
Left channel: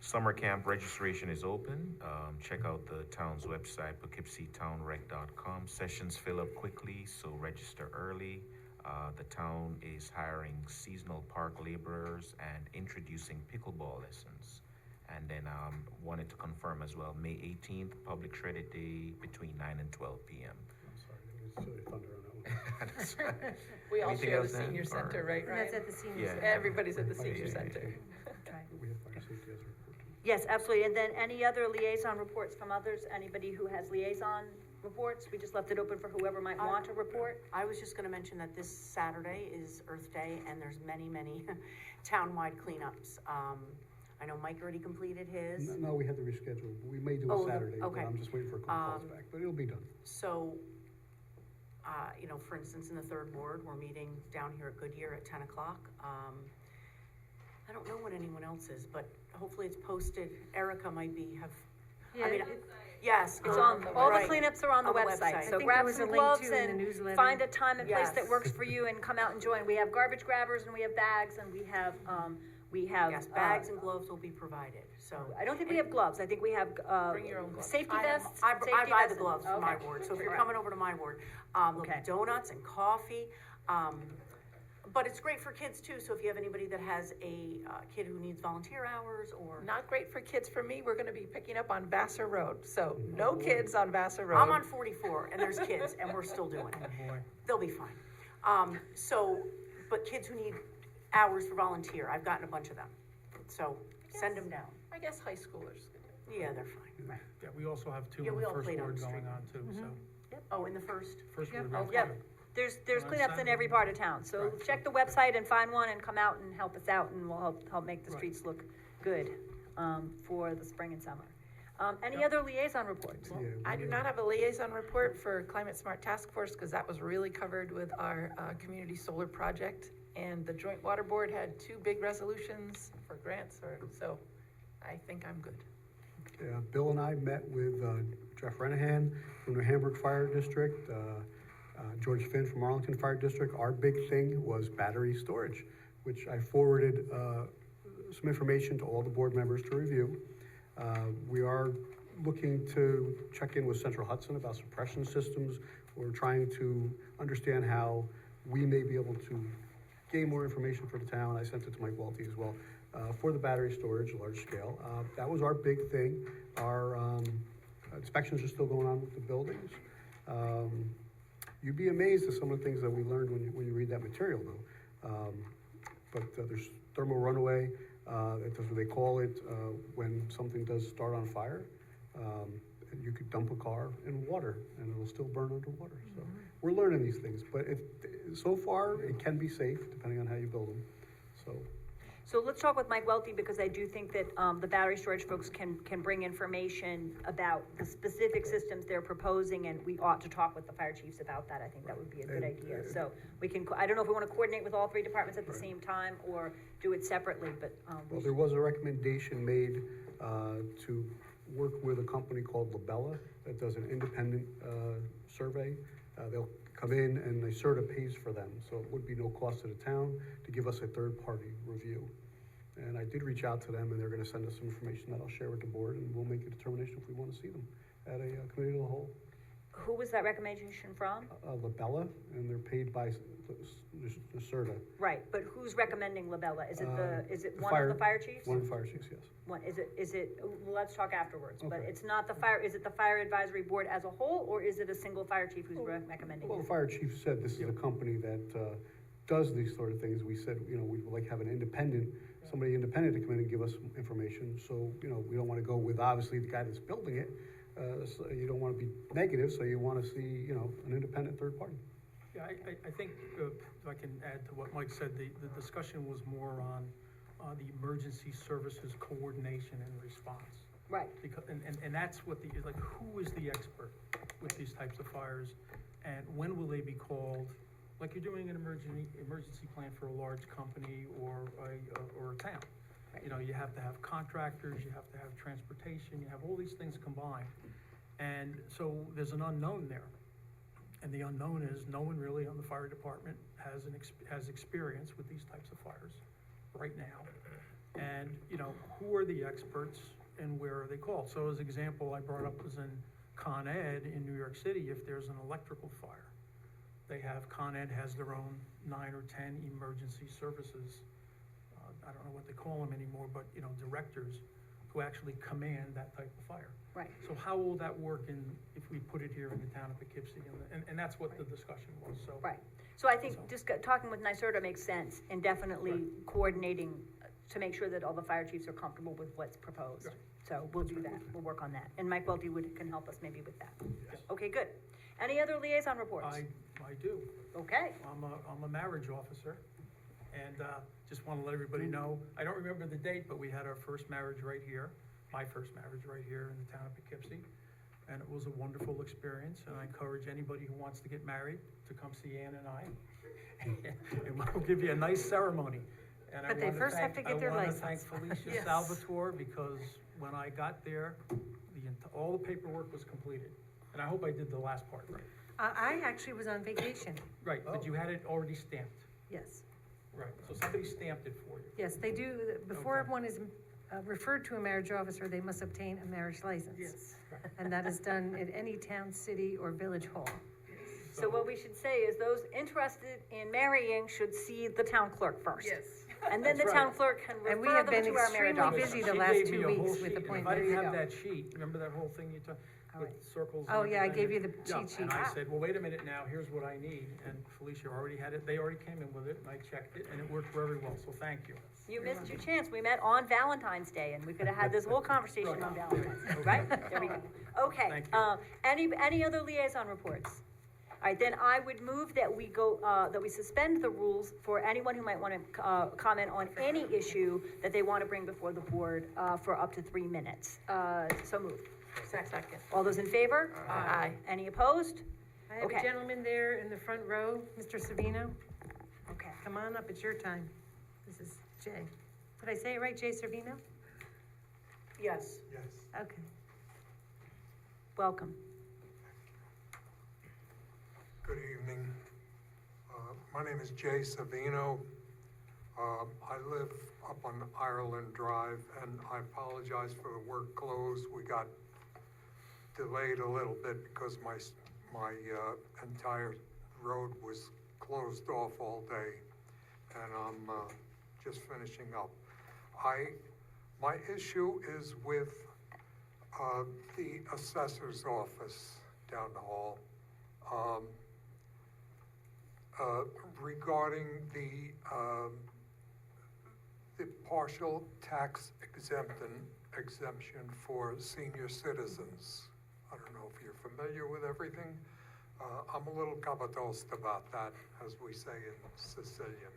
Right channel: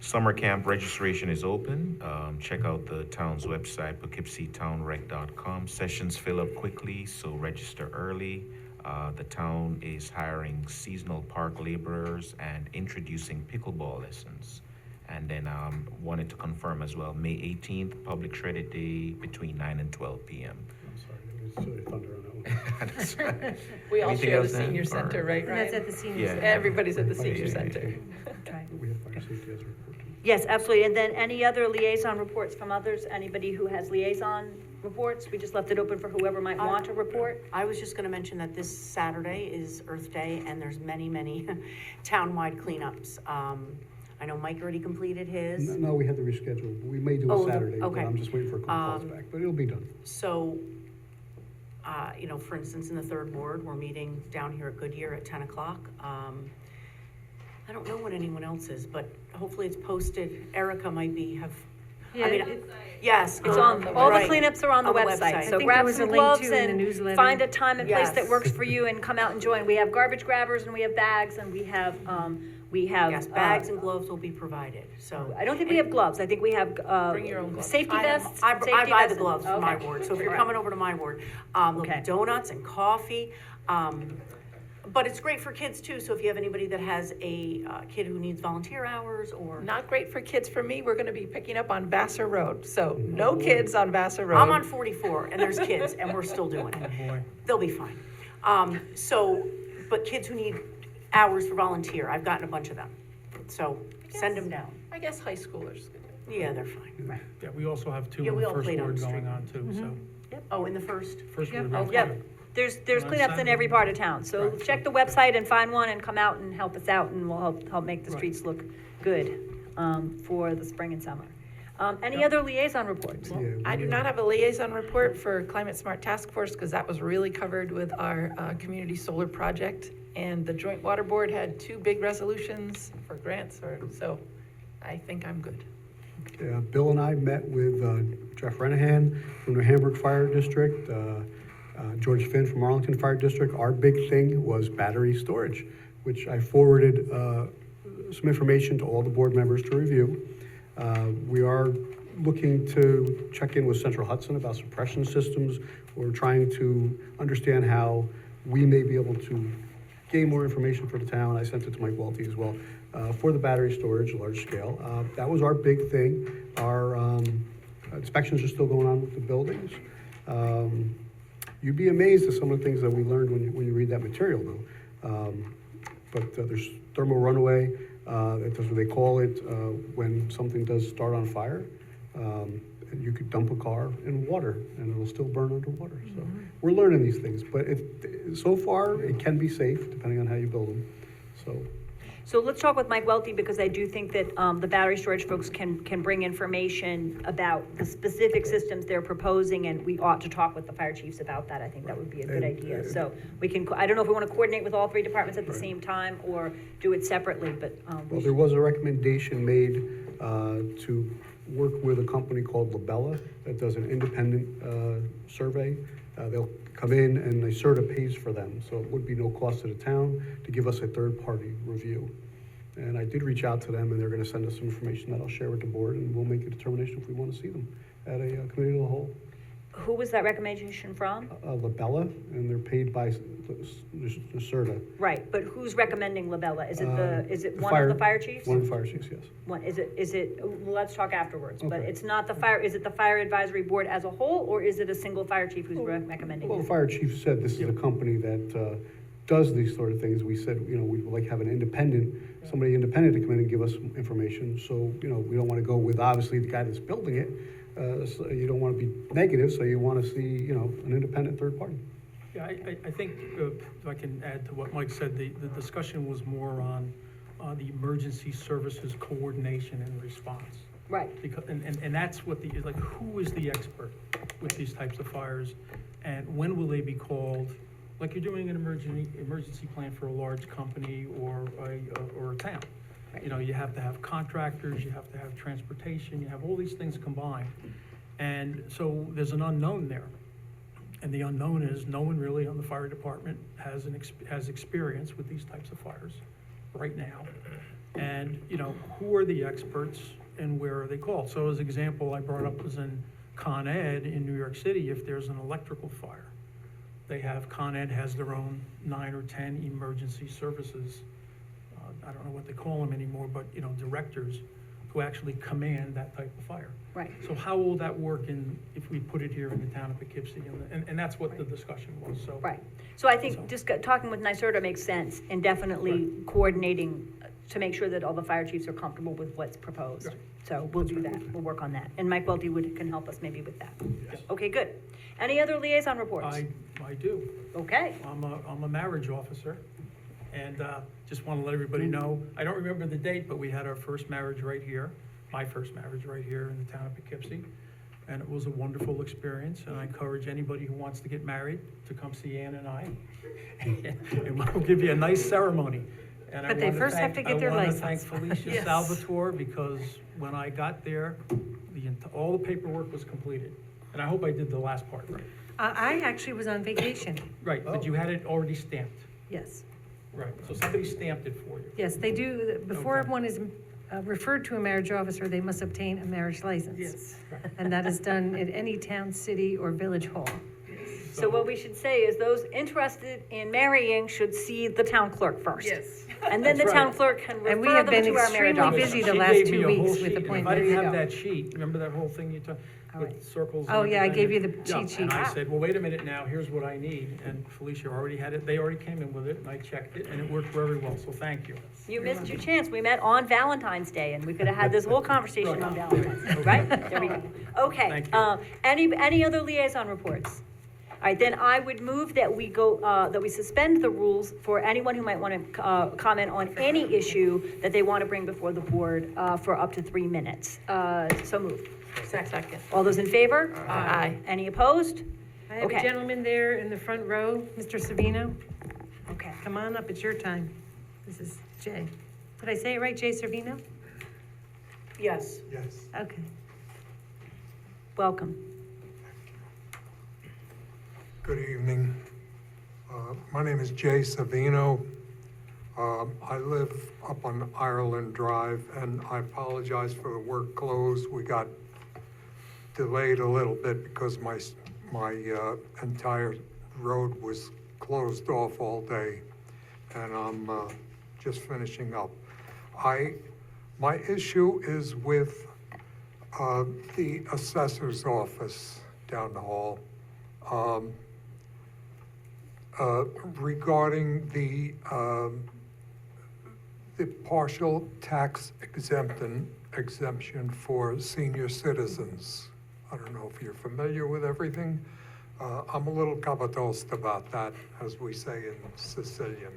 summer camp registration is open. Check out the town's website, poughkeepsietownrec.com. Sessions fill up quickly, so register early. The town is hiring seasonal park laborers and introducing pickleball lessons. And then wanted to confirm as well, May 18th, public shredded day between 9 and 12 p.m. I'm sorry, there was thunder on that one. We all Anything share the else, Ann, senior or- center, right, And that's Ryan? at the senior Yeah. center. Everybody's at the Fire senior safety. center. Okay. We have fire safety as a report. Yes, absolutely, and then any other liaison reports from others? Anybody who has liaison reports? We just left it open for whoever might want to report. I was just gonna mention that this Saturday is Earth Day, and there's many, many townwide cleanups. I know Mike already completed his. No, we had to reschedule. We may do Oh, it Saturday, but okay. I'm just waiting for a couple calls back, but it'll be done. So, you know, for instance, in the third ward, we're meeting down here at Goodyear at 10 o'clock. I don't know what anyone else is, but hopefully it's posted. Erica might have, Yeah, I mean, it- yes. It's on, all the right. cleanups are on the On the website, website. so I think grab there was some a link, gloves too, in the and newsletter. find a time and place that Yes. works for you and come out and join. We have garbage grabbers and we have bags and we have, Yes, bags and gloves will be provided, so. I don't think we have gloves, I think we have, Bring your own gloves. safety I have- vests. I safety buy the vests. gloves for my Okay. ward, so if you're Right. coming over to my ward, there'll Okay. be donuts and coffee. But it's great for kids too, so if you have anybody that has a kid who needs volunteer hours or. Not great for kids for me, we're gonna be picking up on Vassar Road, so no kids on Vassar Road. I'm on 44 and there's kids and we're still doing it. Boy. They'll be fine. But kids who need hours for volunteer, I've gotten a bunch of them. So send them down. I guess high schoolers. Yeah, they're fine. Yeah, we also have two Yeah, in we the all first played on ward the going street. on too, so. Oh, in the first? First Yep. ward, we have Yep. two. There's On cleanups in Saturday. every part of town, so Right. check the website and find one and come out and help us out and we'll help make the Right. streets look good, for the spring and summer. Any Yep. other liaison reports? Yeah, I do not have a liaison report for Climate Smart Task Force, because that was really covered with our community solar project. And the Joint Water Board had 2 big resolutions for grants, so I think I'm good. Yeah, Bill and I met with Jeff Renahan from the Hamburg Fire District, George Finn from Arlington Fire District. Our big thing was battery storage, which I forwarded some information to all the board members to review. We are looking to check in with Central Hudson about suppression systems. We're trying to understand how we may be able to gain more information for the town. I sent it to Mike Welty as well, for the battery storage, large scale. That was our big thing. Our inspections are still going on with the buildings. You'd be amazed at some of the things that we learned when you read that material, though. But there's thermal runaway, that's what they call it, when something does start on fire. And you could dump a car in water and it'll still burn underwater. So we're learning these things, but so far it can be safe depending on how you build them. So let's talk with Mike Welty, because I do think that, the battery storage folks can bring information about the specific systems they're proposing, and we ought to talk with the fire chiefs about that. I think that would be a good idea. So we can, I don't know if we want to coordinate with all 3 departments at the same time or do it separately, but, Well, there was a recommendation made to work with a company called Labella that does an independent survey. They'll come in and the CERTA pays for them, so it would be no cost to the town to give us a third-party review. And I did reach out to them, and they're gonna send us some information that I'll share with the board, and we'll make a determination if we wanna see them at a committee of the whole. Who was that recommendation from? Labella, and they're paid by the CERTA. Right, but who's recommending Labella? Is it is it The one of the fire chiefs? One of the fire chiefs, yes. One, is it, let's talk afterwards, but Okay. it's not the fire, is it the fire advisory board as a whole, or is it a single fire chief who's recommending Well, the it? fire chief said this is a company that does these sort of things. We said, we would like to have an independent, somebody independent to come in and give us some information. So, we don't want to go with, obviously, the guy that's building it. So you don't want to be negative, so you want to see, an independent third party. Yeah, I think, if I can add to what Mike said, the discussion was more on the emergency services coordination and response. Right, Because, and that's what like, who is the expert with these types of fires? And when will they be called? Like you're doing an emergency plan for a large company or a town. You have to have contractors, you have to have transportation, you have all these things combined. And so there's an unknown there. And the unknown is no one really on the fire department has experience with these types of fires right now. And, who are the experts and where are they called? So as example, I brought up was in Con Ed in New York City, if there's an electrical fire, Con Ed has their own 9 or 10 emergency services. I don't know what they call them anymore, but, directors who actually command that type of fire. right. So how will that work if we put it here in the town of Poughkeepsie? And that's what the discussion was, so. Right. So I think just talking with NYSERDA makes sense, and definitely coordinating to make sure that all the fire chiefs are comfortable with what's proposed. Right. So we'll do that, we'll work on that. And Mike Welty can help us maybe with that. Okay, good. Any other liaison reports? I do. Okay, I'm a marriage officer, and just want to let everybody know, I don't remember the date, but we had our first marriage right here, my first marriage right here in the town of Poughkeepsie, and it was a wonderful experience, and I encourage anybody who wants to get married to come see Ann and I, and we'll give you a nice ceremony. And But they first have to get their license. I want to thank Felicia Yes. Salvatore, because when I got there, all the paperwork was completed, and I hope I did the last part right. I actually was on vacation, Right, but you had it already stamped. yes. Right, so somebody stamped it for you. Yes, they do, before Okay. one is referred to a marriage officer, they must obtain a marriage license. Yes. And that is done at any town, city, or village hall. so what we should say is those interested in marrying should see the town clerk first. Yes. And then the That's town right. clerk can And we refer have them been to our marriage extremely officer. busy the She last gave 2 me a whole weeks with sheet, and if I appointments. didn't There you have go. that sheet, remember that whole thing you took with circles? and Oh, yeah, I everything? gave you the Yeah, cheat sheet. And I said, well, wait a minute now, here's what I need, and Felicia already had it, they already came in with it, and I checked it, and it worked very well, so thank you. You missed your chance. We met on Valentine's Day, and we could have had this whole conversation on Valentine's Day, right? There we go. Okay, Thank you. any other liaison reports? All right, then I would move that we go, that we suspend the rules for anyone who might want to, comment on any issue that they want to bring before the board, for up to 3 minutes. So moved. Second. All those in favor? Aye. Any opposed? I have a Okay. gentleman there in the front row, Mr. Savino. Okay. Come on up, it's your time. This is Jay. Did I say it right, Jay Servino? Yes. Yes. Okay. Welcome. Good evening. My name is Jay Savino. I live up on Ireland Drive, and I apologize for the work closed. We got delayed a little bit because my entire road was closed off all day, and I'm just finishing up. My issue is with the assessor's office down the hall. Regarding the partial tax exemption for senior citizens. I don't know if you're familiar with everything. I'm a little cavatost about that, as we say in Sicilian.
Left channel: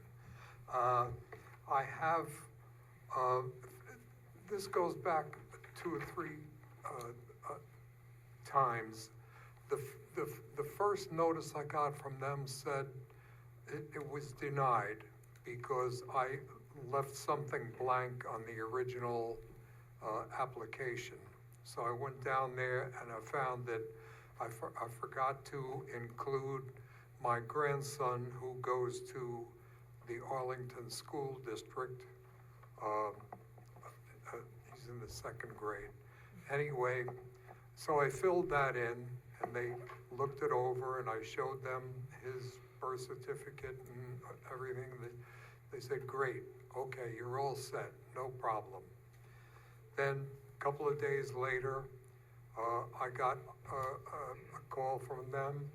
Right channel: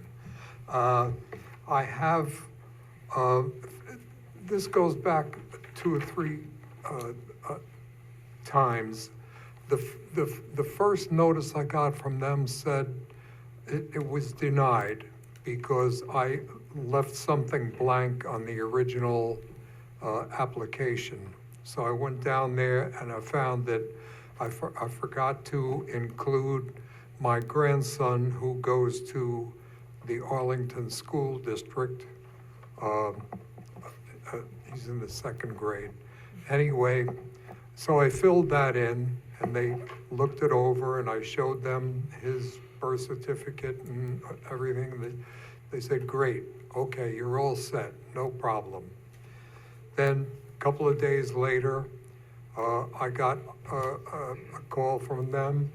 I have, this goes back 2 or 3 times. The first notice I got from them said it was denied because I left something blank on the original application. So I went down there and I found that I forgot to include my grandson, who goes to the Arlington School District. He's in the 2nd grade. Anyway, so I filled that in, and they looked it over, and I showed them his birth certificate and everything. They said, great, okay, you're all set, no problem. Then, a couple of days later, I got a call from them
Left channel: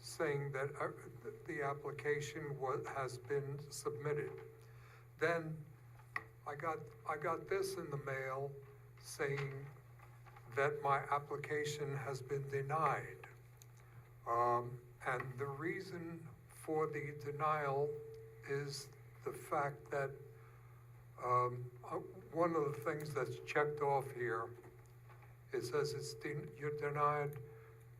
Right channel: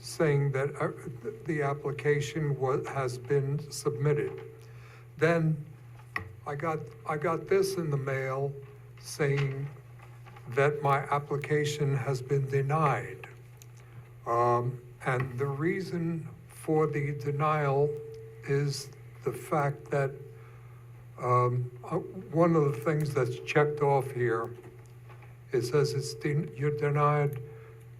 saying that the application has been submitted. Then I got this in the mail saying that my application has been denied. And the reason for the denial is the fact that one of the things that's checked off here, it says you're denied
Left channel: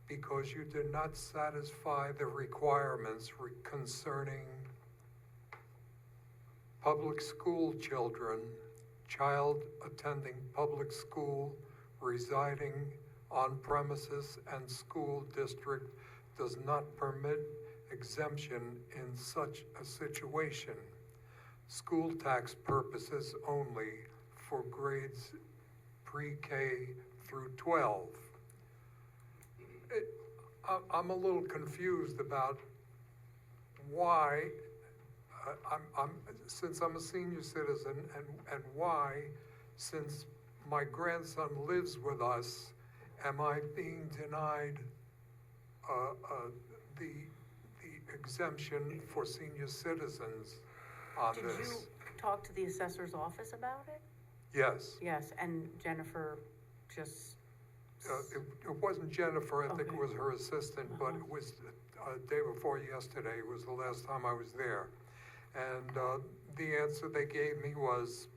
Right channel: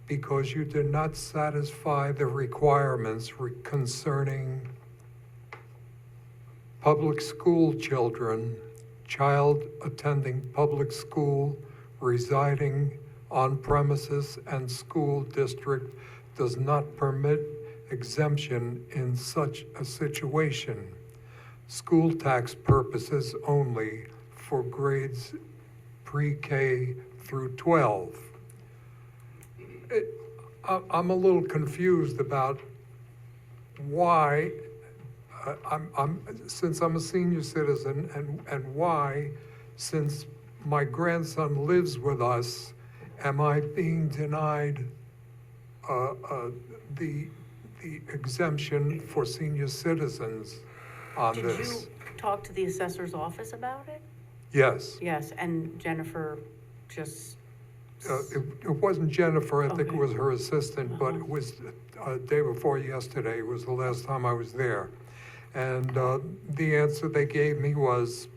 because you did not satisfy the requirements concerning public school children, child attending public school, residing on premises, and school district does not permit exemption in such a situation. School tax purposes only for grades pre-K through 12. I'm a little confused about why, since I'm a senior citizen, and why, since my grandson lives with us, am I being denied the exemption for senior citizens on this? Did you talk to the assessor's office about it? Yes. Yes, and Jennifer just, It wasn't Jennifer, I think it Okay. was her assistant, but it was day before yesterday, was the last time I was there. And the answer they gave me was,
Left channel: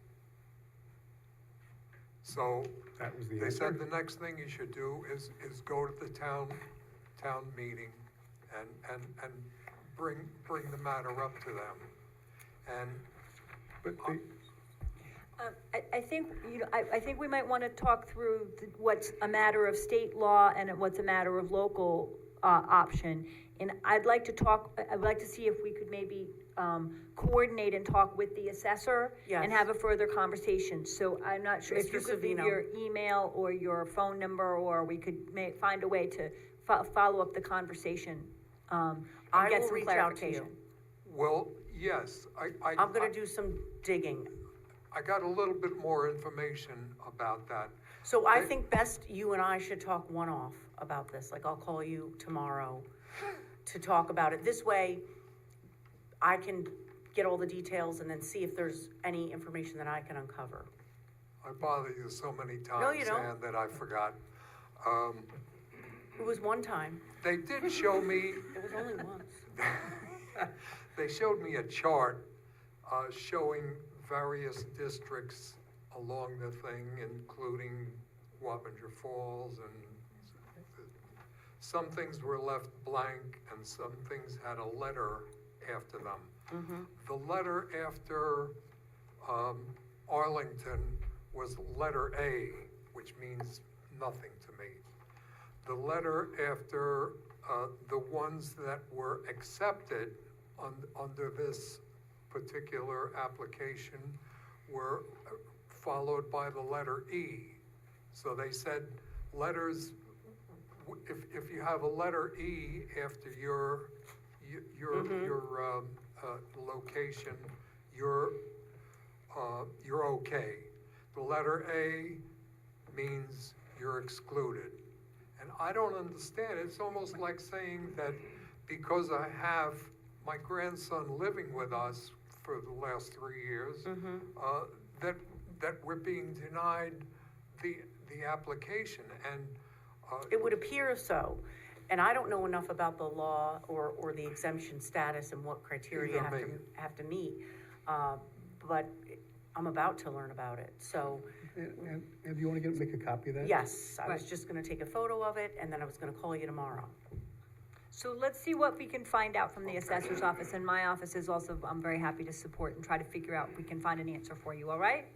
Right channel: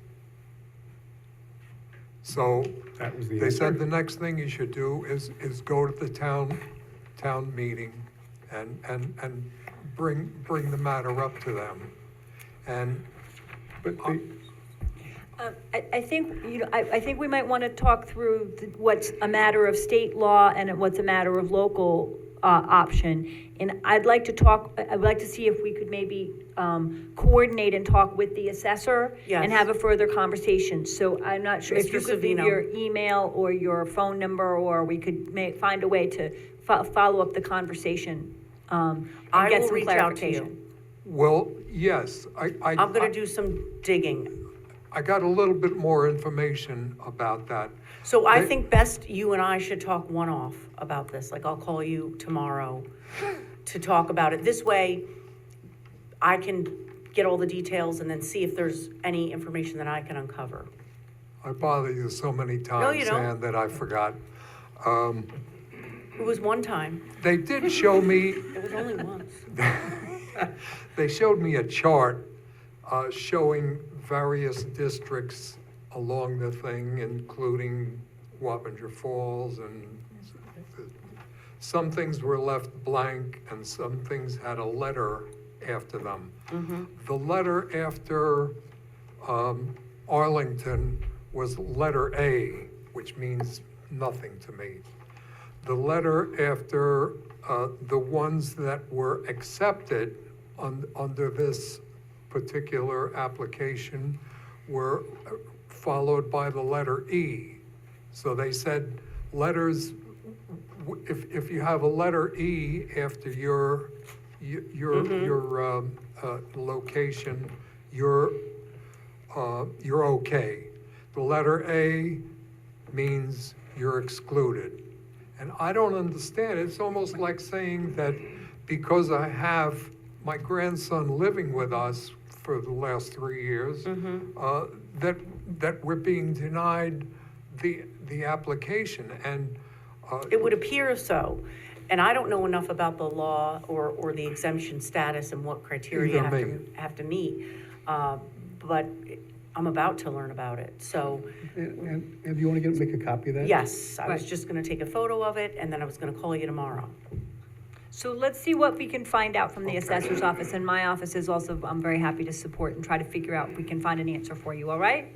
so That was the they said answer? the next thing you should do is go to the town meeting and bring the matter up to them. And But I think, I think we might want to talk through what's a matter of state law and what's a matter of local option. And I'd like to see if we could maybe coordinate and talk with the assessor Yes. and have a further conversation. So I'm not sure if Mr. you could leave Savino. your email or your phone number, or we could find a way to follow up the conversation and I get will some reach out to you. clarification. well, yes, I'm gonna do some digging. I got a little bit more information about that. So I They- think best you and I should talk one-off about this, like I'll call you tomorrow to talk about it. This way, I can get all the details and then see if there's any information that I can uncover. I bother you so many you times, don't. Ann, that I forgot. It was one time, They did show me, it was only once. they showed me a chart showing various districts along the thing, including Wappinger Falls, and some things were left blank and some things had a letter after them. The letter after Arlington was letter A, which means nothing to me. The letter after the ones that were accepted under this particular application were followed by the letter E. So they said letters, if you have a letter E after your location, you're okay. The letter A means you're excluded. And I don't understand, it's almost like saying that because I have my grandson living with us for the last 3 years, that we're being denied the application, and It would appear so, and I don't know enough about the law or the exemption status and what criteria you Either me. have to meet. But I'm about to learn about it, so, And do you want to make a copy of that? yes, I was Right. just gonna take a photo of it, and then I was gonna call you tomorrow. So let's see what we can find out from the Okay. assessor's office, and my office is also, I'm very happy to support and try to figure out if we can find an answer for you, all right?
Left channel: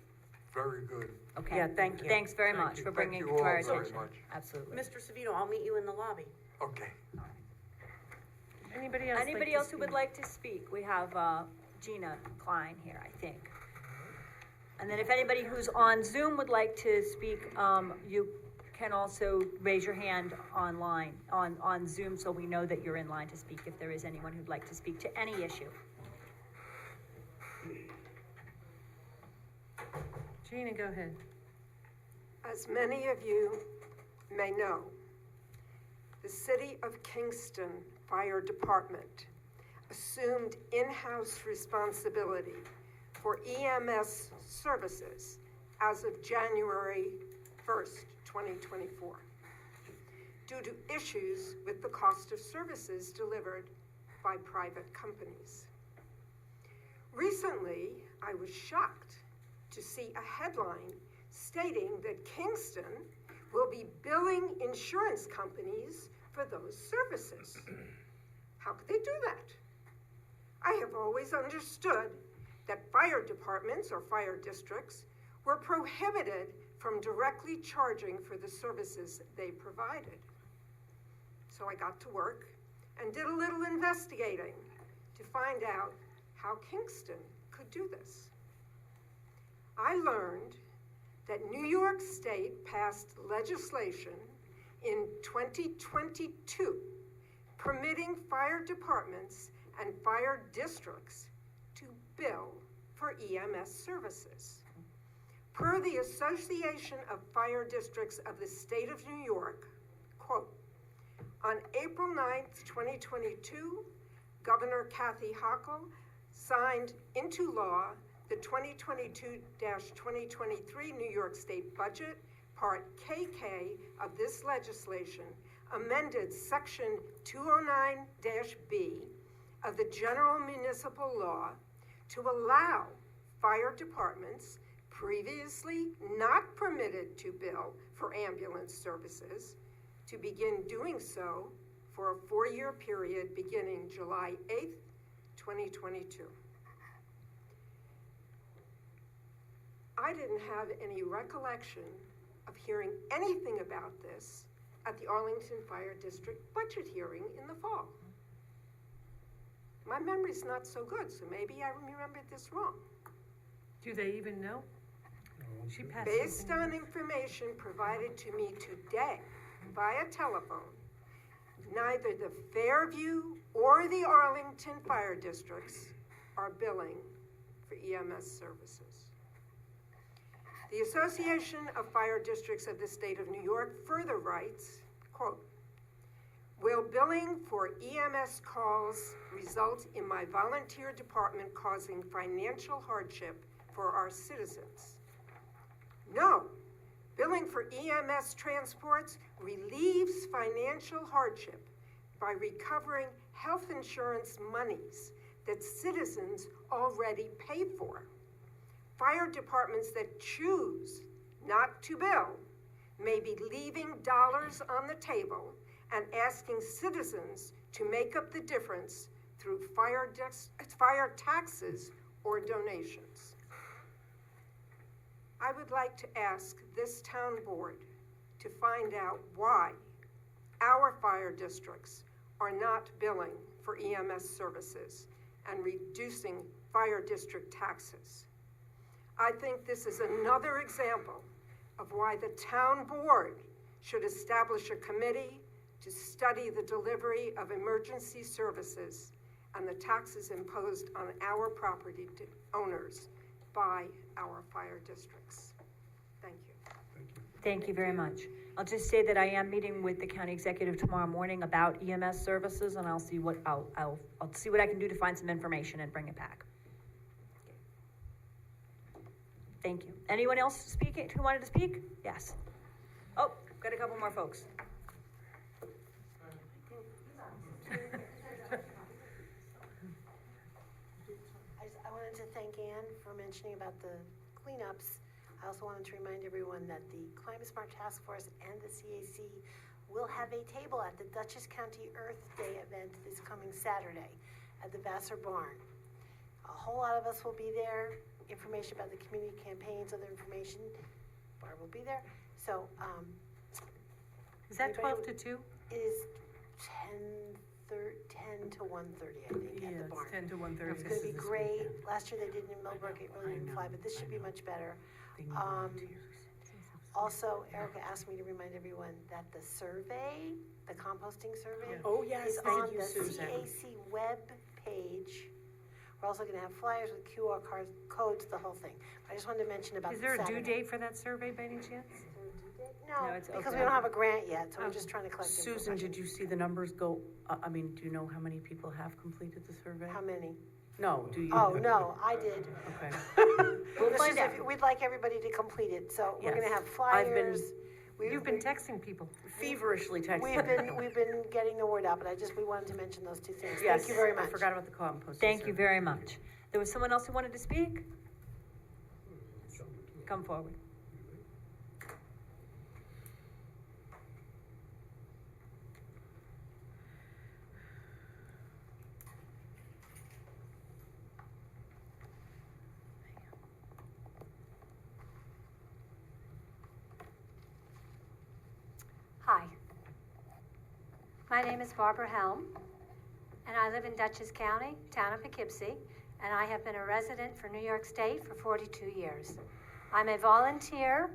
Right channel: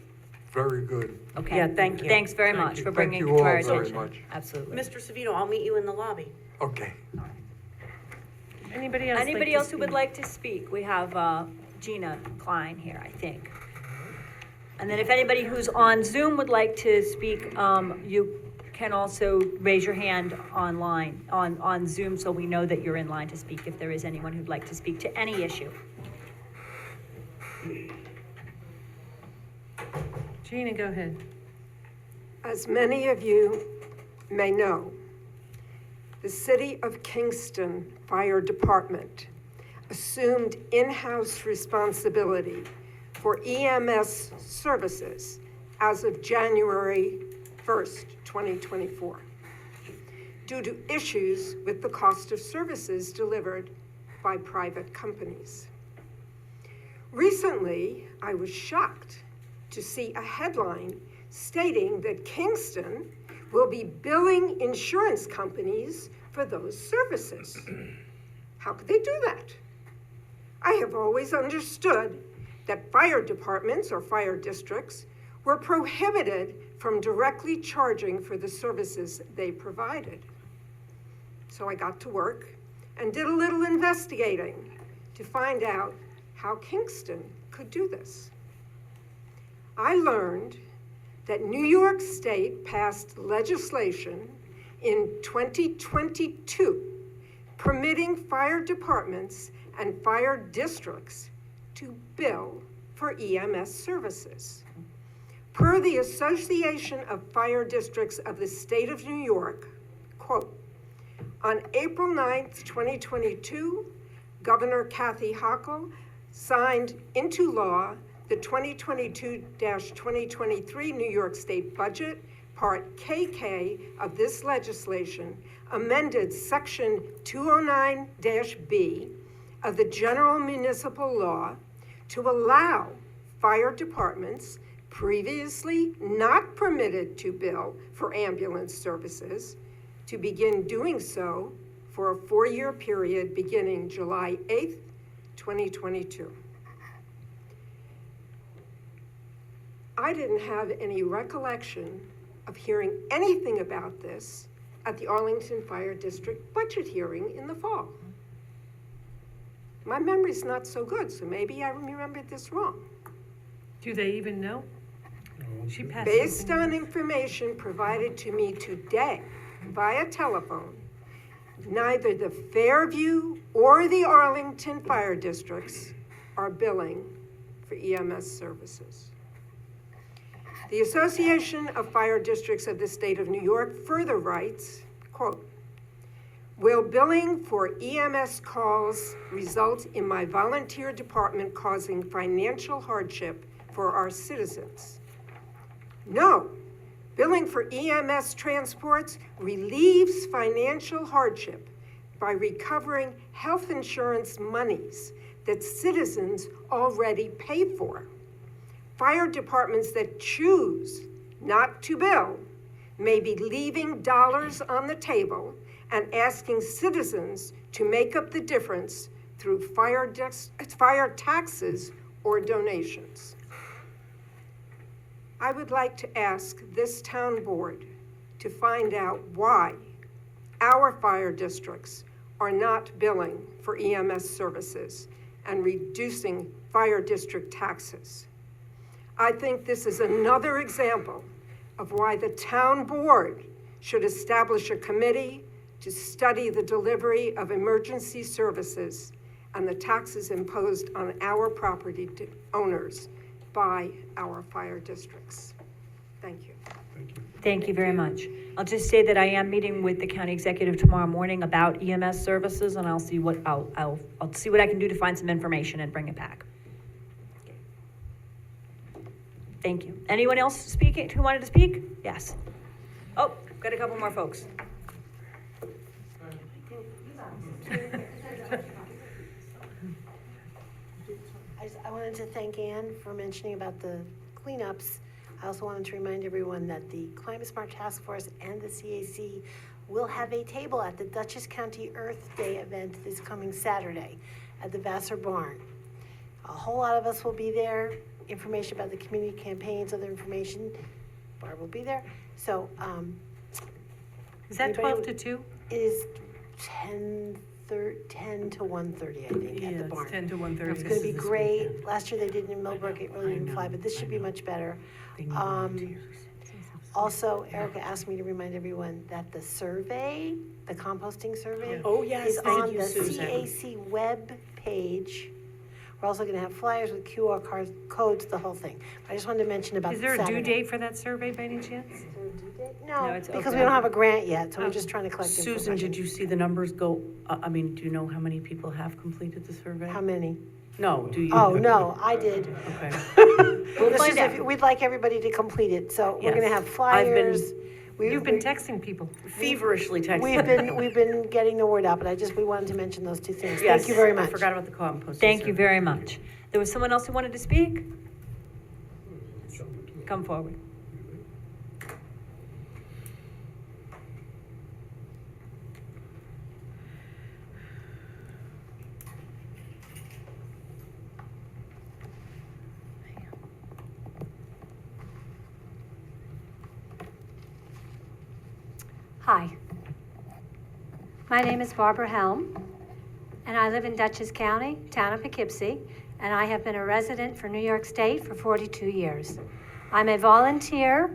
very good. Okay. Yeah, thank you. Thanks very Thank much you. for Thank bringing it you to our all very attention. much. Absolutely. Mr. Savino, I'll meet you in the lobby. Okay. Anybody else? Anybody else who would like to speak? We have Gina Klein here, I think. And then if anybody who's on Zoom would like to speak, you can also raise your hand online, on Zoom, so we know that you're in line to speak, if there is anyone who'd like to speak to any issue. Gina, go ahead. As many of you may know, the City of Kingston Fire Department assumed in-house responsibility for EMS services as of January 1st, 2024, due to issues with the cost of services delivered by private companies. Recently, I was shocked to see a headline stating that Kingston will be billing insurance companies for those services. How could they do that? I have always understood that fire departments or fire districts were prohibited from directly charging for the services they provided. So I got to work and did a little investigating to find out how Kingston could do this. I learned that New York State passed legislation in 2022 permitting fire departments and fire districts to bill for EMS services. Per the Association of Fire Districts of the State of New York, quote, on April 9th, 2022, Governor Kathy Hochul signed into law the 2022-2023 New York State Budget, Part KK of this legislation, amended Section 209-B of the General Municipal Law to allow fire departments previously not permitted to bill for ambulance services to begin doing so for a 4-year period beginning July 8th, 2022. I didn't have any recollection of hearing anything about this at the Arlington Fire District budget hearing in the fall. My memory's not so good, so maybe I remembered this wrong. Do they even know? She passed Based something. on information provided to me today via telephone, neither the Fairview or the Arlington Fire Districts are billing for EMS services. The Association of Fire Districts of the State of New York further writes, quote, will billing for EMS calls result in my volunteer department causing financial hardship for our citizens? No, billing for EMS transports relieves financial hardship by recovering health insurance monies that citizens already pay for. Fire departments that choose not to bill may be leaving dollars on the table and asking citizens to make up the difference through fire taxes or donations. I would like to ask this town board to find out why our fire districts are not billing for EMS services and reducing fire district taxes. I think this is another example of why the town board should establish a committee to study the delivery of emergency services and the taxes imposed on our property owners by our fire districts. Thank you. Thank you very much. I'll just say that I am meeting with the county executive tomorrow morning about EMS services, and I'll see what I'll see what I can do to find some information and bring it back. Thank you. Anyone else speaking who wanted to speak? Yes. Oh, got a couple more folks. I wanted to thank Ann for mentioning about the cleanups. I also wanted to remind everyone that the Climate Smart Task Force and the CAC will have a table at the Dutchess County Earth Day event this coming Saturday at the Vassar Barn. A whole lot of us will be there. Information about the community campaigns, other information, Barb will be there. So, Is that 12 to 2? It is 10 to 1:30, I think, at the Yeah, barn. it's 10 to 1:30. It's gonna be great. Last year they did it in Millbrook, it really didn't fly, but this should be much better. Also, Erica asked me to remind everyone that the survey, the composting survey, Oh, yes, is thank on you, the Susan. CAC web page. We're also gonna have flyers with QR codes, the whole thing. I just wanted to mention about Is there a due Saturday. date for that survey by any chance? No, it's because open. we don't have a grant yet, so we're Oh. just trying to collect information. Susan, did you see the numbers go, I mean, do you know how many people have completed the survey? How many? No, do you? Oh, no, I did. Okay. We'll This is we'd like everybody to complete it, so we're gonna Yes. have I've been flyers. You've been texting people. Feverishly texting. We've been getting the word out, but we wanted to mention those two things. Yes, Thank you very I much. forgot about the compost. Thank you very much. There was someone else who wanted to speak? Come forward. Hi. My name is Barbara Helm, and I live in Dutchess County, town of Poughkeepsie, and I have been a resident for New York State for 42 years. I'm a volunteer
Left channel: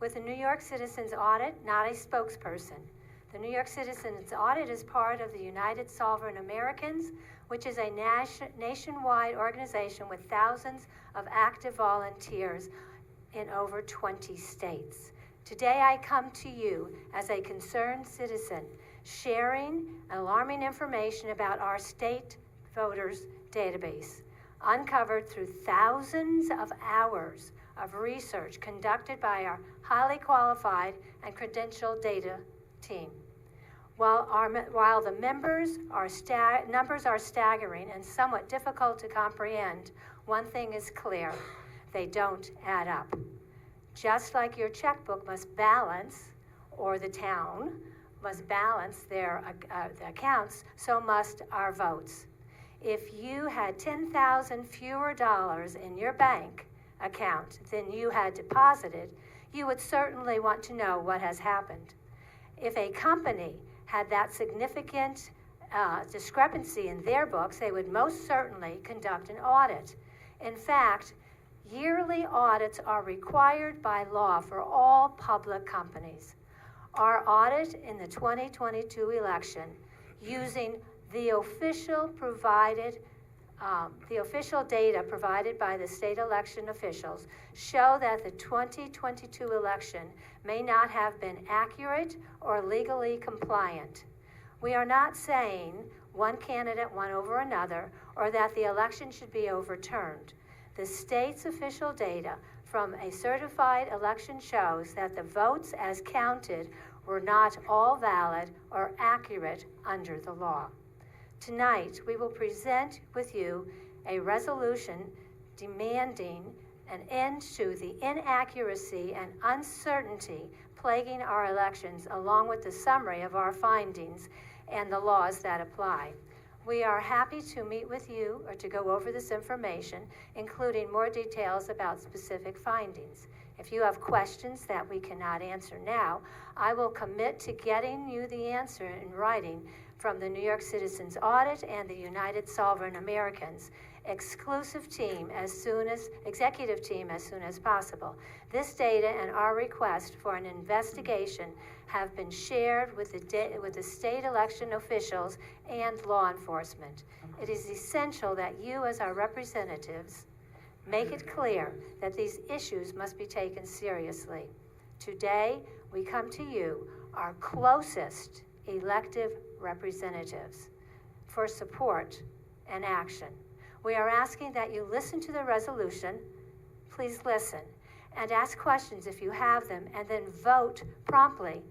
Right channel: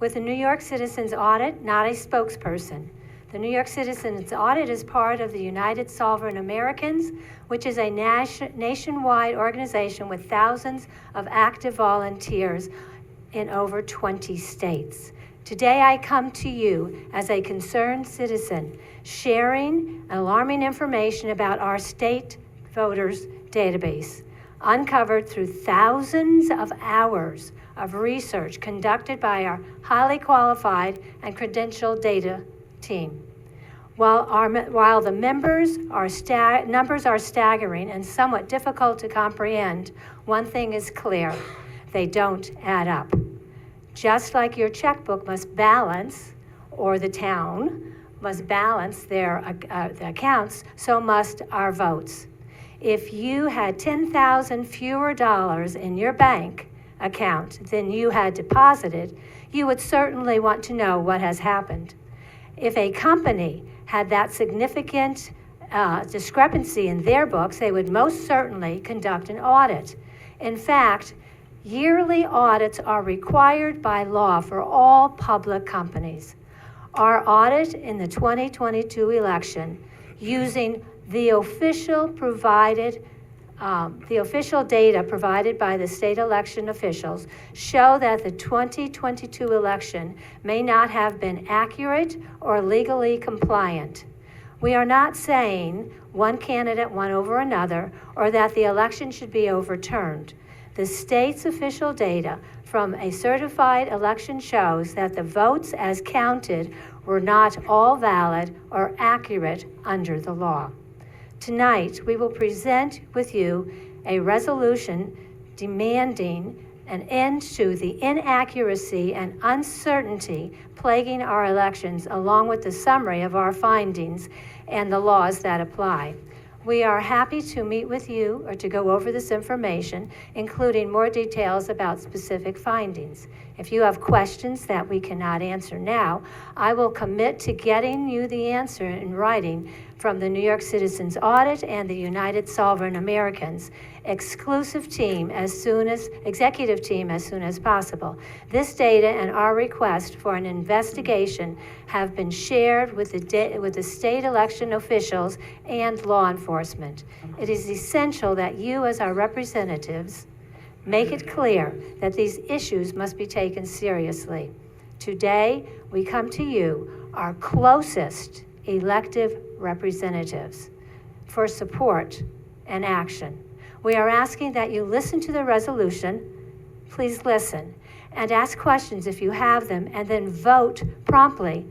with the New York Citizens Audit, not a spokesperson. The New York Citizens Audit is part of the United Sovereign Americans, which is a nationwide organization with thousands of active volunteers in over 20 states. Today I come to you as a concerned citizen, sharing alarming information about our state voters database, uncovered through thousands of hours of research conducted by our highly qualified and credentialed data team. While the numbers are staggering and somewhat difficult to comprehend, one thing is clear: they don't add up. Just like your checkbook must balance, or the town must balance their accounts, so must our votes. If you had 10,000 fewer dollars in your bank account than you had deposited, you would certainly want to know what has happened. If a company had that significant discrepancy in their books, they would most certainly conduct an audit. In fact, yearly audits are required by law for all public companies. Our audit in the 2022 election, using the official data provided by the state election officials, show that the 2022 election may not have been accurate or legally compliant. We are not saying one candidate won over another or that the election should be overturned. The state's official data from a certified election shows that the votes as counted were not all valid or accurate under the law. Tonight, we will present with you a resolution demanding an end to the inaccuracy and uncertainty plaguing our elections, along with the summary of our findings and the laws that apply. We are happy to meet with you or to go over this information, including more details about specific findings. If you have questions that we cannot answer now, I will commit to getting you the answer in writing from the New York Citizens Audit and the United Sovereign Americans executive team as soon as possible. This data and our request for an investigation have been shared with the state election officials and law enforcement. It is essential that you, as our representatives, make it clear that these issues must be taken seriously. Today, we come to you, our closest elective representatives, for support and action. We are asking that you listen to the resolution, please listen, and ask questions if you have them, and then vote promptly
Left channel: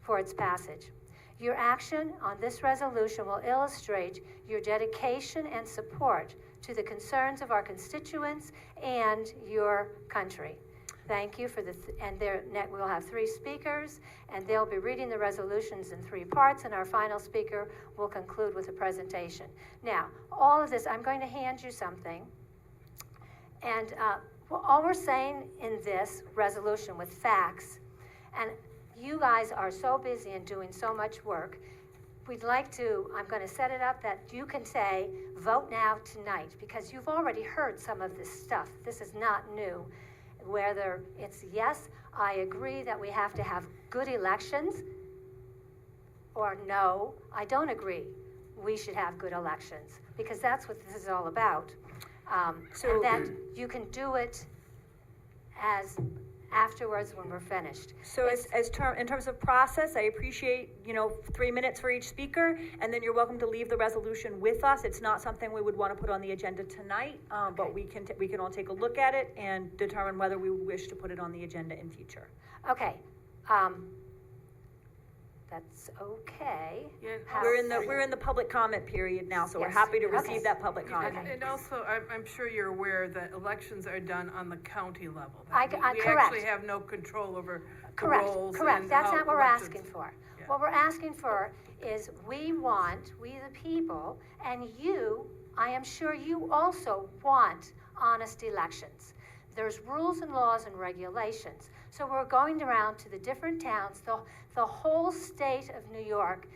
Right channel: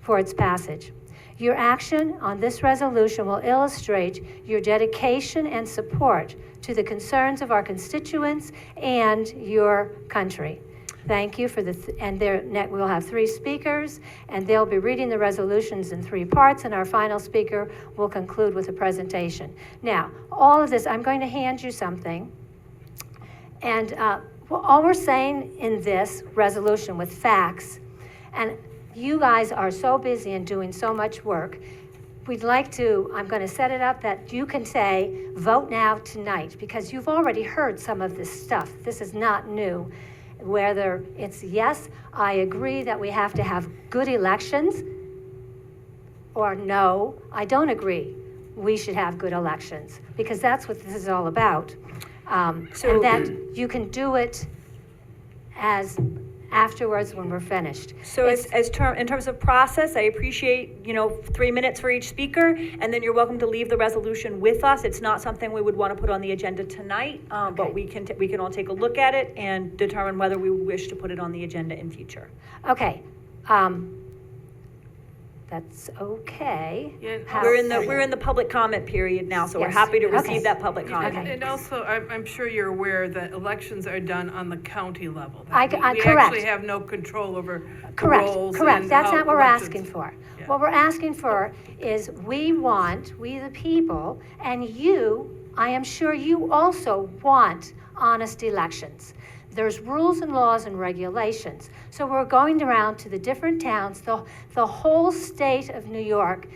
for its passage. Your action on this resolution will illustrate your dedication and support to the concerns of our constituents and your country. Thank you for we'll have 3 speakers, and they'll be reading the resolutions in 3 parts, and our final speaker will conclude with a presentation. Now, all of this, I'm going to hand you something, and all we're saying in this resolution with facts, and you guys are so busy and doing so much work, I'm going to set it up that you can say, vote now tonight, because you've already heard some of this stuff. This is not new. whether it's yes, I agree that we have to have good elections, or no, I don't agree, we should have good elections, because that's what this is all about. And that you can do it as afterwards when we're finished. So in terms of process, I appreciate, 3 minutes for each speaker, and then you're welcome to leave the resolution with us. It's not something we would want to put on the agenda tonight, but we can all take a look at it and determine whether we wish to put it on the agenda in future. Okay, that's okay. Yeah, We're in the public comment period now, so we're Yes. happy to Okay. receive that public comment. Okay. And also, I'm sure you're aware that elections are done on the county level. Correct. We actually have no control over the Correct, roles correct, and that's how not what we're elections- asking for. Yeah. What we're asking for is we the people, and you, I am sure you also want honest elections. There's rules and laws and regulations. So we're going around to the different towns, the whole state of New York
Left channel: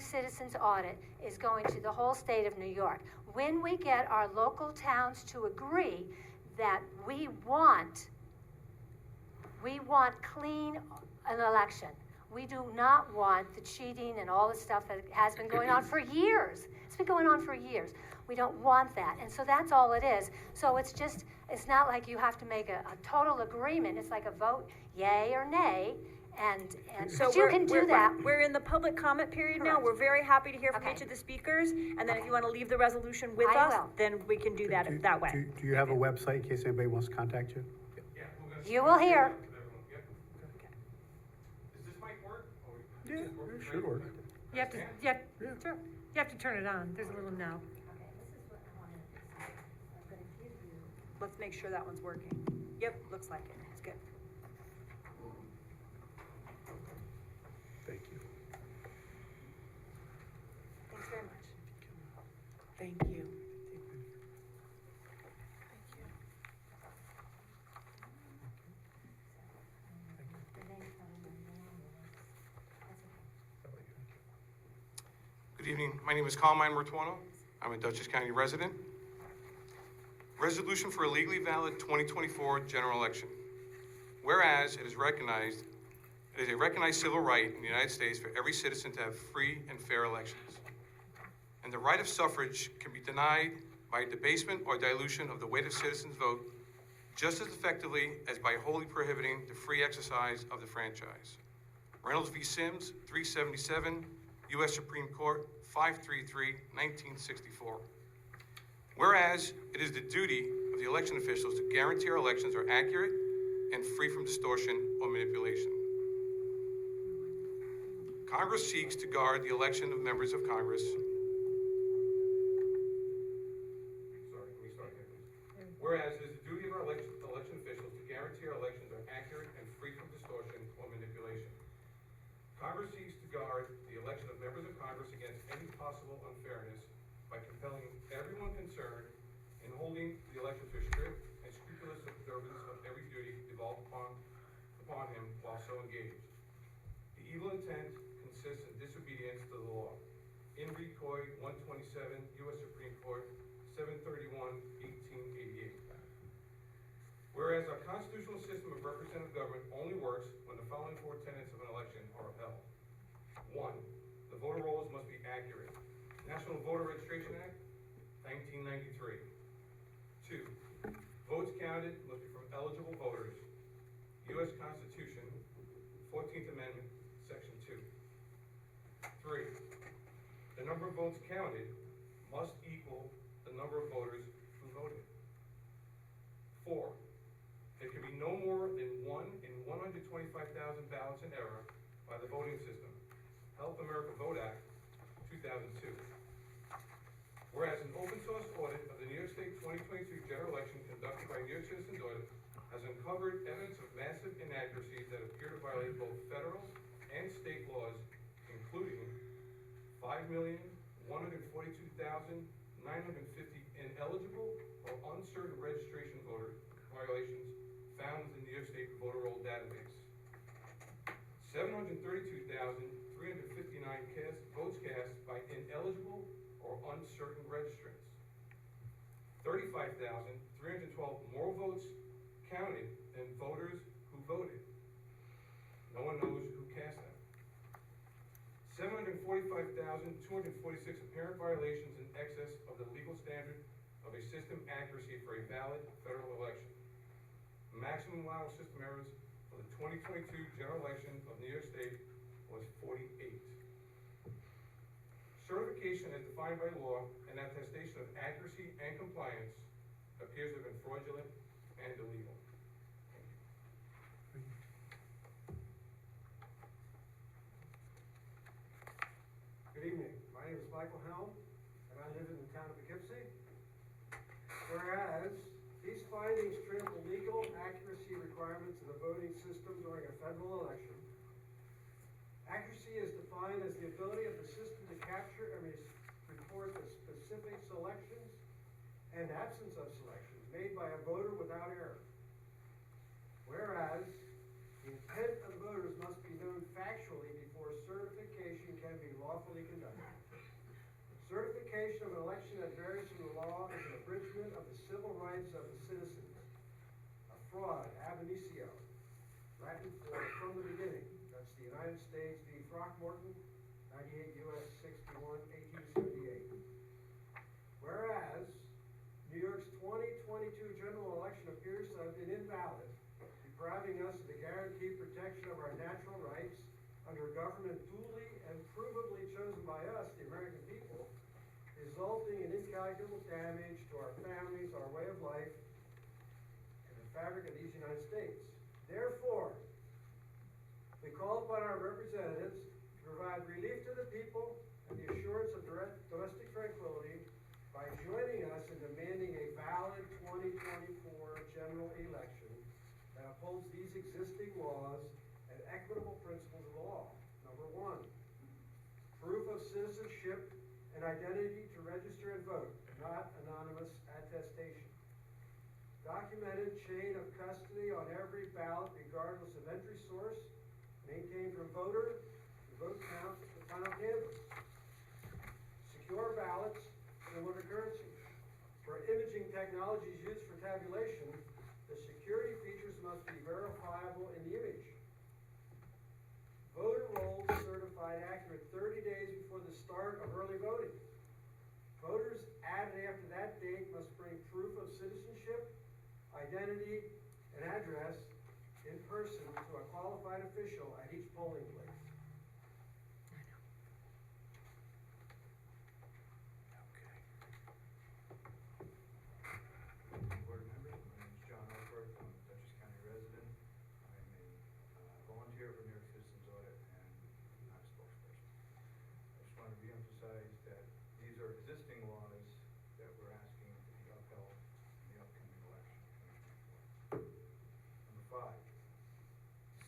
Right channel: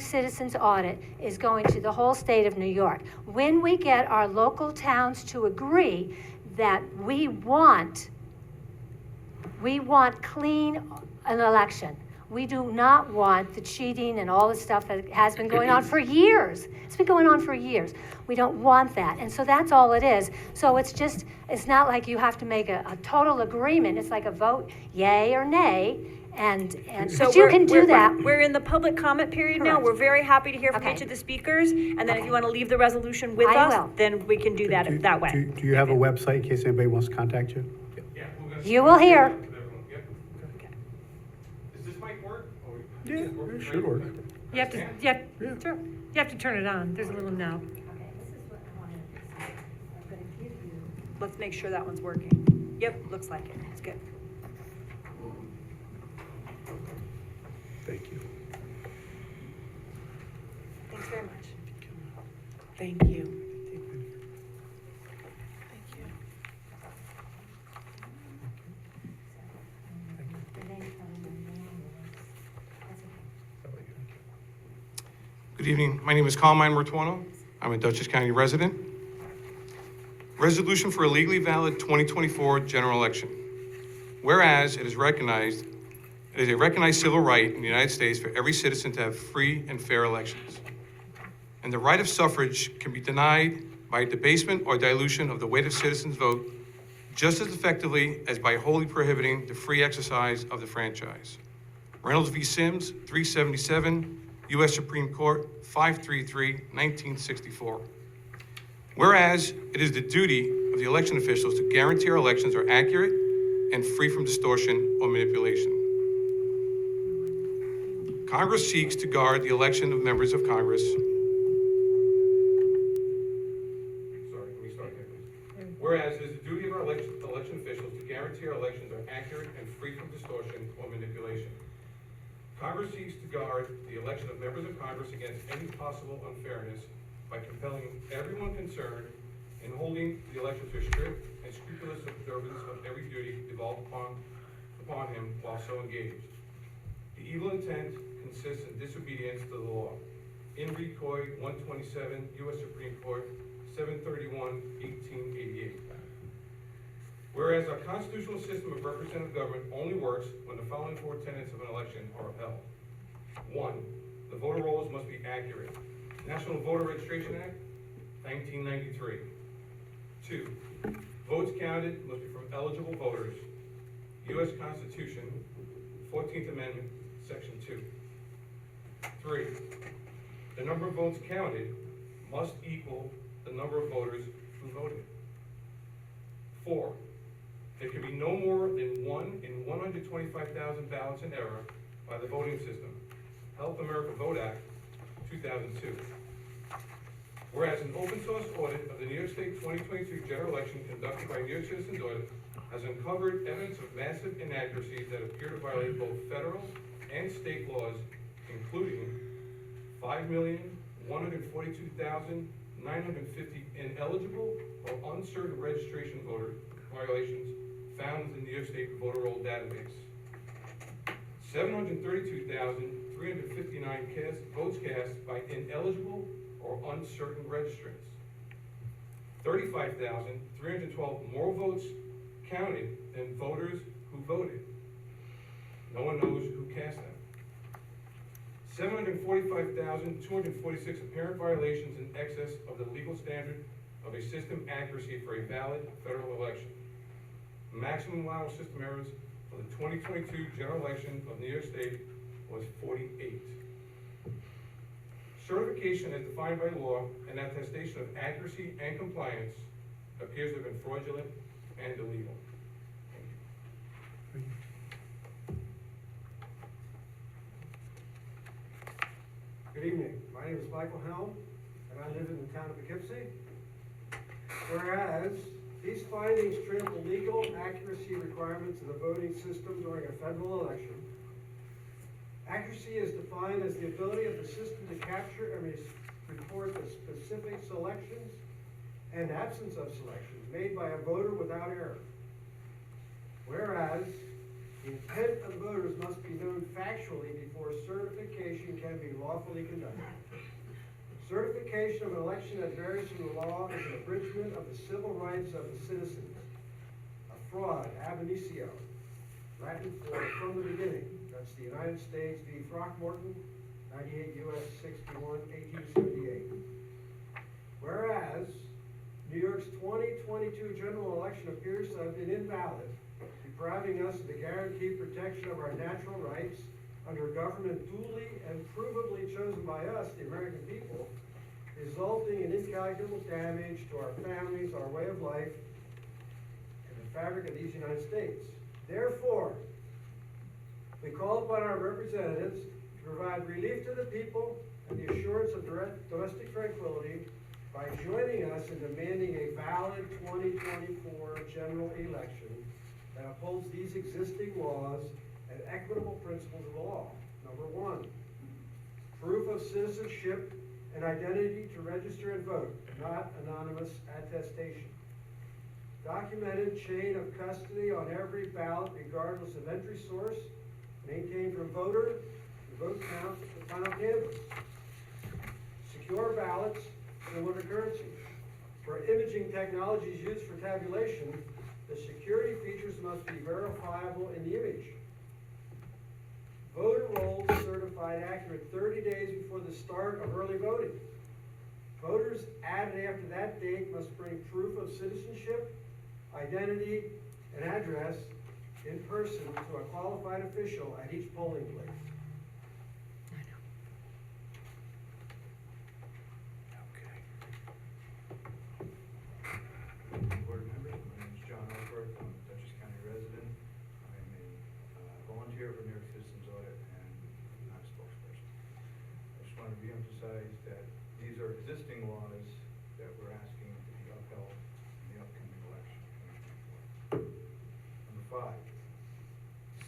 Citizens Audit is going to the whole state of New York. When we get our local towns to agree that we want clean an election. We do not want the cheating and all the stuff that has been going on for years. It's been going on for years. We don't want that. And so that's all it is. So it's not like you have to make a total agreement. It's like a vote, yay or nay. But you can do that. We're in the public comment period now. Correct. We're very happy to hear from Okay. each of the speakers. And then if Okay. you want to leave the resolution with I us, will. then we can do that that way. Do you have a website in case anybody wants to contact you? You will hear. Does this mic work? Yeah, it should work. You have to, sure, you have to turn it on, there's a little knob. Let's make sure that one's working. Yep, looks like it. It's good. Thank you. Thanks very much. Thank you. Good evening. My name is Carmine Mortuano. I'm a Dutchess County resident. Resolution for a legally valid 2024 general election. Whereas it is a recognized civil right in the United States for every citizen to have free and fair elections. And the right of suffrage can be denied by debasement or dilution of the weight of citizens' vote just as effectively as by wholly prohibiting the free exercise of the franchise. Reynolds v. Sims, 377, U.S. Supreme Court, 533, 1964. Whereas it is the duty of the election officials to guarantee our elections are accurate and free from distortion or manipulation. Congress seeks to guard the election of members of Congress. Whereas it is the duty of our election officials to guarantee our elections are accurate and free from distortion or manipulation. Congress seeks to guard the election of members of Congress against any possible unfairness by compelling everyone concerned in holding the election to a strict and scrupulous observance of every duty devolved upon him while so engaged. The evil intent consists in disobedience to the law. In re Coy 127, U.S. Supreme Court, 731, 1888. Whereas our constitutional system of representative government only works when the following four tenets of an election are upheld. 1, the voter rolls must be accurate. National Voter Registration Act, 1993. 2, votes counted must be from eligible voters. U.S. Constitution, 14th Amendment, Section 2. 3, the number of votes counted must equal the number of voters who voted. 4, there can be no more than 1 in 125,000 ballots in error by the voting system. Help America Vote Act, 2002. Whereas an open source audit of the New York State 2022 general election conducted by New York Citizens Audit has uncovered evidence of massive inaccuracies that appear to violate both federal and state laws, including 5,142,950 ineligible or uncertain registration voter violations found in the New York State voter roll database. 732,359 votes cast by ineligible or uncertain registrants. 35,312 more votes counted than voters who voted. No one knows who cast them. 745,246 apparent violations in excess of the legal standard of a system accuracy for a valid federal election. Maximum allowable system errors for the 2022 general election of New York State was 48. Certification as defined by law and attestation of accuracy and compliance appears to have been fraudulent and illegal. Good evening. My name is Michael Helm, and I live in the town of Poughkeepsie. Whereas these findings trample legal accuracy requirements of the voting system during a federal election. Accuracy is defined as the ability of the system to capture and report the specific selections and absence of selections made by a voter without error. Whereas the intent of the voters must be known factually before certification can be lawfully conducted. Certification of an election that varies from the law is an abridgment of the civil rights of the citizens. A fraud, ab initio, Latin for from the beginning. That's the United States v. Throckmorton, 98 U.S. 61, 1878. Whereas New York's 2022 general election appears to have been invalid, depriving us of the guaranteed protection of our natural rights under a government duly and provably chosen by us, the American people, resulting in incalculable damage to our families, our way of life, and the fabric of these United States. Therefore, we call upon our representatives to provide relief to the people and the assurance of domestic tranquility by joining us in demanding a valid 2024 general election that upholds these existing laws and equitable principles of the law. Number one, proof of citizenship and identity to register and vote, not anonymous attestation. Documented chain of custody on every ballot regardless of entry source, maintained from voter to vote count to final canvas. Secure ballots similar to currency. For imaging technologies used for tabulation, the security features must be verifiable in the image. Voter rolls certified accurate 30 days before the start of early voting. Voters added after that date must bring proof of citizenship, identity, and address in person to a qualified official at each polling place. Board members, my name is John Alford, I'm a Dutchess County resident. I'm a volunteer for New York Citizens Audit and not a spokesperson. I just want to reemphasize that these are existing laws that we're asking to be upheld in the upcoming election. Number 5,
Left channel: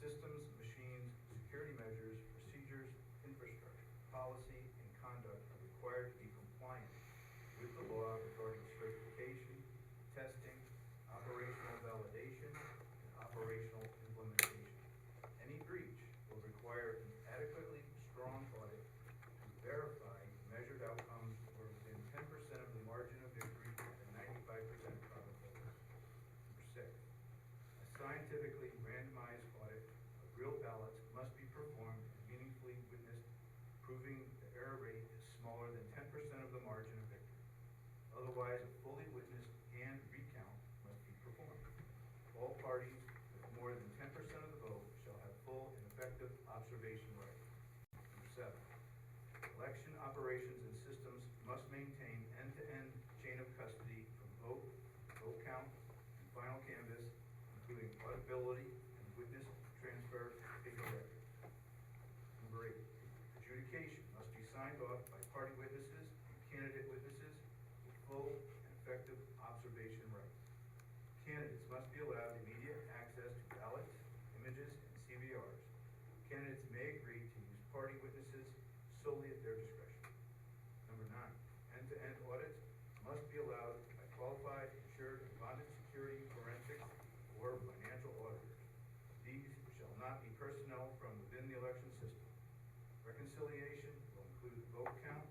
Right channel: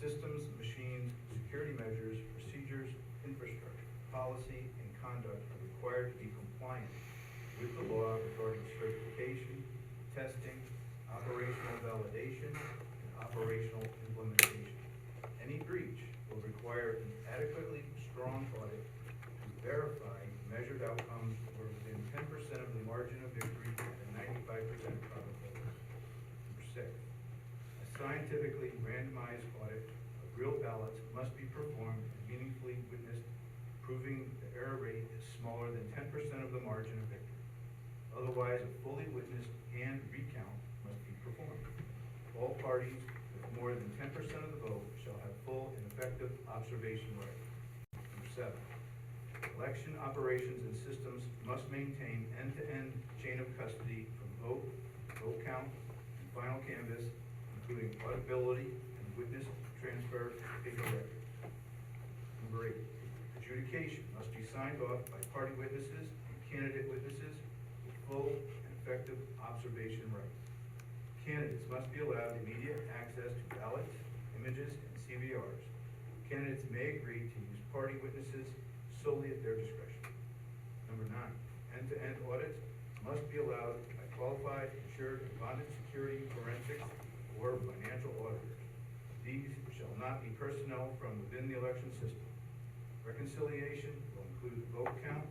systems, machines, security measures, procedures, infrastructure, policy, and conduct are required to be compliant with the law regarding certification, testing, operational validation, and operational implementation. Any breach will require an adequately strong audit to verify measured outcomes were within 10% of the margin of victory at a 95% probability. Number 6, a scientifically randomized audit of real ballots must be performed and meaningfully witnessed, proving the error rate is smaller than 10% of the margin of victory. Otherwise, a fully witnessed hand recount must be performed. All parties with more than 10% of the vote shall have full and effective observation right. Number 7, election operations and systems must maintain end-to-end chain of custody from vote, vote count, and final canvass, including auditability and witness transfer paper records. Number 8, adjudication must be signed off by party witnesses and candidate witnesses with full and effective observation rights. Candidates must be allowed immediate access to ballots, images, and CVRs. Candidates may agree to use party witnesses solely at their discretion. Number 9, end-to-end audits must be allowed by qualified, insured, and bonded security, forensics, or financial auditors. These shall not be personnel from within the election system. Reconciliation will include vote count,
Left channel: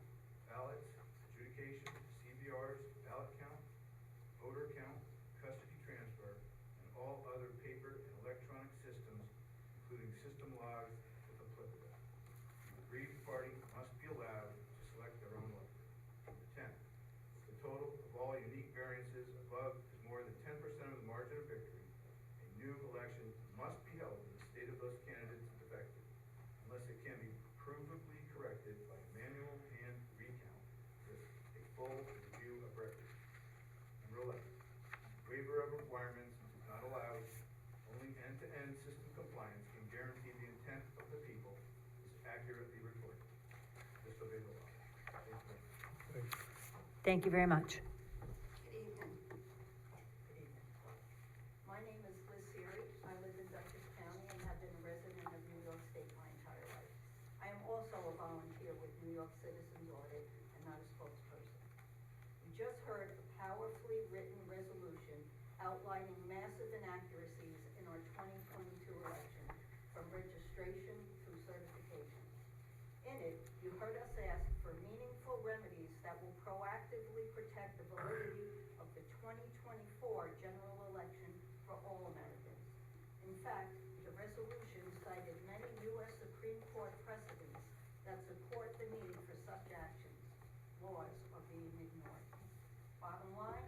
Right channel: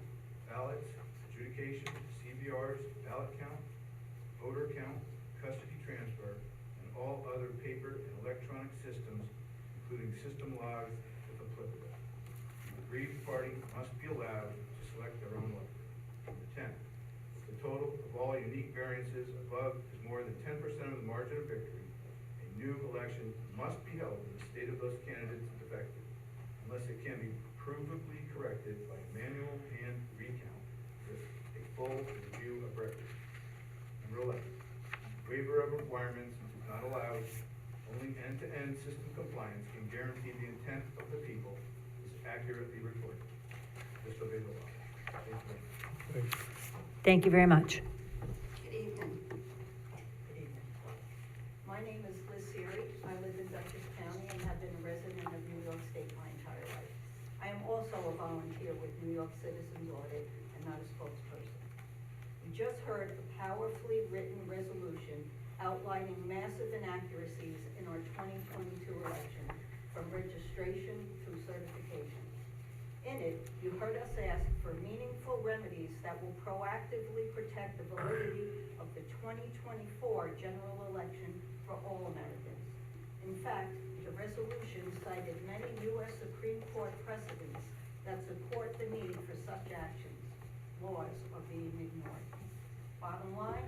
ballots, adjudication, CVRs, ballot count, voter count, custody transfer, and all including system logs if applicable. The aggrieved party must be allowed to select their own lawyer. Number 10, if the total of all unique variances above is more than 10% of the margin of victory, a new election must be held in the state of those candidates defective, unless it can be provably corrected by manual hand recount with a full review of records. Number 11, waiver of requirements is not allowed. Only end-to-end system compliance can guarantee the intent of the people is accurately recorded. Just obey the law. Thank you. Thank you very much. Good evening. My name is Liz Seary. I live in Dutchess County and have been a resident of New York State my entire life. I am also a volunteer with New York Citizens Audit and not a spokesperson. We just heard a powerfully written resolution outlining massive inaccuracies in our 2022 election, from registration through certification. In it, you heard us ask for meaningful remedies that will proactively protect the validity of the 2024 general election for all Americans. In fact, the resolution cited many U.S. Supreme Court precedents that support the need for such actions. Laws are being ignored. Bottom line,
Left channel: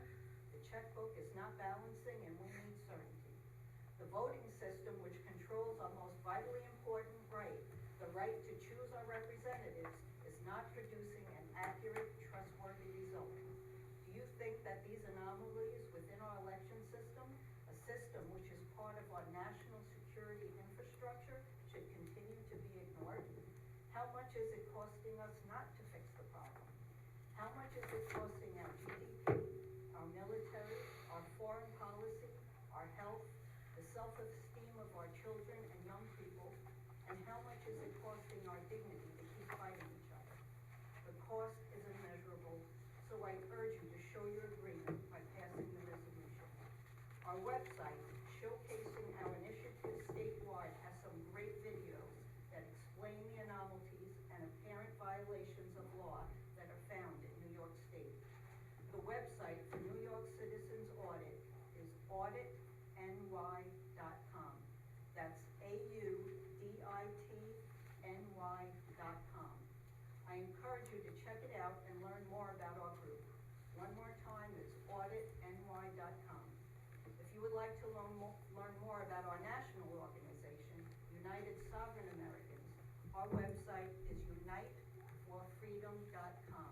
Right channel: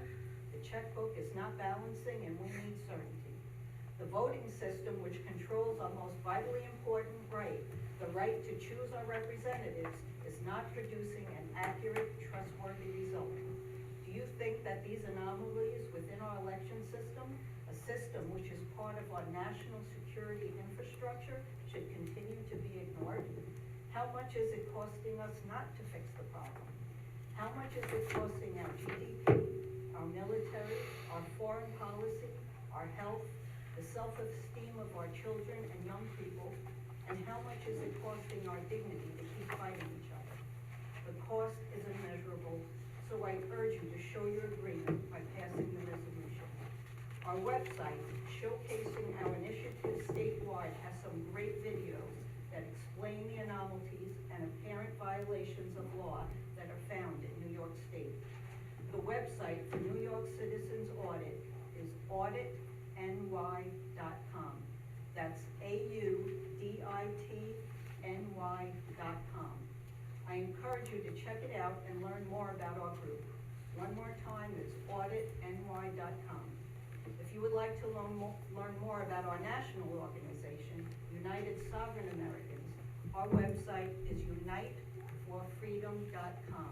the checkbook is not balancing and we need certainty. The voting system, which controls our most vitally important right, the right to choose our representatives, is not producing an accurate, trustworthy result. Do you think that these anomalies within our election system, a system which is part of our national security infrastructure, should continue to be ignored? How much is it costing us not to fix the problem? How much is it costing our GDP, our military, our foreign policy, our health, the self-esteem of our children and young people, and how much is it costing our dignity to keep fighting each other? The cost is immeasurable, so I urge you to show your agreement by passing the resolution. Our website, showcasing our initiative statewide, has some great videos that explain the anomalies and apparent violations of law that are found in New York State. The website for New York Citizens Audit is auditny.com. That's auditny.com. I encourage you to check it out and learn more about our group. One more time, it's auditny.com. If you would like to learn more about our national organization, United Sovereign Americans, our website is uniteforfreedom.com.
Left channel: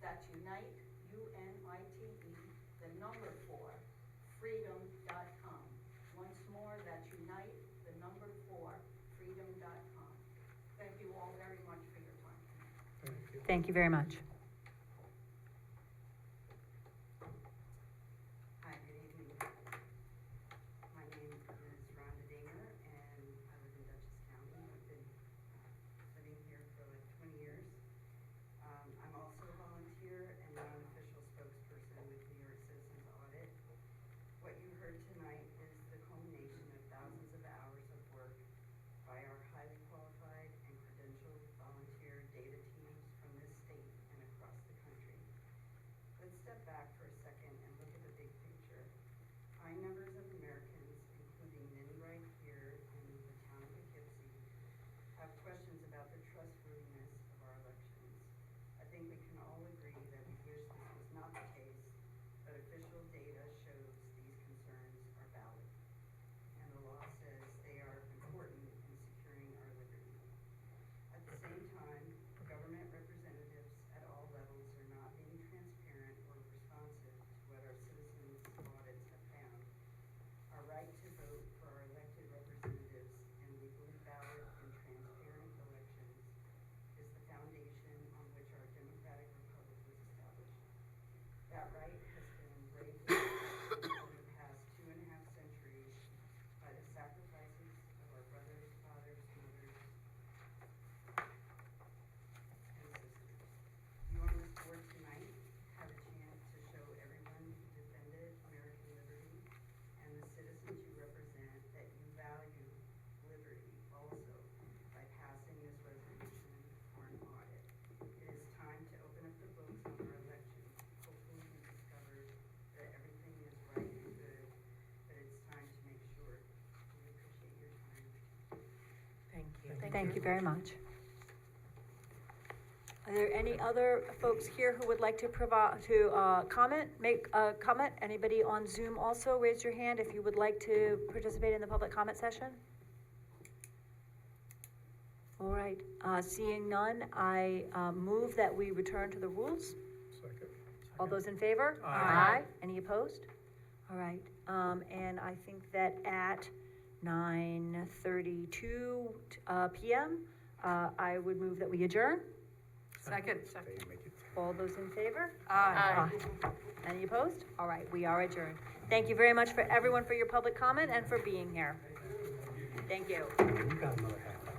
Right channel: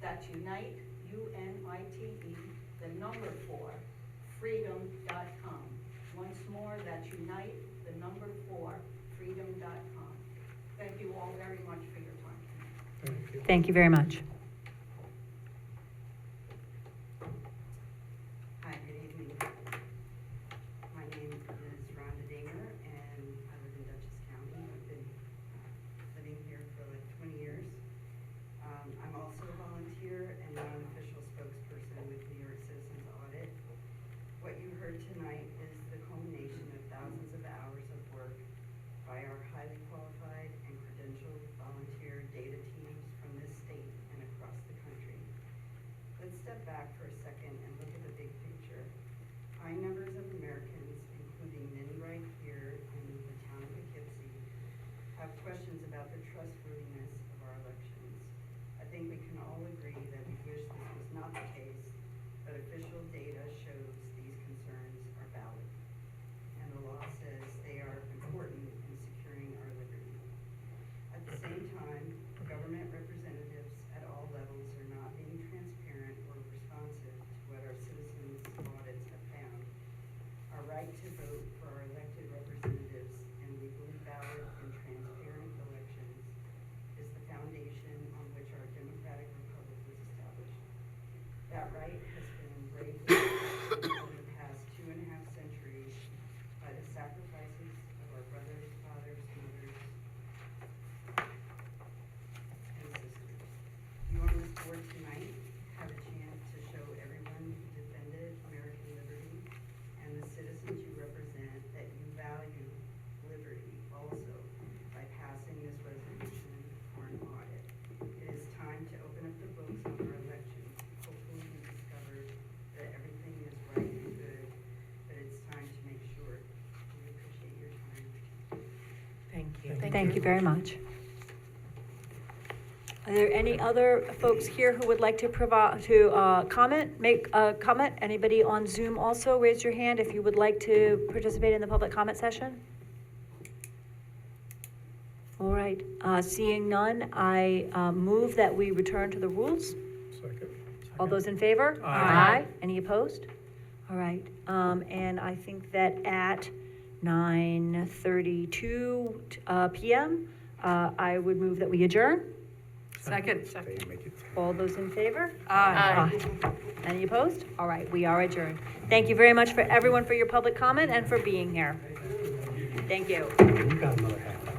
That's unite, U-N-I-T-E, the number 4, freedom.com. Once more, that's unite, the number 4, freedom.com. Thank you all very much for your time. Thank you very much. Hi, good evening. My name is Rhonda Dinger, and I live in Dutchess County. I've been living here for like 20 years. I'm also a volunteer and non-official spokesperson with New York Citizens Audit. What you heard tonight is the culmination of thousands of hours of work by our highly qualified and credentialed volunteer data teams from this state and Thank you very much. Are there any other folks here who would like to make a comment? Anybody on Zoom also, raise your hand if you would like to participate in the public comment session? All right, seeing none, I move that we return to the rules. Second. All those in favor? Aye. Any opposed? All right, and I think that at 9:32 PM, I would move that we adjourn. Second. They make it. All those in favor? Aye. Any opposed? All right, we are adjourned. Thank you very much for everyone for your public comment and for being here. Thank you. You got another half hour.